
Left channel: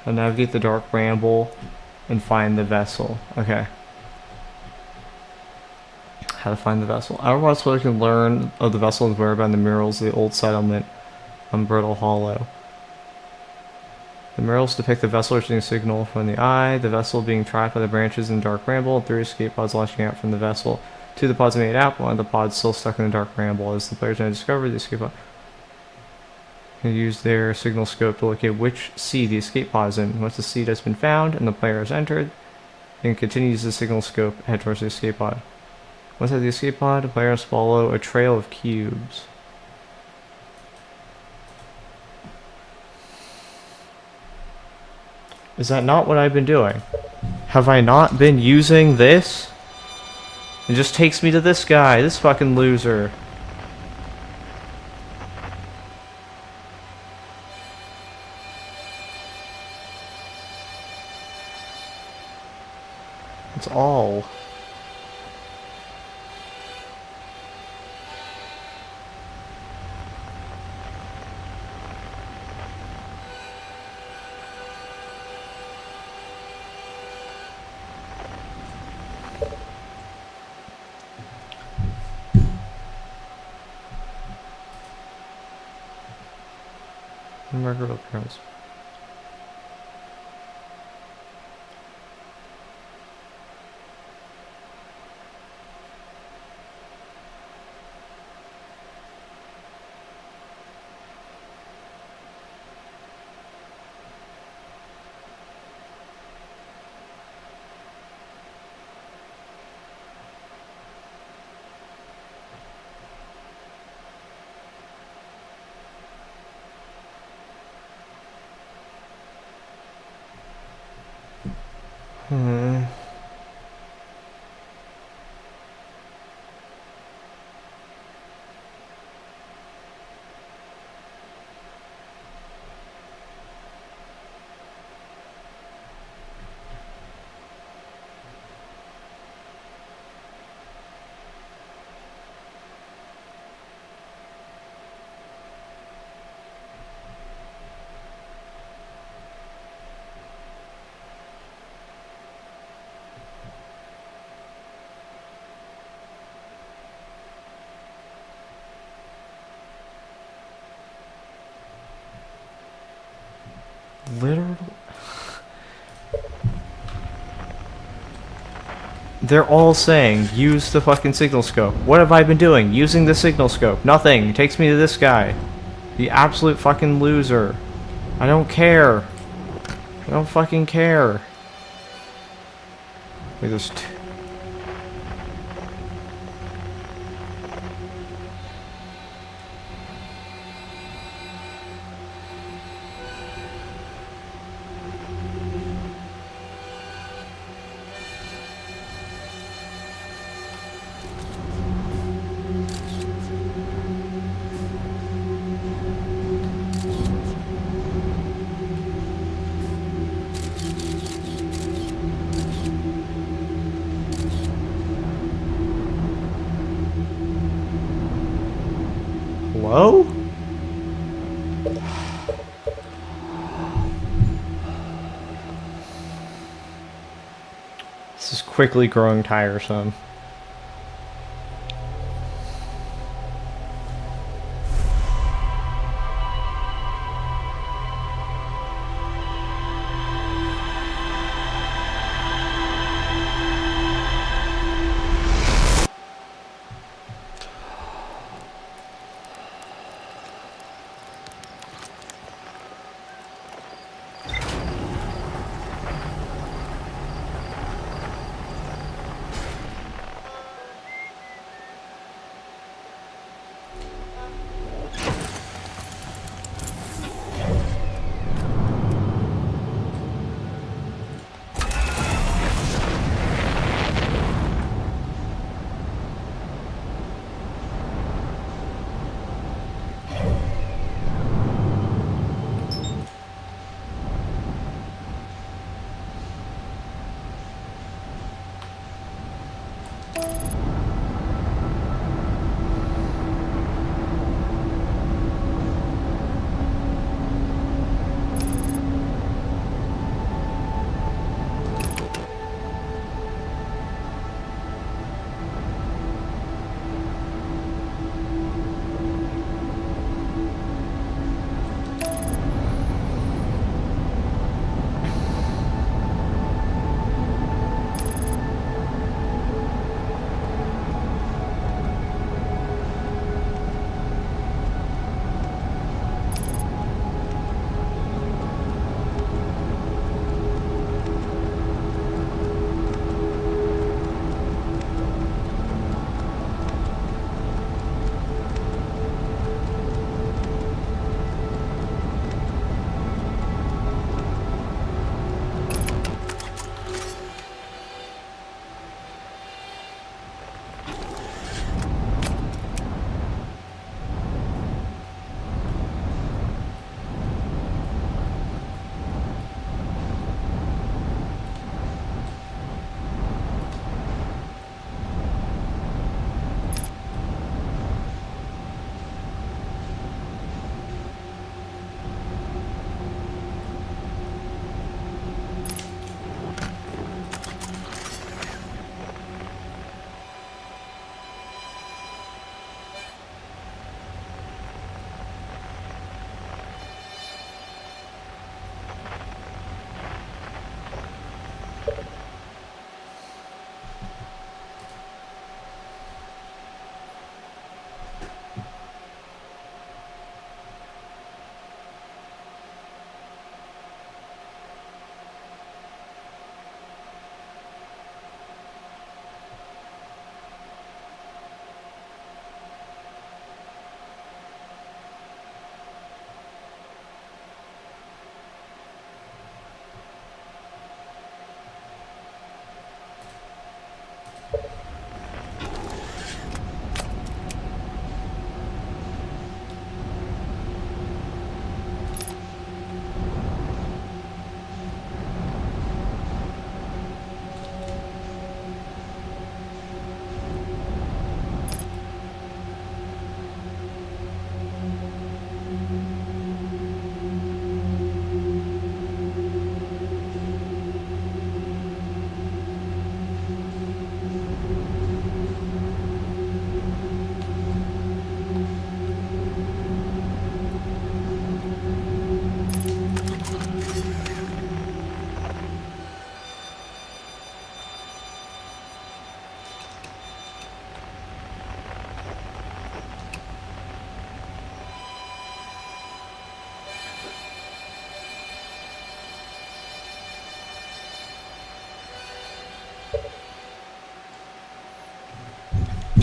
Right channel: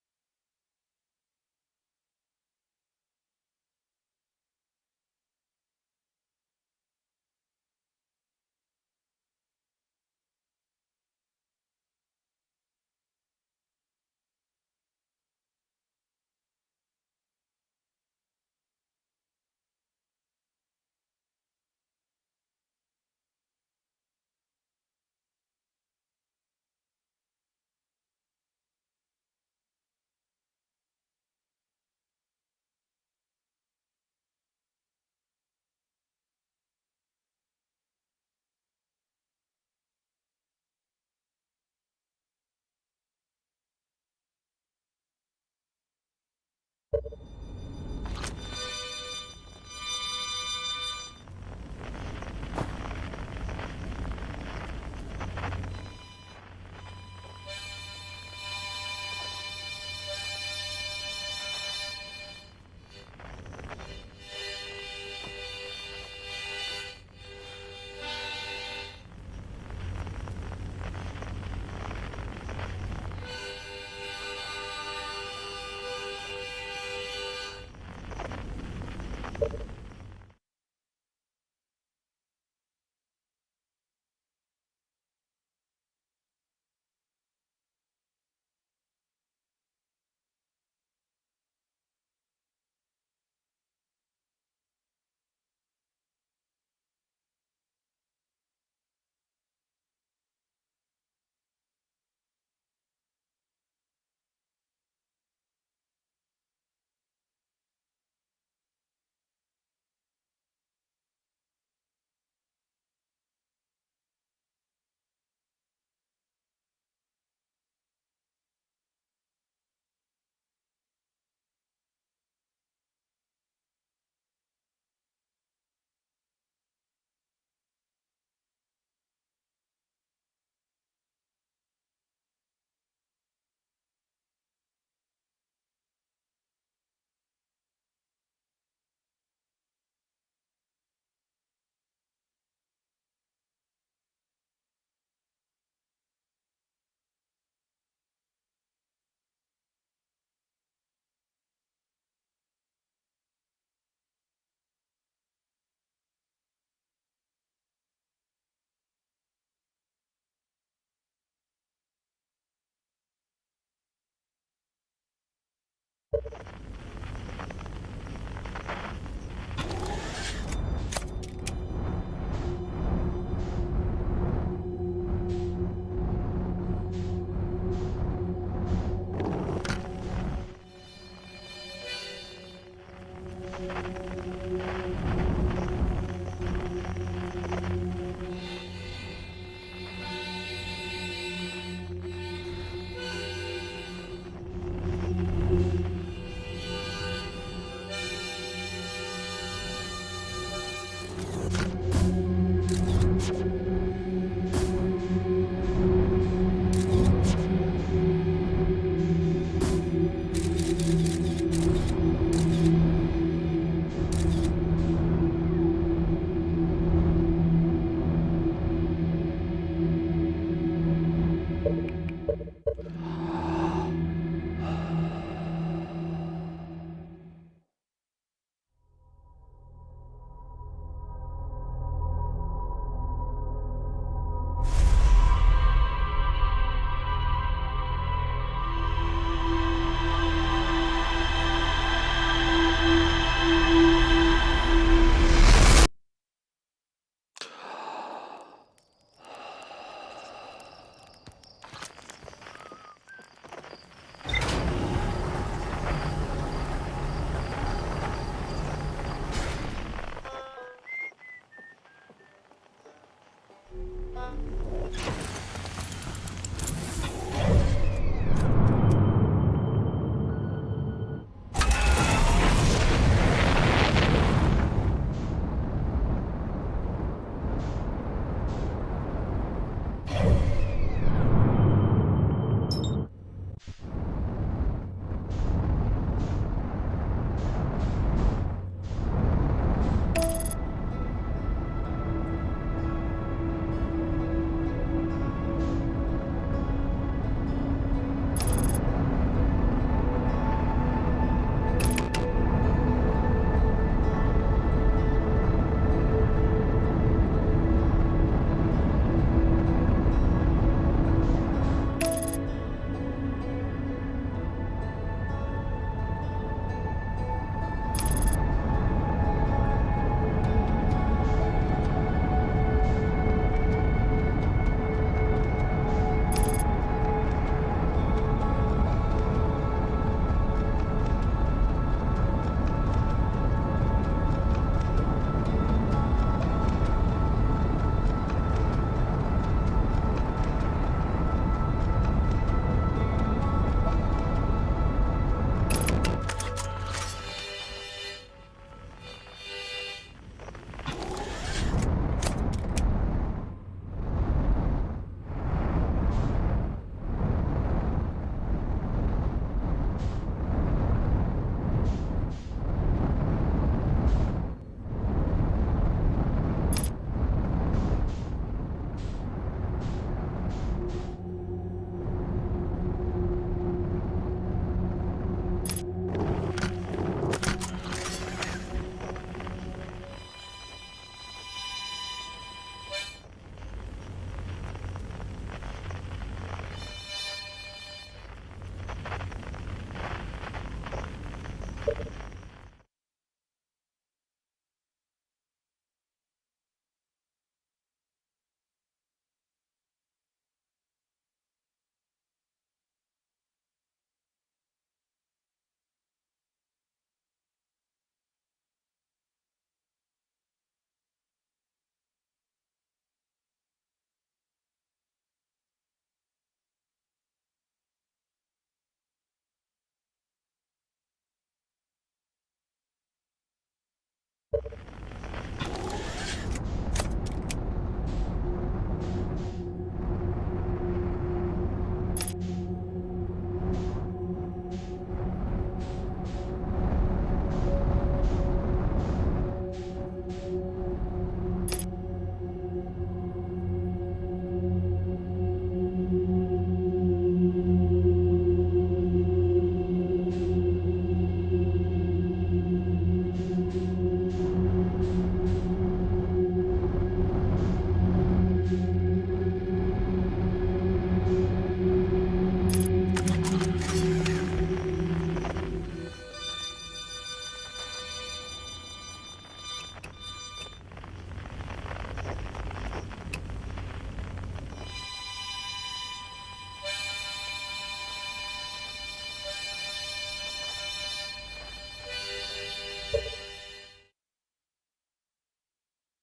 I'll navigate the Dark Ramble and find the vessel. Okay. How to find the vessel. Outerwater Explorer can learn of the vessel and whereabouts in the murals of the old settlement on Brittle Hollow. The murals depict the vessel receiving a signal from the eye, the vessel being trapped by the branches in the dark bramble, and 3 escape pods launching out from the vessel. 2 of the pods made it out, one of the pods still stuck in the dark bramble. As the players now discover the escape pod, can use their signal scope to locate which sea the escape pod is in. Once the seed has been found and the player has entered, they can continue to use the signal scope head towards the escape pod. Once at the escape pod, the player must follow a trail of cubes. Is that not what I've been doing? Have I not been using this? It just takes me to this guy, this fucking loser. That's all. Record appearance. Literally. They're all saying, use the fucking signal scope. What have I been doing? Using the signal scope. Nothing. It takes me to this guy. The absolute fucking loser. I don't care. I don't fucking care. Wait, there's two. Hello? This is quickly growing tiresome.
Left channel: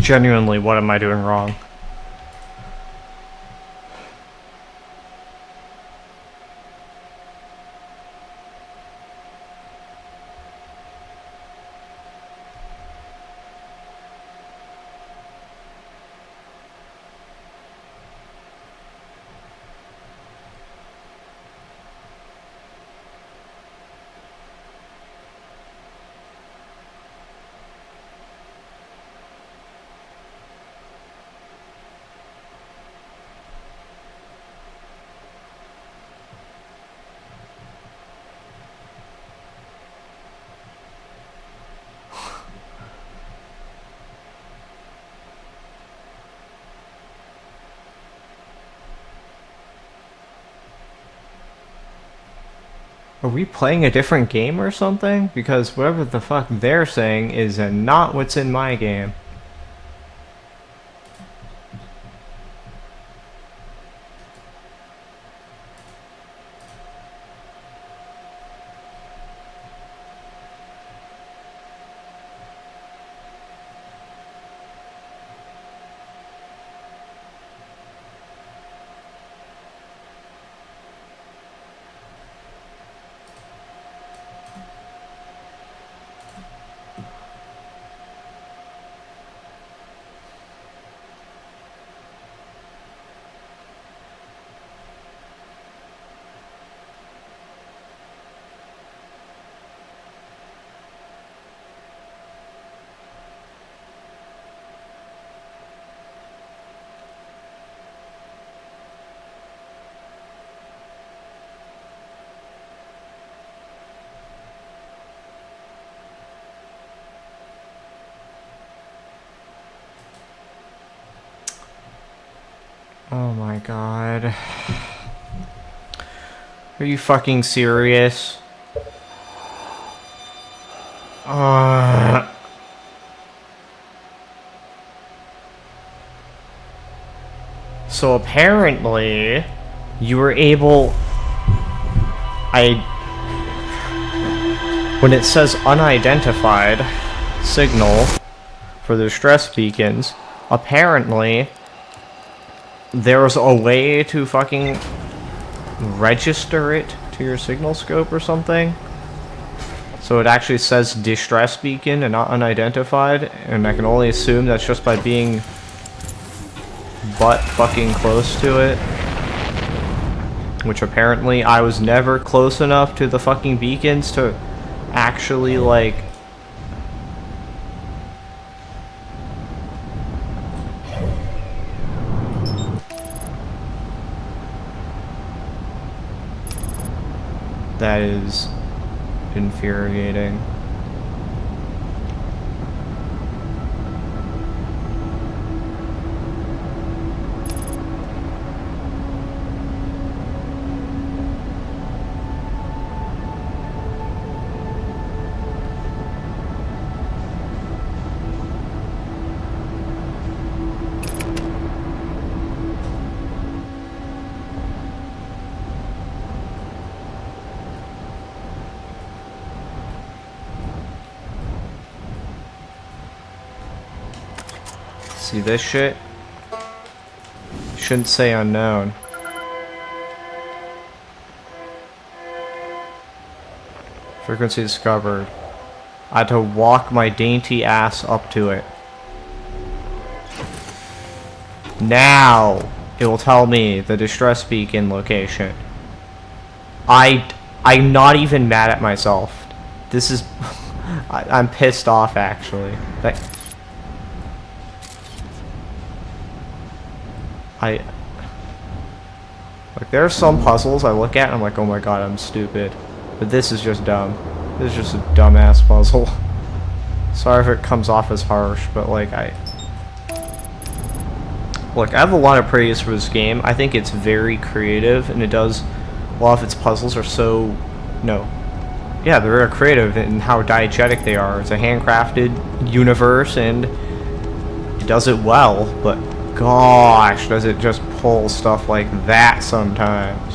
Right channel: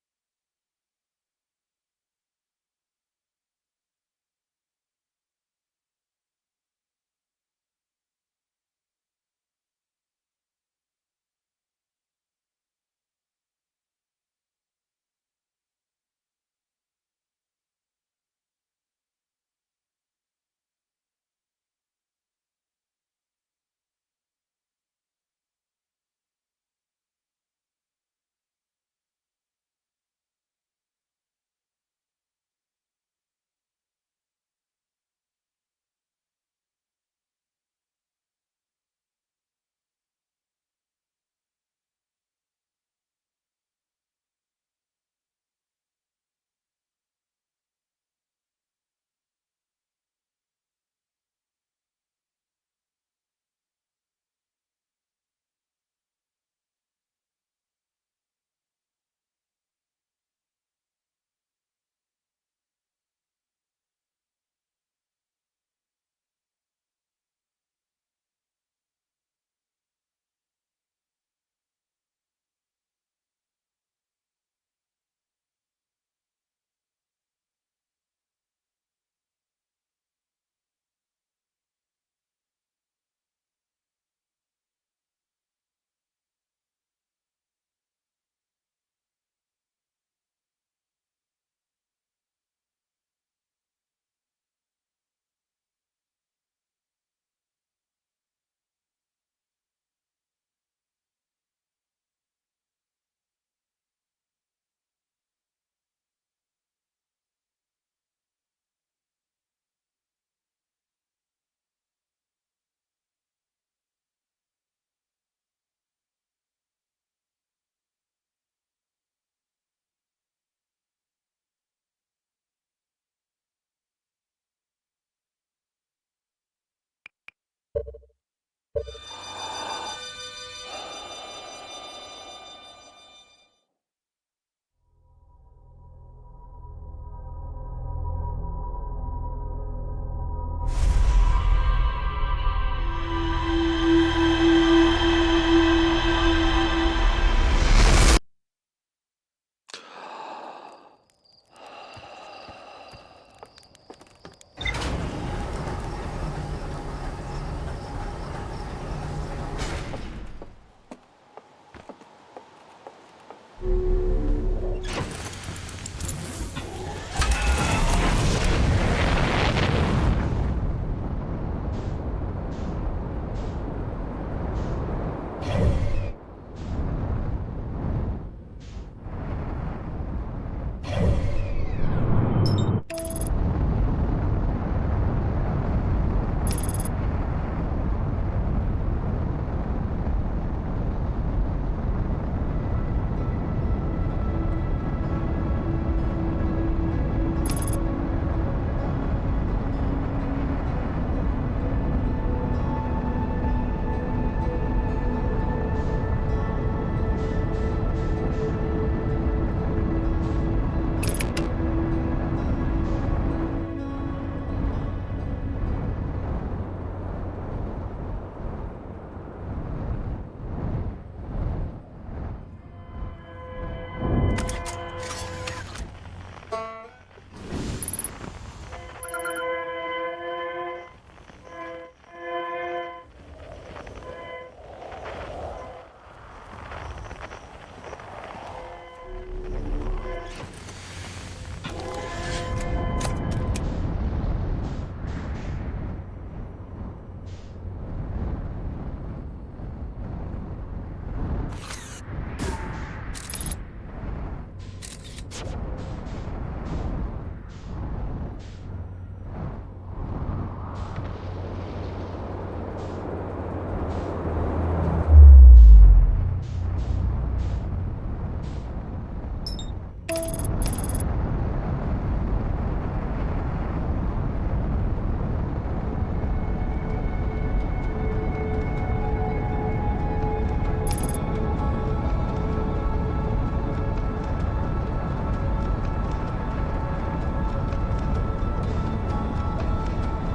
Genuinely, what am I doing wrong? Are we playing a different game or something? Because whatever the fuck they're saying is not what's in my game. Oh my god. Are you fucking serious? So apparently, you were able... When it says unidentified signal for the stress beacons, apparently there was a way to fucking register it to your signal scope or something. So it actually says distress beacon and not unidentified, and I can only assume that's just by being butt fucking close to it. Which apparently I was never close enough to the fucking beacons to actually, like... That is infuriating. See this shit? Shouldn't say unknown. Frequency discovered. I had to walk my dainty ass up to it. Now it will tell me the distress beacon location. I'm not even mad at myself. This is I'm pissed off actually. Like there are some puzzles I look at and I'm like, oh my god, I'm stupid. But this is just dumb. This is just a dumbass puzzle. Sorry if it comes off as harsh, but like Look, I have a lot of praise for this game. I think it's very creative, and it does... A lot of its puzzles are so... Yeah, they're very creative in how diegetic they are. It's a handcrafted universe, and it does it well, but gosh, does it just pull stuff like that sometimes.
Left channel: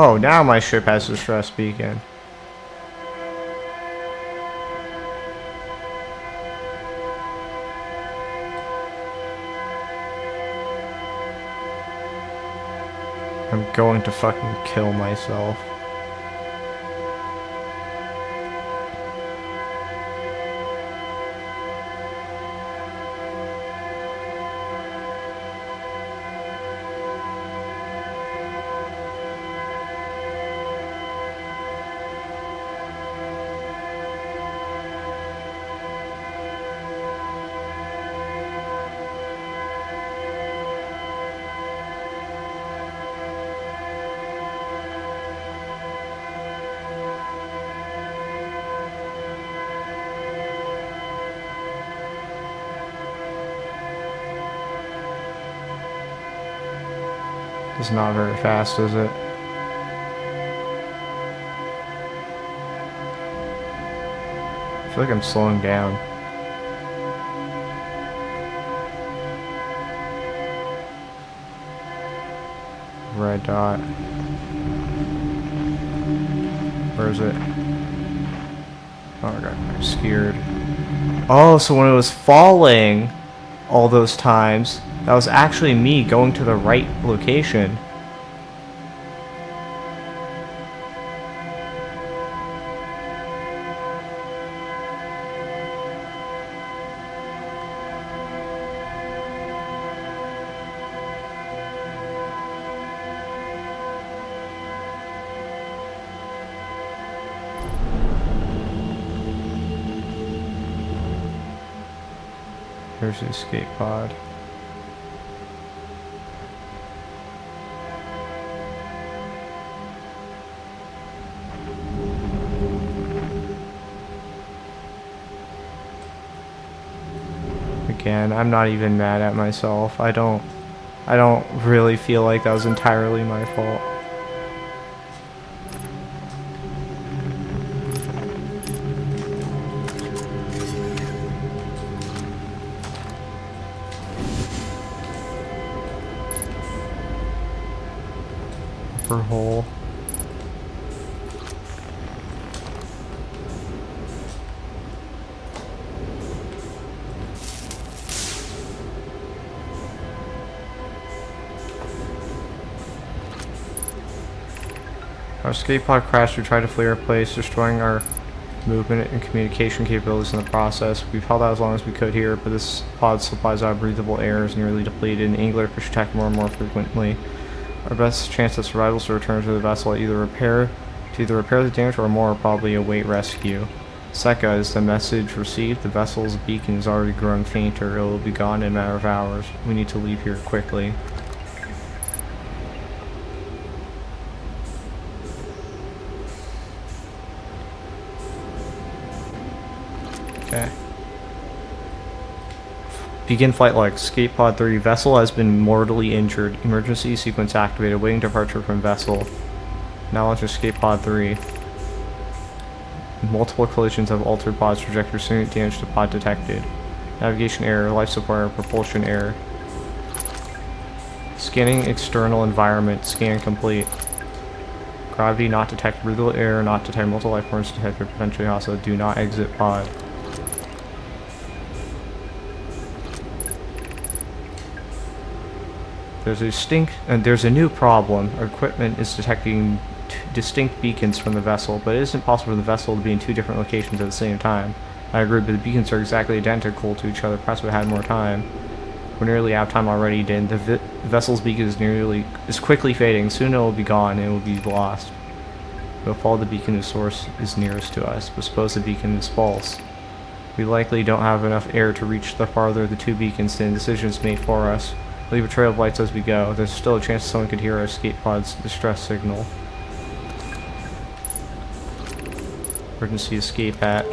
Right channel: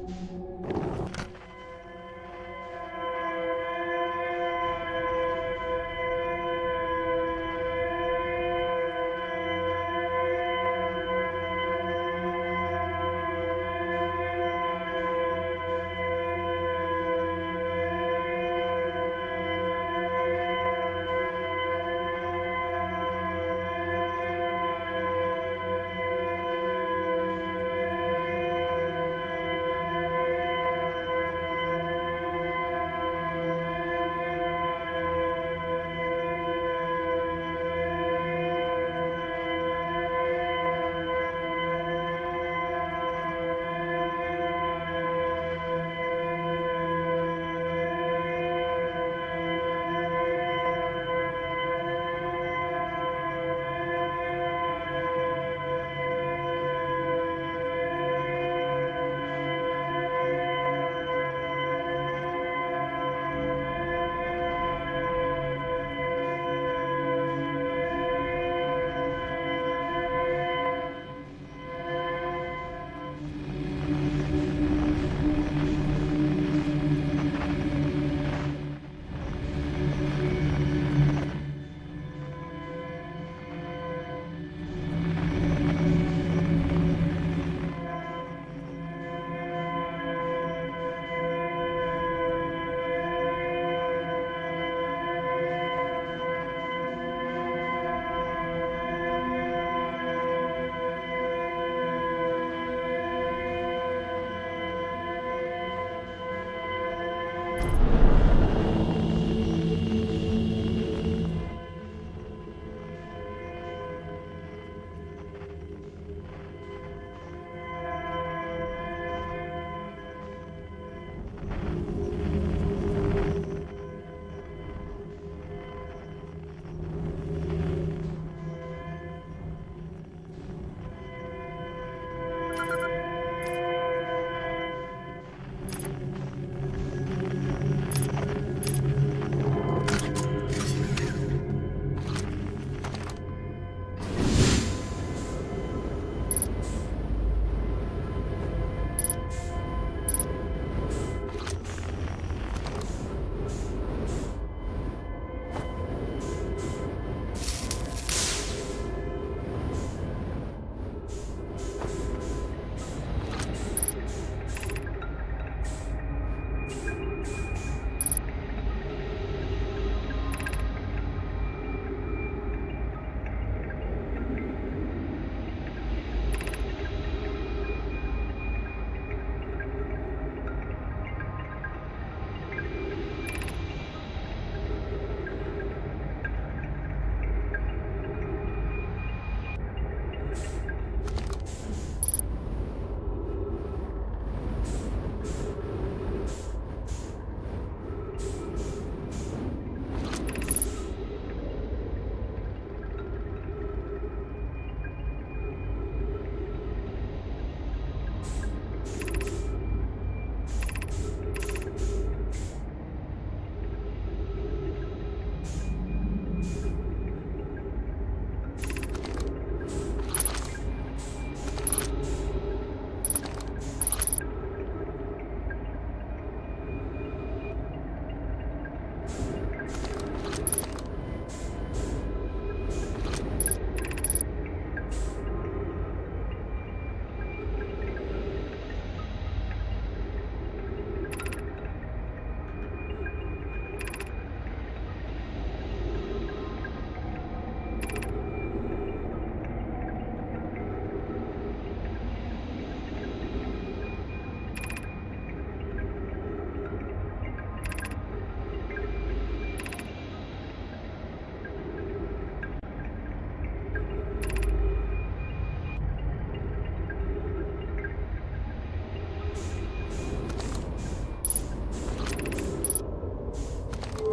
Oh, now my ship has a distress beacon. I'm going to fucking kill myself. It's not very fast, is it? I feel like I'm slowing down. Red dot. Where is it? Oh my god, I'm scared. Oh, so when it was falling all those times, that was actually me going to the right location. There's the escape pod. Again, I'm not even mad at myself. I don't really feel like that was entirely my fault. Hole. Our escape pod crashed. We tried to flee our place, destroying our movement and communication capabilities in the process. We've held out as long as we could here, but this pod supplies our breathable air is nearly depleted, and Angler fish attack more and more frequently. Our best chance of survival is to return to the vessel to either repair the damage or more probably await rescue. Seka, is the message received? The vessel's beacon is already growing fainter. It will be gone in a matter of hours. We need to leave here quickly. Okay. Begin flight log. Escape pod 3. Vessel has been mortally injured. Emergency sequence activated. Waiting departure from vessel. Now launch escape pod 3. Multiple collisions have altered pod's trajectory. Significant damage to pod detected. Navigation error. Life support error. Propulsion error. Scanning external environment. Scan complete. Gravity not detected. Breathable air not detected. Multiple life forms detected. Potentially hostile. Do not exit pod. There's a new problem. Our equipment is detecting distinct beacons from the vessel, but it isn't possible for the vessel to be in two different locations at the same time. I agree, but the beacons are exactly identical to each other. Perhaps we had more time. We're nearly out of time already, Dan. The vessel's beacon is quickly fading. Soon it will be gone and it will be lost. We'll follow the beacon to source is nearest to us, but suppose the beacon is false. We likely don't have enough air to reach the farther of the two beacons than decisions made for us. Leave a trail of lights as we go. There's still a chance someone could hear our escape pod's distress signal. Emergency escape hatch.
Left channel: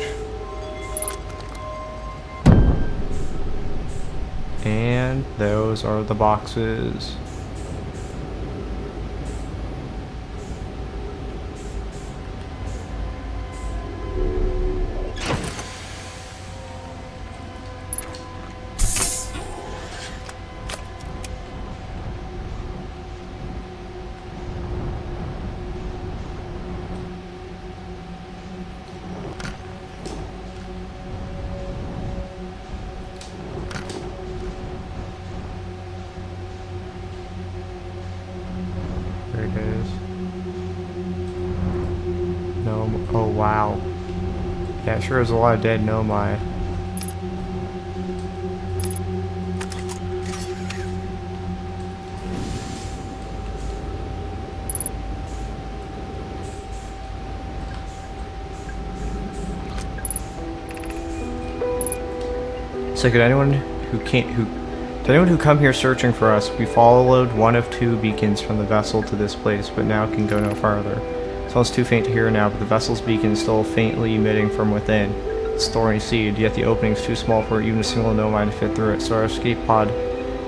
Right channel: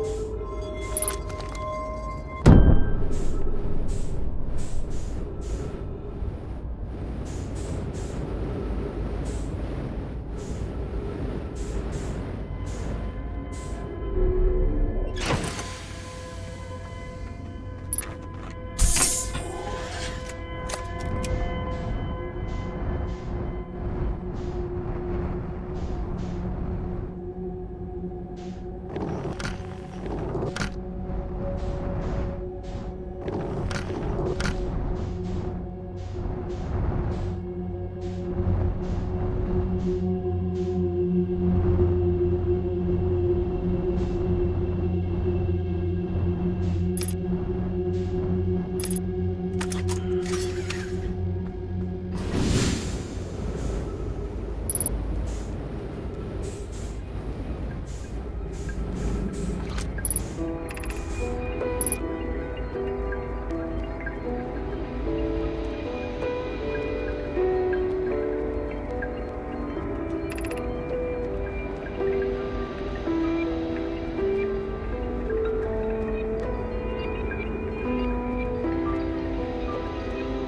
And those are the boxes. Yeah, sure is a lot of dead Nomai. So could anyone who come here searching for us, we followed one of 2 beacons from the vessel to this place, but now can go no farther. The tunnel's too faint to hear now, but the vessel's beacon is still faintly emitting from within. It's thorny seed, yet the opening's too small for even a single Nomai to fit through it, so our escape pod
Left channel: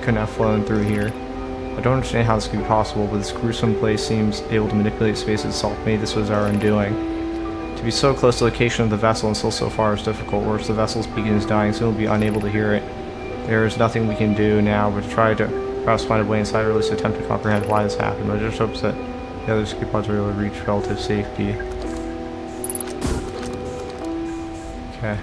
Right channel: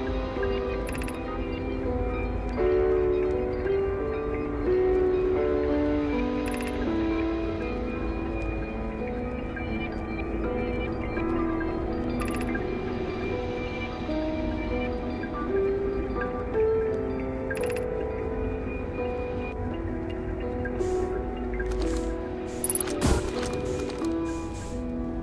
couldn't have flown through here. I don't understand how this could be possible, but this gruesome place seems able to manipulate space itself. Maybe this was our undoing. To be so close to the location of the vessel and still so far is difficult. Worse, the vessel's beacon is dying, so we'll be unable to hear it. There is nothing we can do now but try to perhaps find a way inside or at least attempt to comprehend why this happened. But I just hope that the other escape pods are able to reach relative safety. Okay.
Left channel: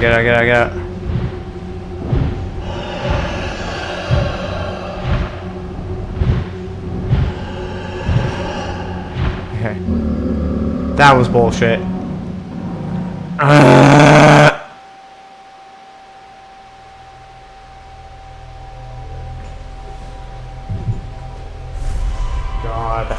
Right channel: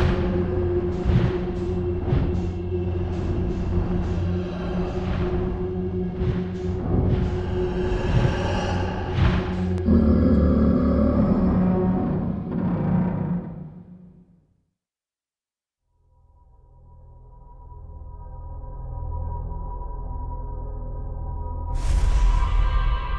Get out. Okay. That was bullshit. God.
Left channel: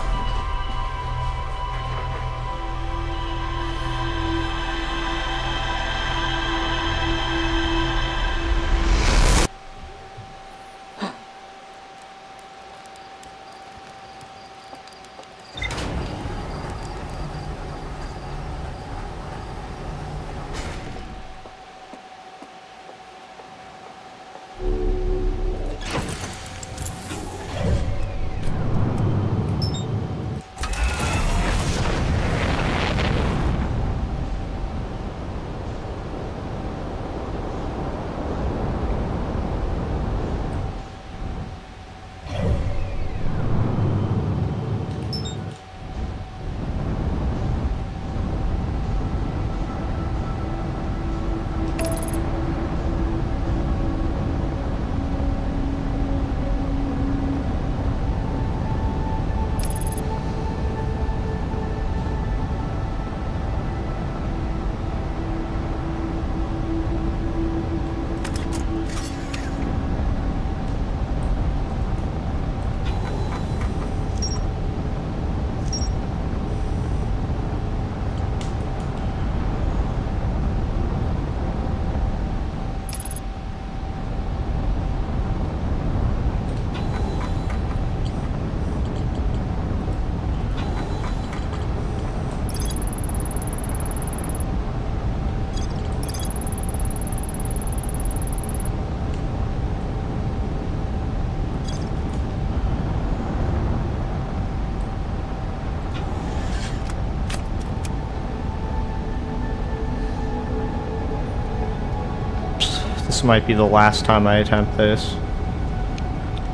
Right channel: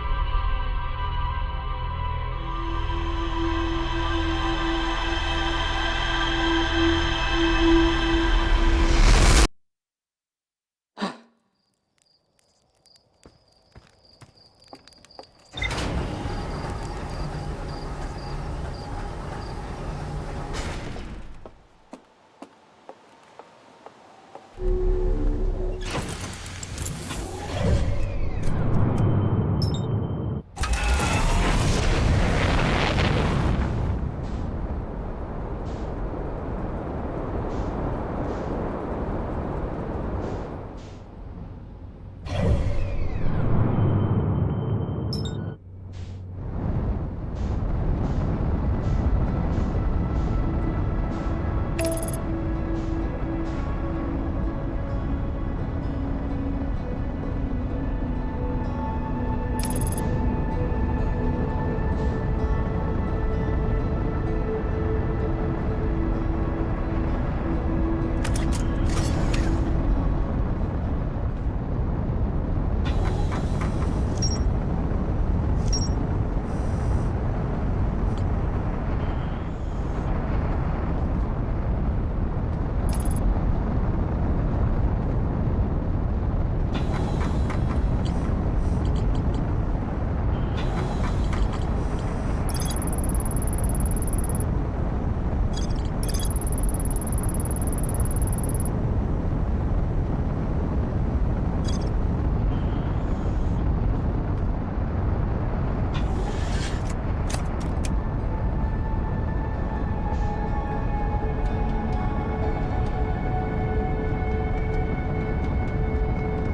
This might be the last time I attempt this.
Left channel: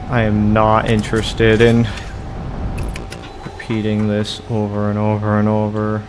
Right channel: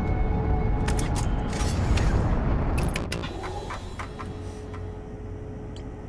I am not interested in repeating this over and over and over.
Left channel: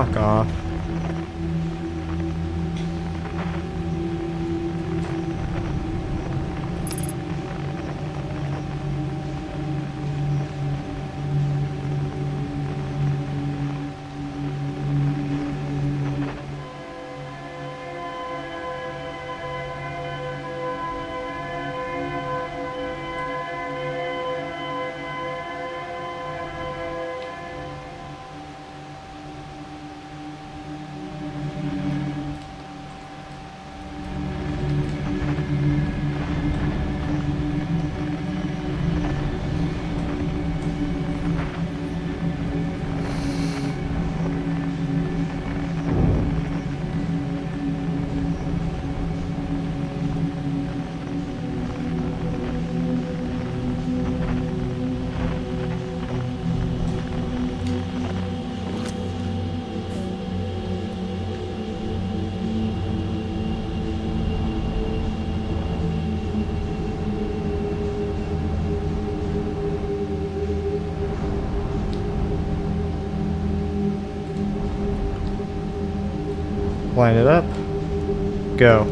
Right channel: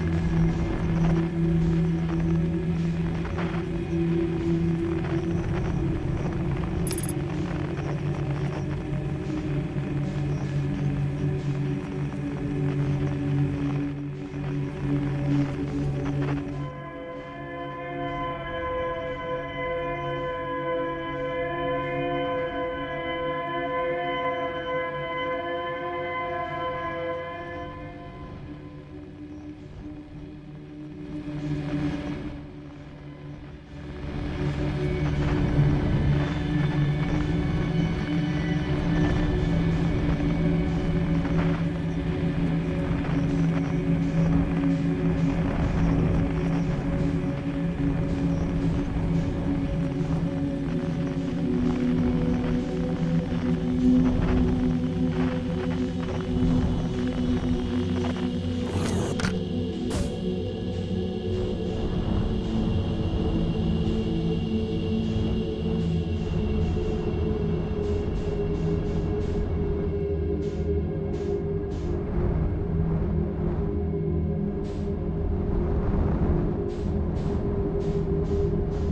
Fuck off. Line it up. Go.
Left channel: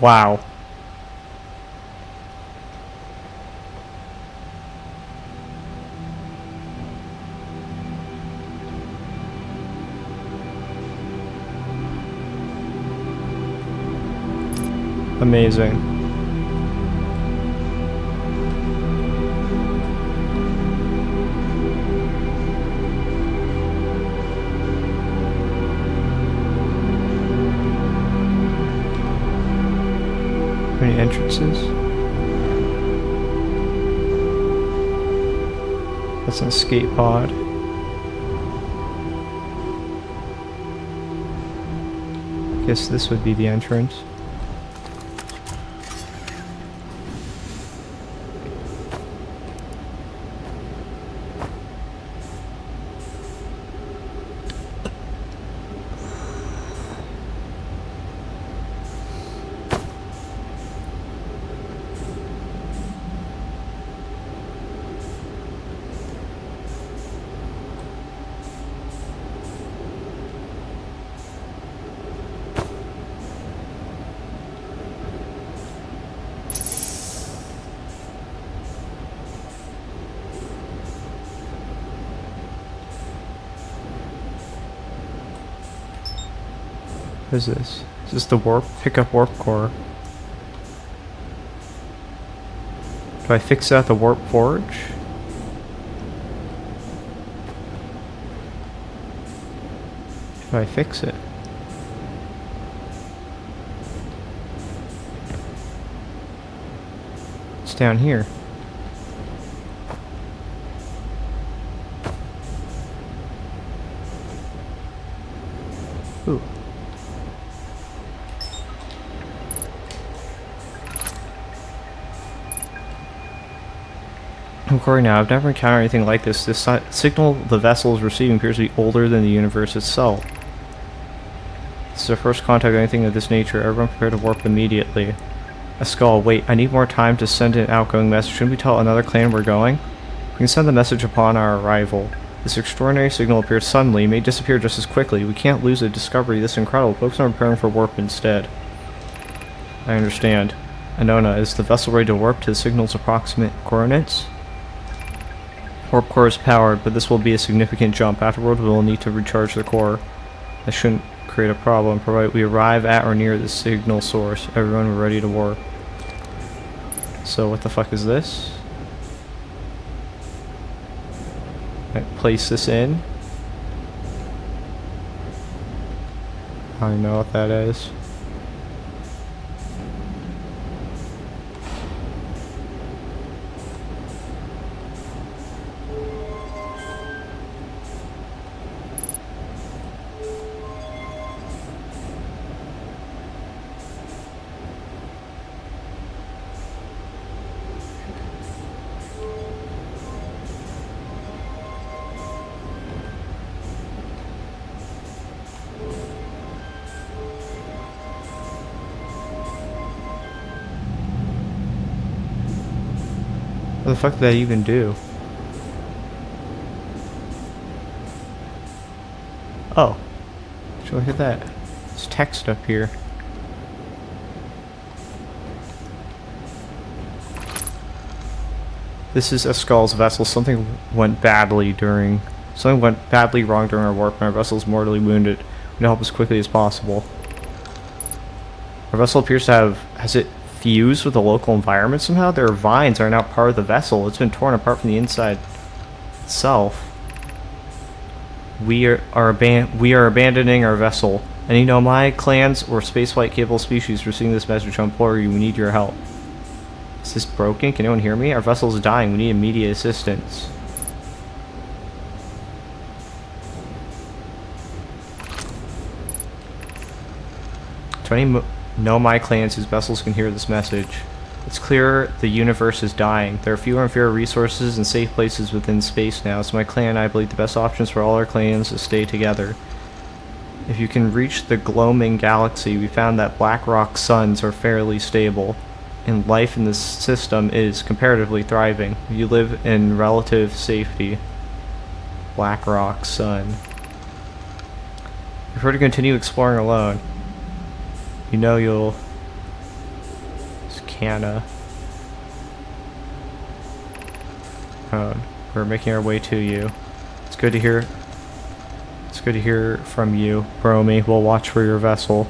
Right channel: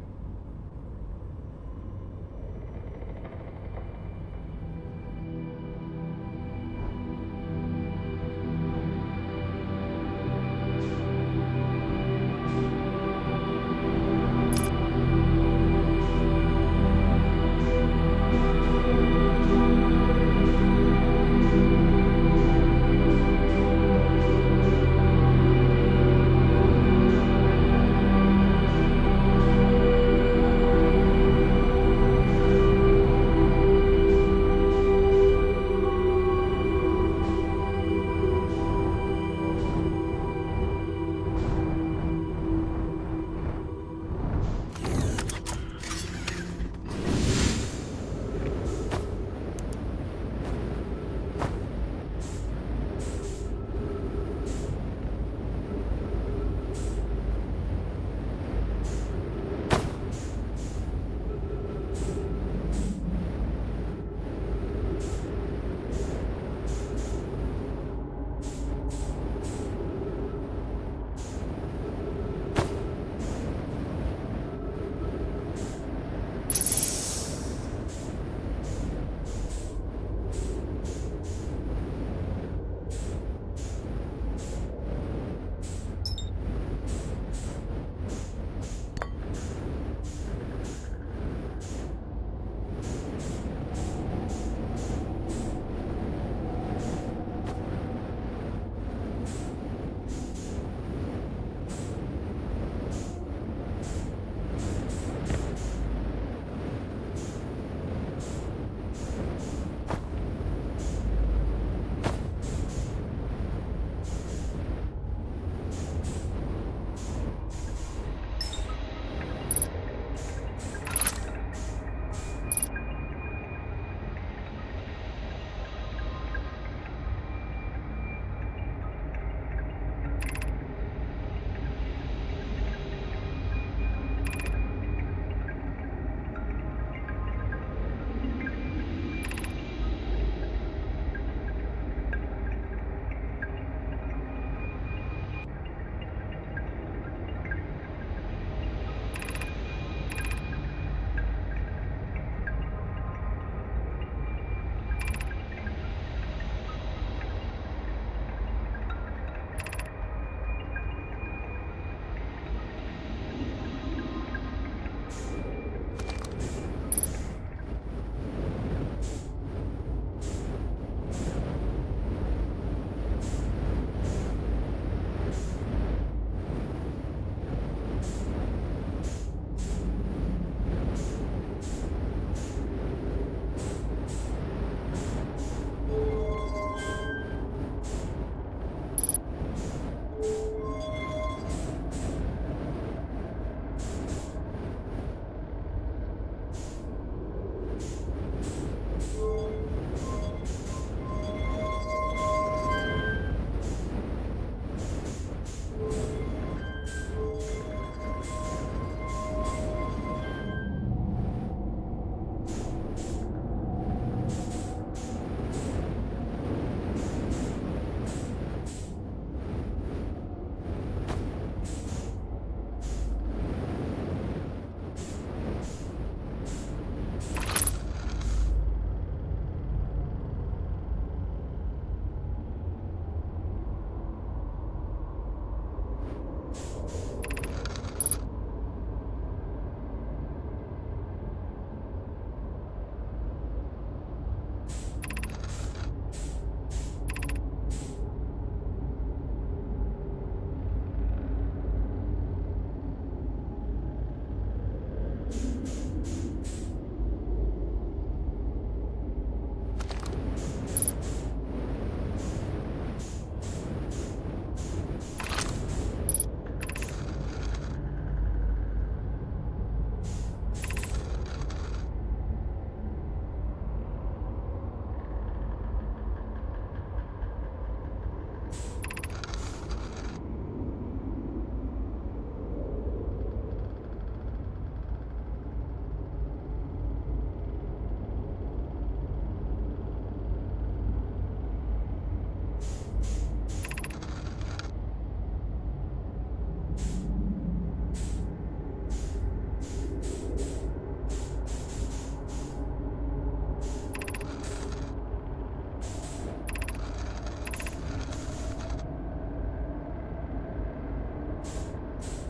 Wow. Amazing. Many entrances. That's an escape pod. Guess this would be the entrance. What is this? Is this the warp? Pick up warp core. Do I fix that at the warp forge? Do I fix it? It's down here. Ooh. According now, I've never encountered anything like this. This signal the vessel is receiving appears to be older than the universe itself. It's is our first contact with anything of this nature. Everyone prepare to warp immediately. A skull. Wait, I need more time to send an outgoing message. Shouldn't we tell another clan we're going? We can send the message upon our arrival. This extraordinary signal appears suddenly, may disappear just as quickly. We can't lose a discovery this incredible. Focus on preparing for warp instead. I understand. Anona, is the vessel ready to warp to the signal's approximate coordinates? Warp core is powered, but this will be a significant jump. Afterward, we will need to recharge the core. That shouldn't create a problem, provided we arrive at or near the signal source. Everyone, we're ready to warp. So what the fuck is this? I place this in. I don't know what that is. What the fuck did that even do? Oh. Should I hit that? There's text up here. This is Escal's vessel. Something went badly wrong during our warp, and our vessel is mortally wounded. We need to help as quickly as possible. Our vessel appears to have... has it fused with the local environment somehow? Their vines are now part of the vessel. It's been torn apart from the inside itself. We are abandoning our vessel. Any Nomai clans or spaceflight capable species receiving this message, I implore you, we need your help. Is this broken? Can anyone hear me? Our vessel is dying. We need immediate assistance. To any Nomai clans whose vessels can hear this message, it's clear the universe is dying. There are fewer and fewer resources and safe places within space now, so my clan and I believe the best options for all our clans is to stay together. If you can reach the Gloaming Galaxy, we found that black rock suns are fairly stable, and life in this system is comparatively thriving. You live in relative safety. Black rock sun. Prefer to continue exploring alone. You know you'll... It's Canna. We're making our way to you. It's good to hear... It's good to hear from you, Bromy. We'll watch for your vessel.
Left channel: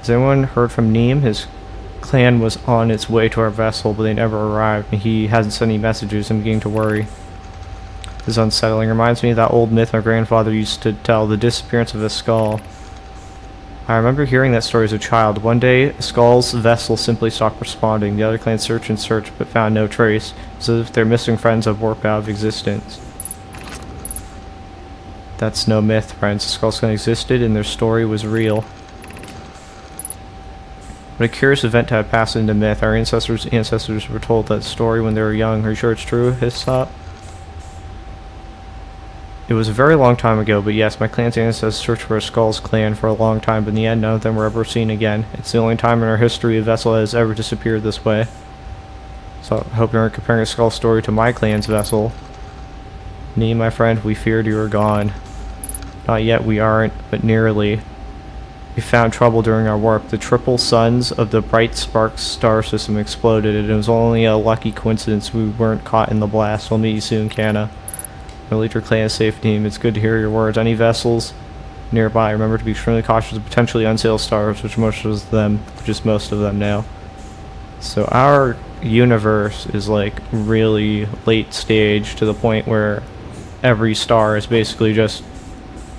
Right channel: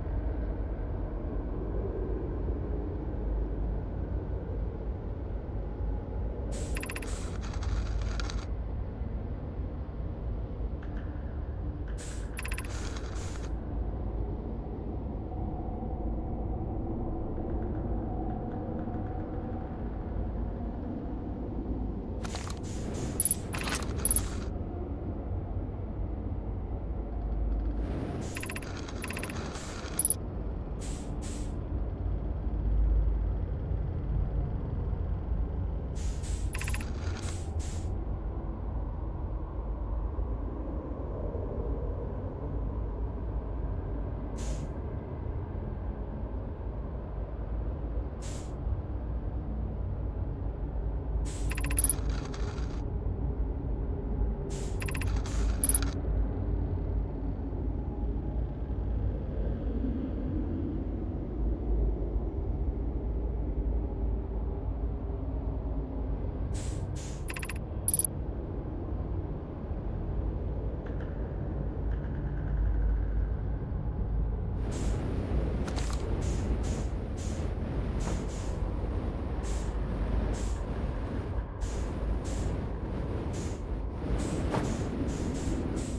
Has anyone heard from Neem? His clan was on its way to our vessel, but they never arrived, and he hasn't sent any messages. I'm beginning to worry. This is unsettling. Reminds me of that old myth my grandfather used to tell, the disappearance of a skull. I remember hearing that story as a child. One day, Skull's vessel simply stopped responding. The other clans searched and searched, but found no trace, as if their missing friends had warped out of existence. That's no myth, friends. The Skull's clan existed, and their story was real. But a curious event had passed into myth. Our ancestors' ancestors were told that story when they were young. Are you sure it's true, Hissop? It was a very long time ago, but yes, my clan's ancestors searched for a Skull's clan for a long time, but in the end, none of them were ever seen again. It's the only time in our history a vessel has ever disappeared this way. So I hope you aren't comparing a Skull story to my clan's vessel. Me, my friend, we feared you were gone. Not yet, we aren't, but nearly. We found trouble during our warp. The triple suns of the Bright Sparks star system exploded, and it was only a lucky coincidence we weren't caught in the blast. We'll meet you soon, Canna. We'll lead your clan a safe team. It's good to hear your words. Any vessels nearby, remember to be extremely cautious of potentially unsailed stars, which most of them now. So our universe is like really late stage, to the point where every star has basically just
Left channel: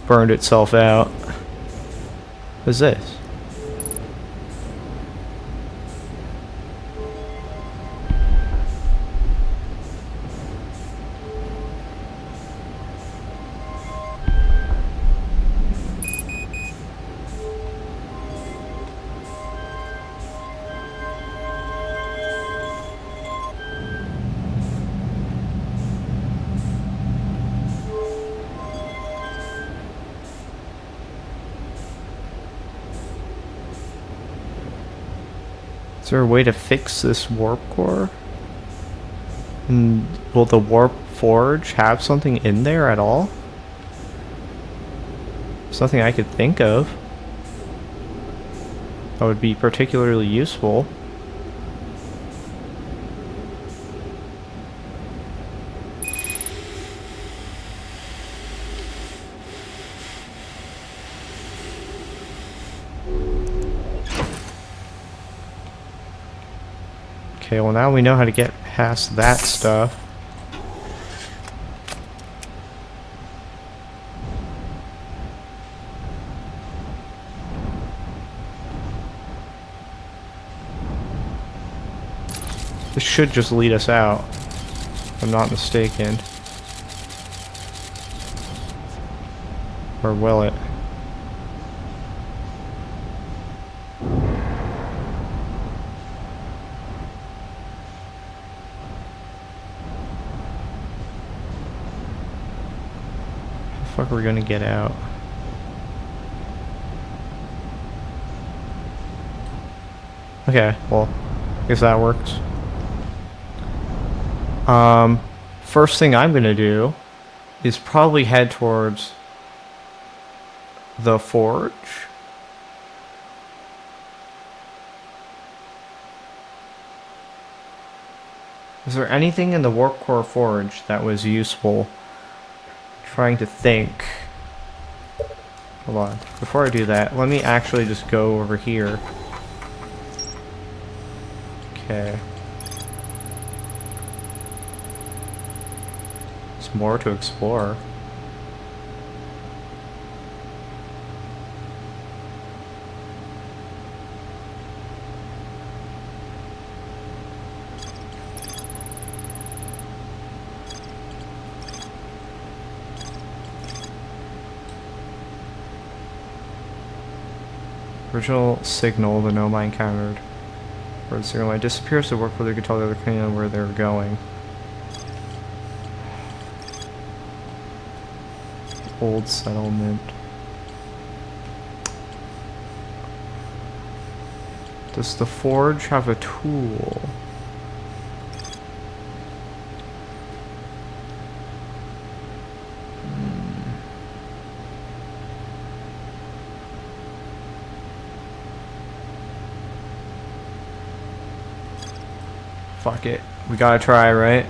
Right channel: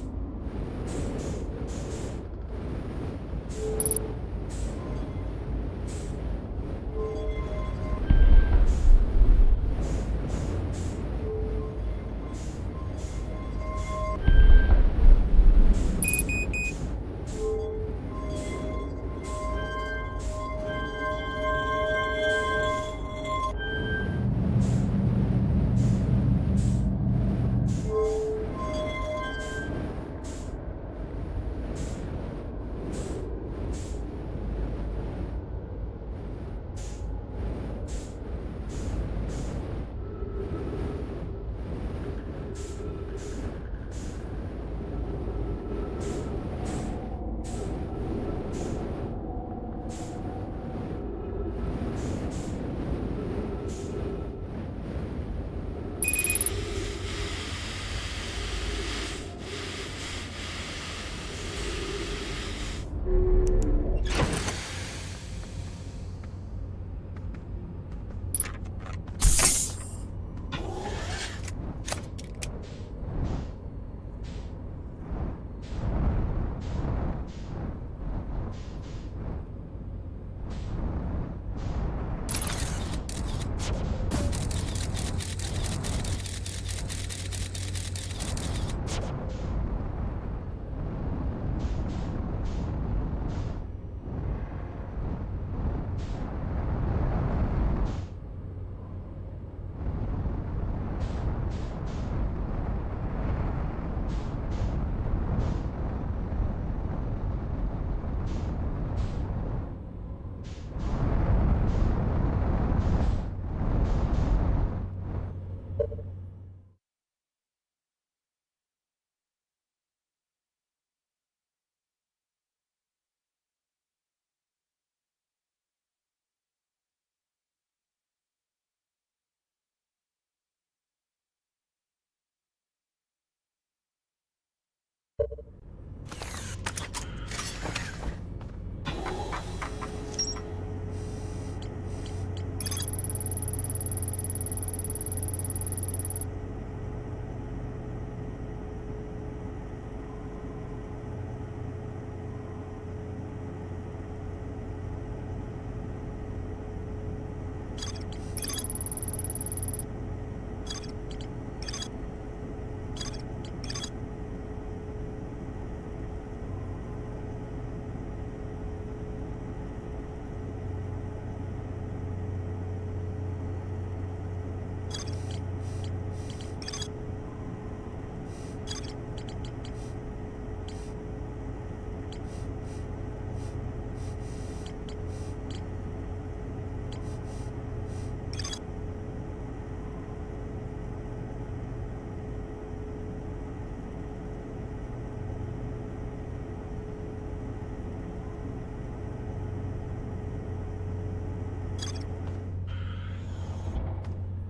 burned itself out. What is this? Is there a way to fix this warp core? And will the warp forge have something in there at all? There's nothing I could think of that would be particularly useful. Okay, well now we know how to get past that stuff. This should just lead us out, if I'm not mistaken. Or will it? How the fuck are we gonna get out? Okay, well, I guess that works. First thing I'm gonna do is probably head towards the forge. Is there anything in the warp core forge that was useful? Trying to think. Hold on. Before I do that, let me actually just go over here. Okay. There's more to explore. Original signal the Nomai encountered. Where the signal line disappears, the work where they could tell the other Canyon where they were going. Old settlement. Does the forge have a tool? Fuck it. We gotta try, right?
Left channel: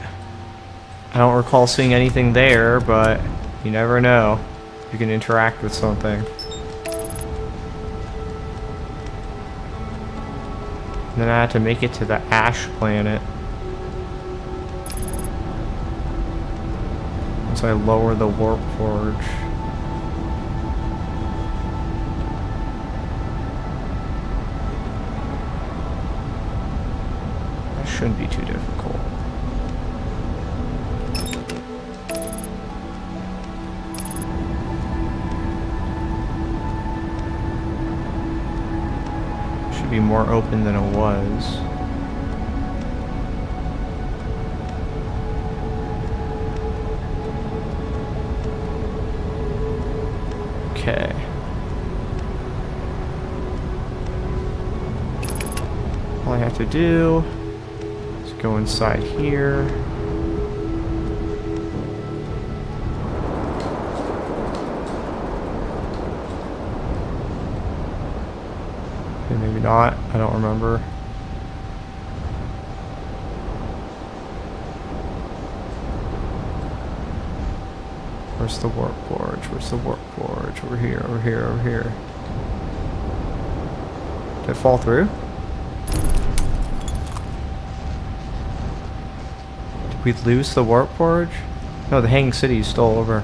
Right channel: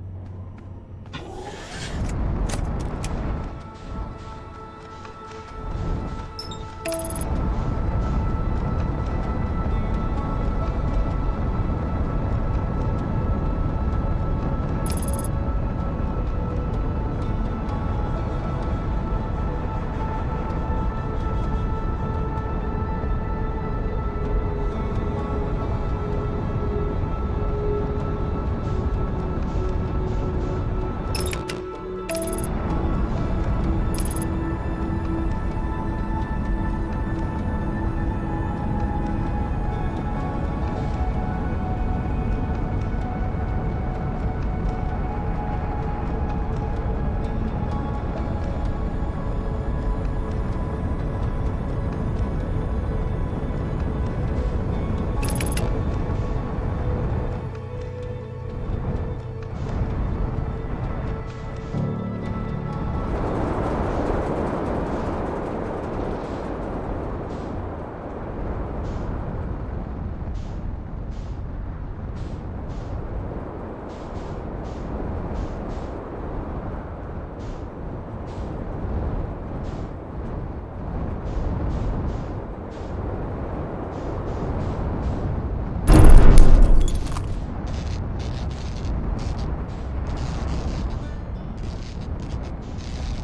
I don't recall seeing anything there, but you never know. You can interact with something. And then I had to make it to the Ash Planet. Once I lower the warp forge. Shouldn't be too difficult. Should be more open than it was. Okay. All I have to do is go inside here. Okay, maybe not. I don't remember. Where's the warp forge? Where's the warp forge? Over here, over here, over here. Did it fall through? Did we lose the warp forge? No, the Hanging City is still over.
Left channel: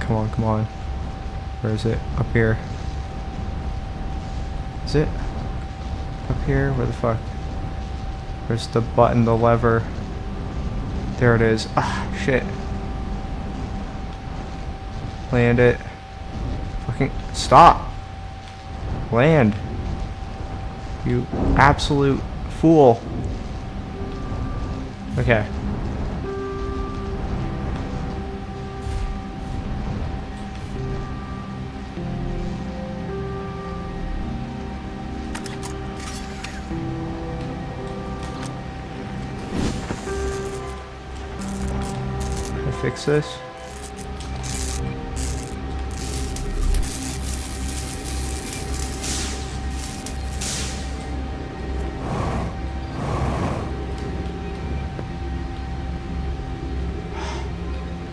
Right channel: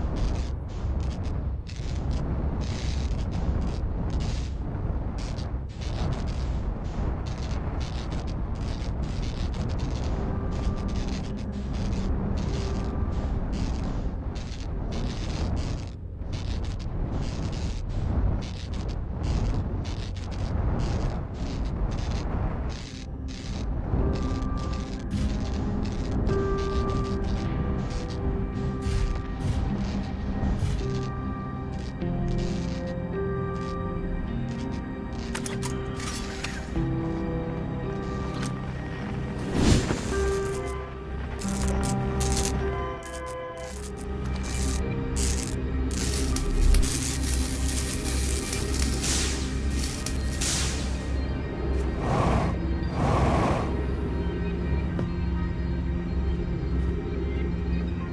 Come on, come on. Where is it? Up here. Is it? Up here? Where the fuck? Where's the button, the lever? There it is. Ah, shit. Land it. Fucking stop. Land. You absolute fool. Okay. fix this?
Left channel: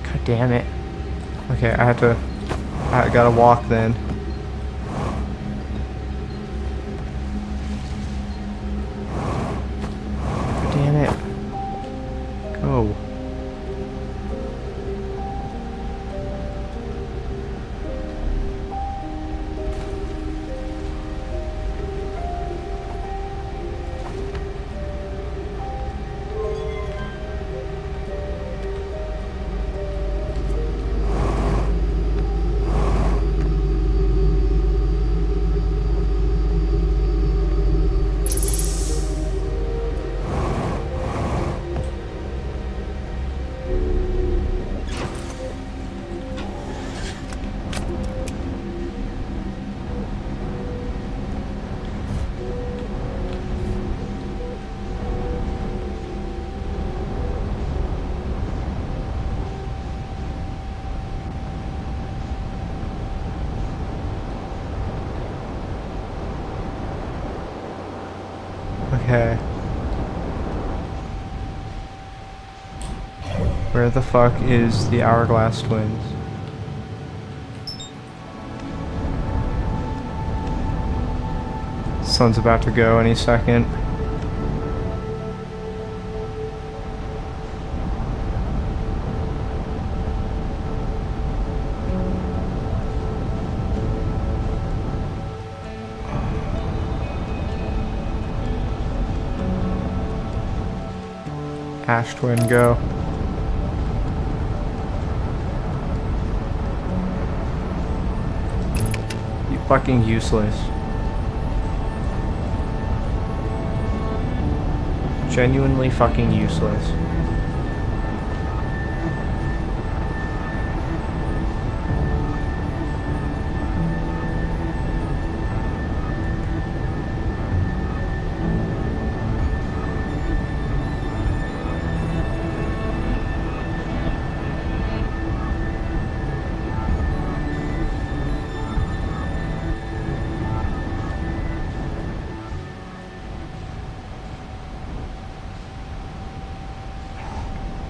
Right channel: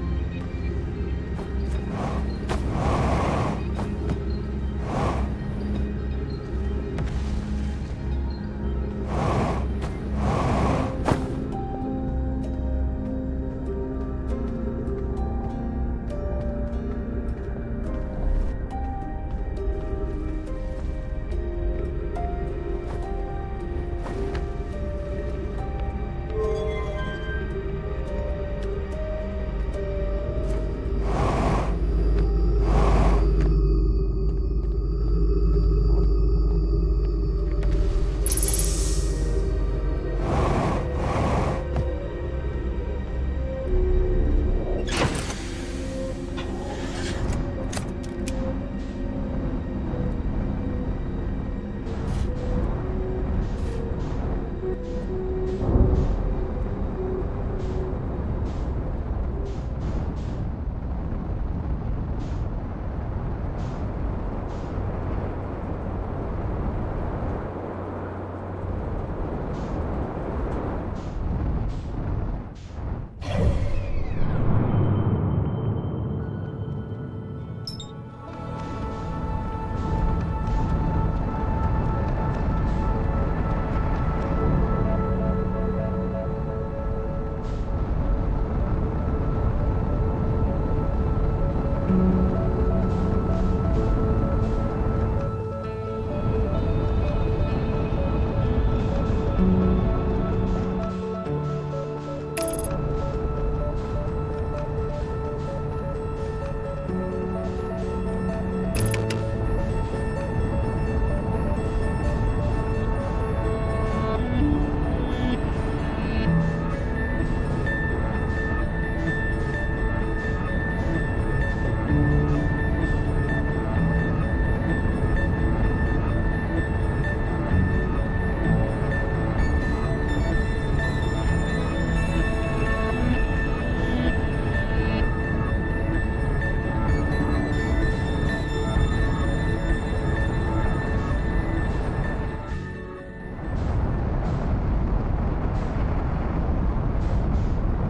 God damn it. Okay, I gotta walk then. Damn it. Go. Okay. Where the fuck is the Hourglass Twins? Sun's about to go any second. Ash Twin, go. You fucking useless. Genuinely fucking useless.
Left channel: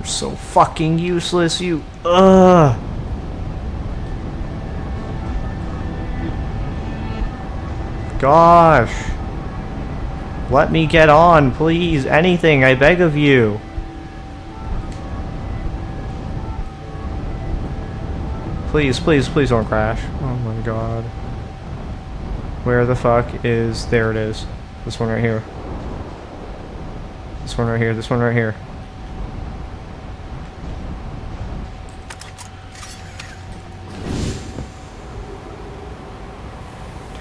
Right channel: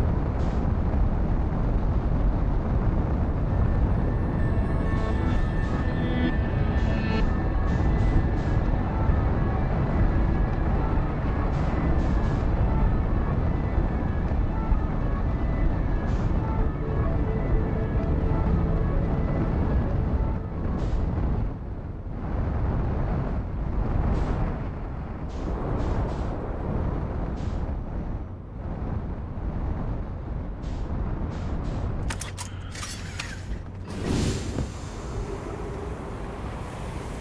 So fucking useless, you. Ugh. Gosh. Let me get on, please. Anything, I beg of you. Please, please, please don't crash. Oh my god. Where the fuck is... There it is. This one right here. This one right here. This one right here.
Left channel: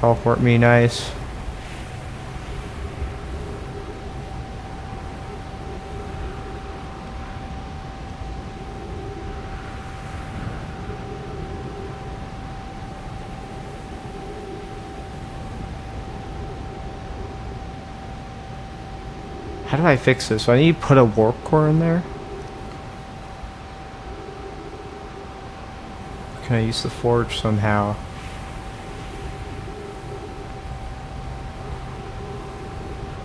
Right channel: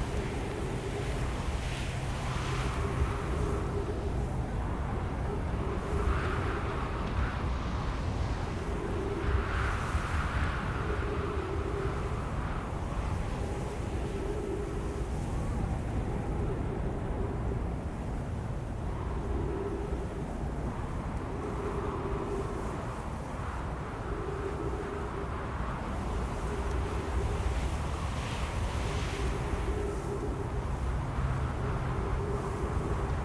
Teleport me, nice. How do I fix this? Do I need to put a warp core in there? Can I use the forge somehow?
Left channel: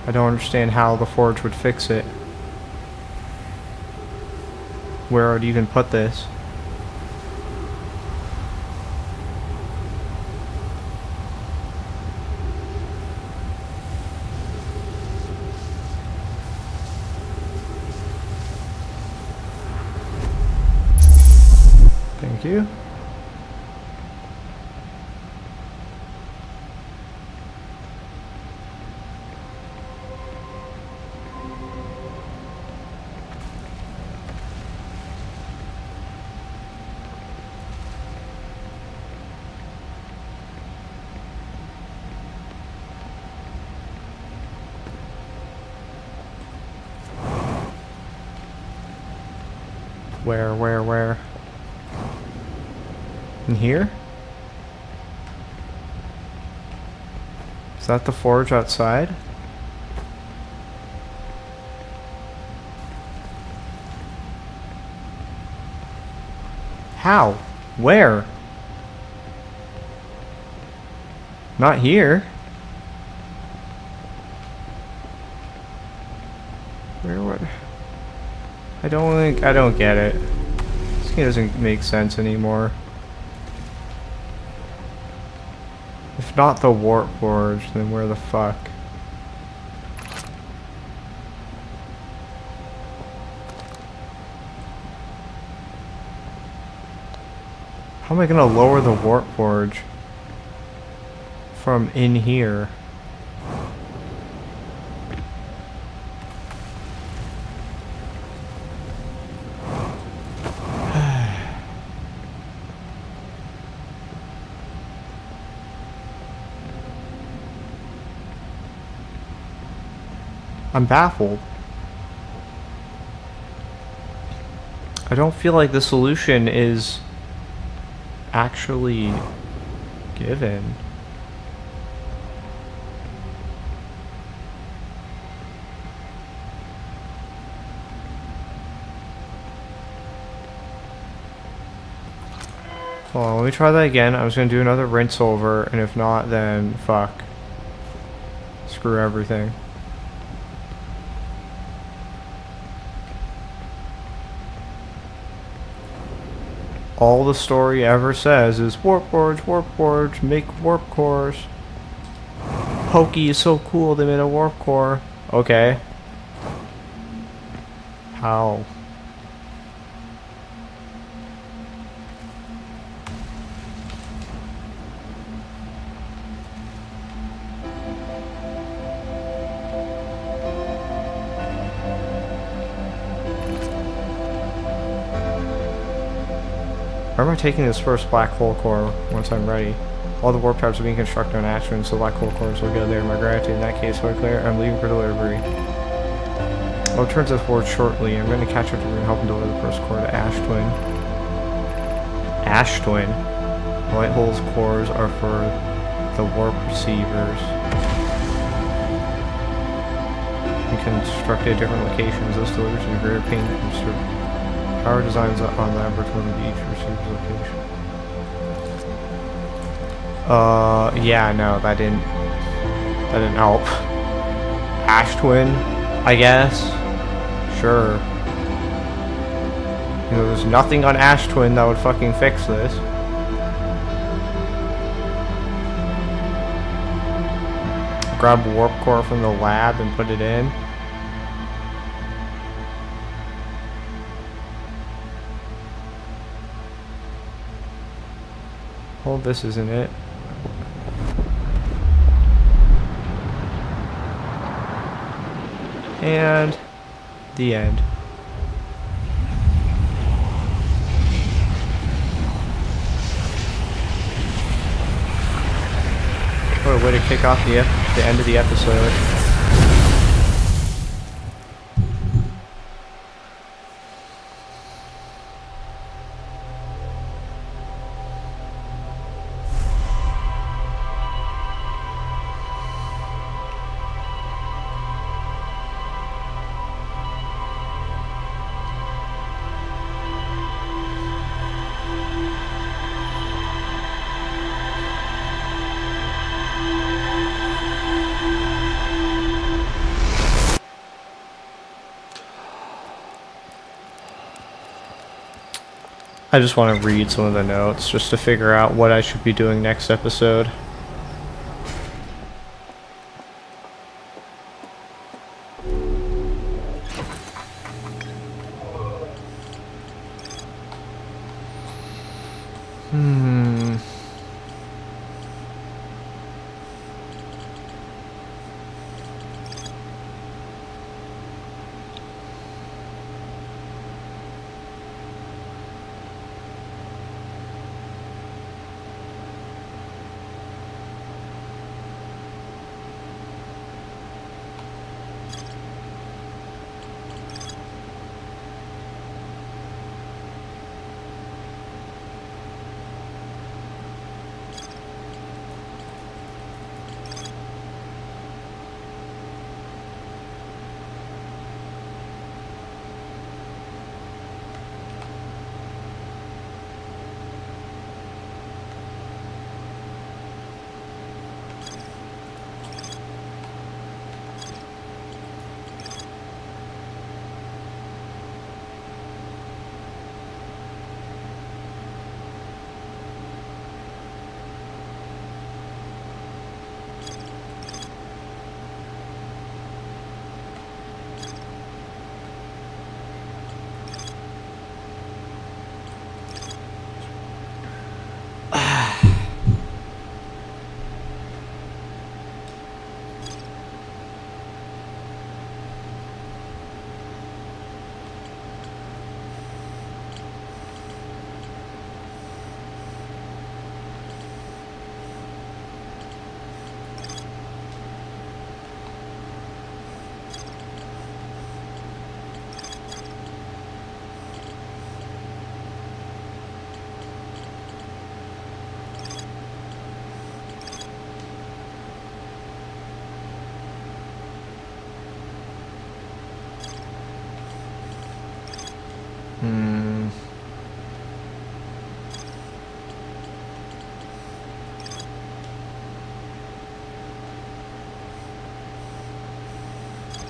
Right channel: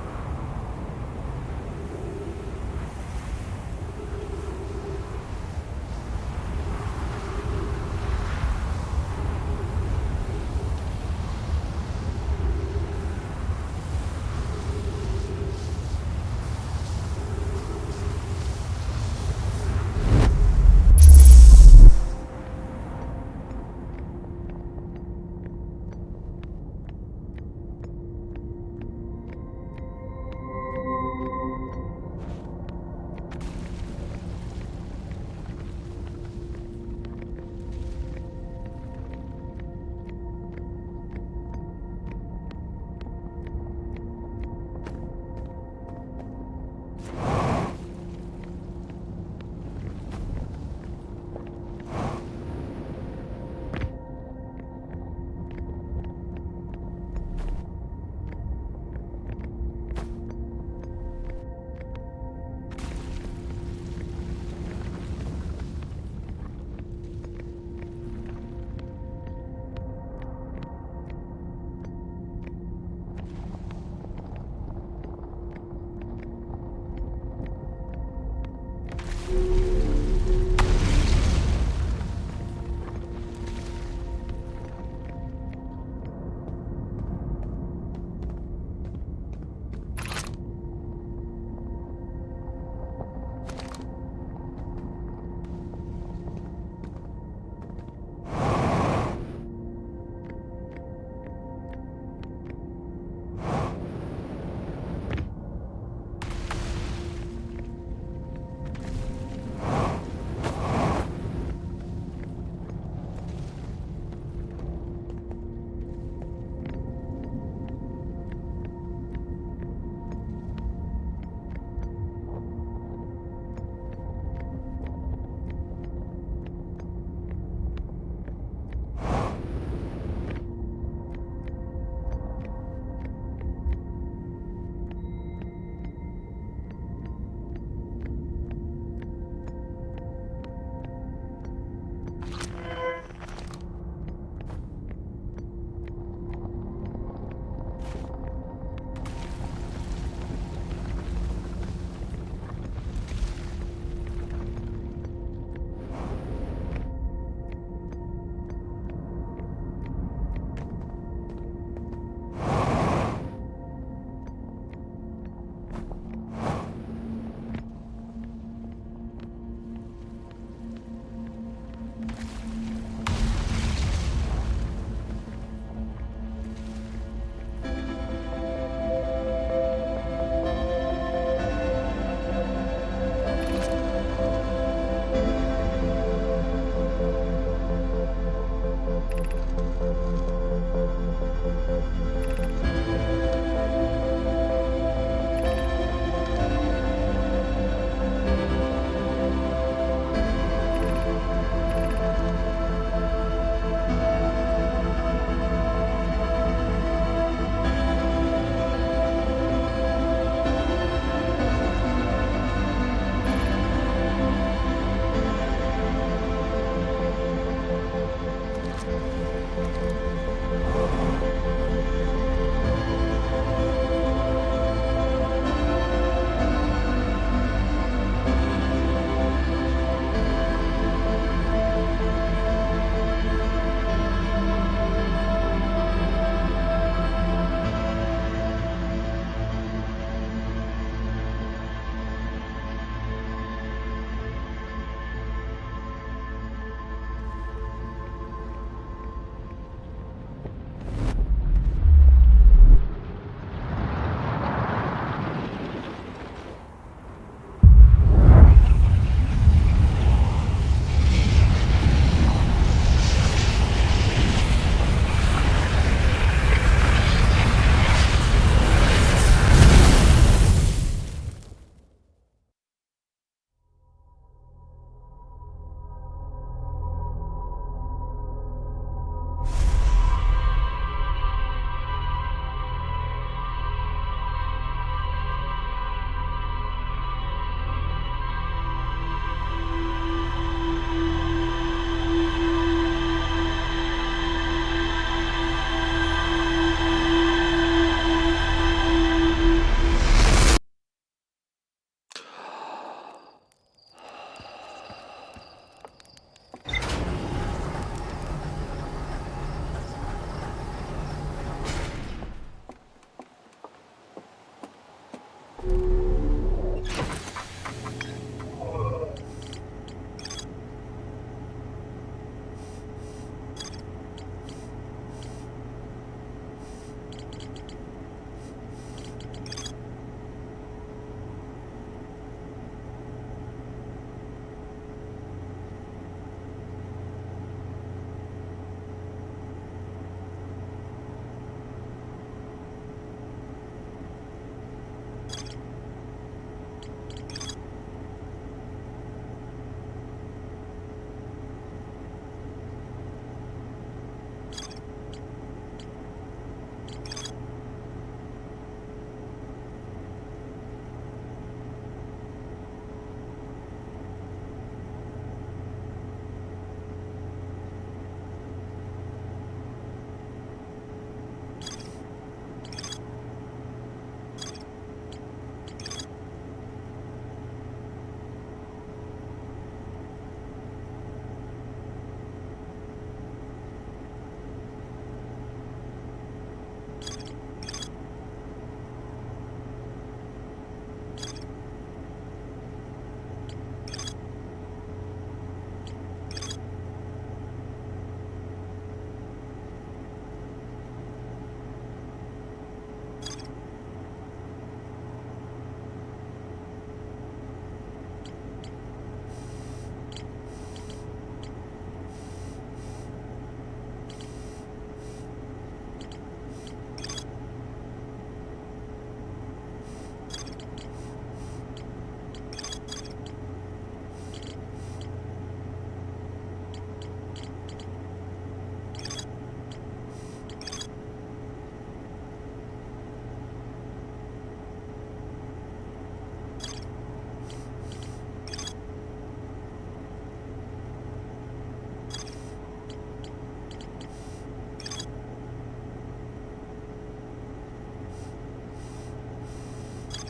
I don't understand how the forge would fix it. Where would even put this? Thank you. Where? In here? Is that the forge outside? How? Where? Not here. Where would... I don't get it. This game doesn't make sense anymore. If not the Warp Forge, then where the fuck? How am I gonna lower the Warp Forge from in here? I'm baffled. I don't feel like the solution is actually given. Hold on, let me try that again. I was gonna do another rinse over, and if not, then fuck. Screw everything. All the story ever says is warp forge, make warp cores. Pokey is so cool, they made a warp core. Okay. How? Where am I taking this first black hole core once I'm ready? All the warp tabs are being constructed on Ashtwin, so black hole cores will go there. Am I granted? In that case, clear. I'm leaving for delivery. I'll return to the forge shortly. I'm going to catch up to and help him deliver the first core to Ashtwin. Ashtwin. White hole's cores are for the warp receivers. You can construct at different locations. Those deliveries to the rare paint booster. Power designs on laboratory each receiver's location. Yeah, no, that didn't help. Ashtwin, I guess. Sure. You know, there's nothing on Ashtwin that would fucking fix this. Grab a warp core from the lab and put it in. Well, this isn't it. And the end. What a way to kick off the end of the episode. I just want to read some of the notes just to figure out what I should be doing next episode.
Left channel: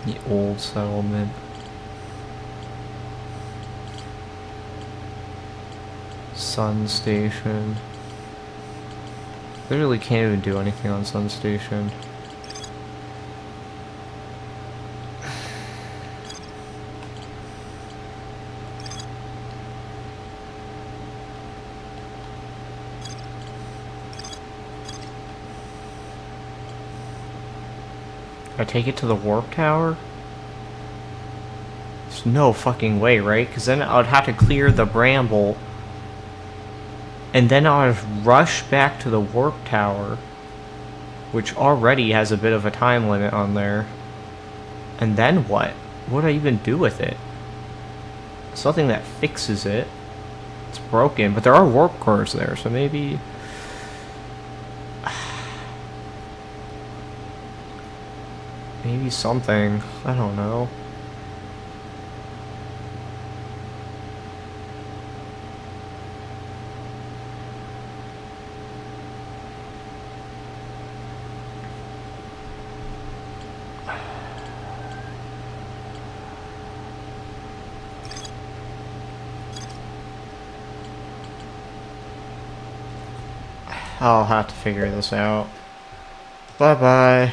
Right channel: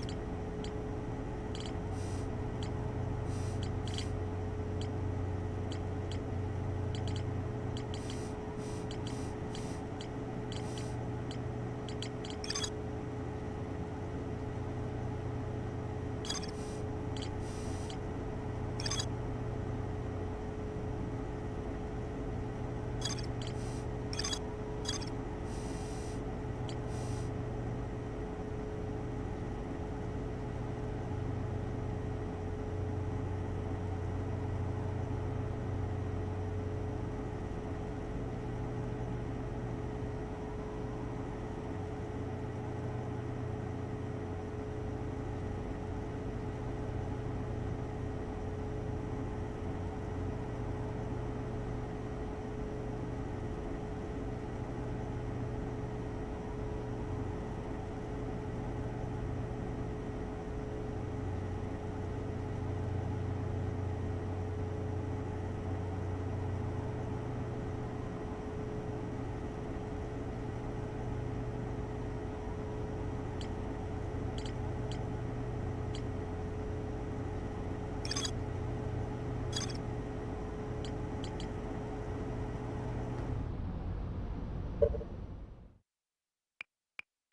The old settlement. Sun Station. Literally can't even do anything on Sun Station. I take it to the warp tower? There's no fucking way, right? Because then I would have to clear the bramble. And then I would rush back to the warp tower. Which already has a bit of a time limit on there. And then what? What do I even do with it? Something that fixes it. It's broken, but there are warp cores there, so maybe... maybe something. I don't know. I'll have to figure this out. Bye-bye.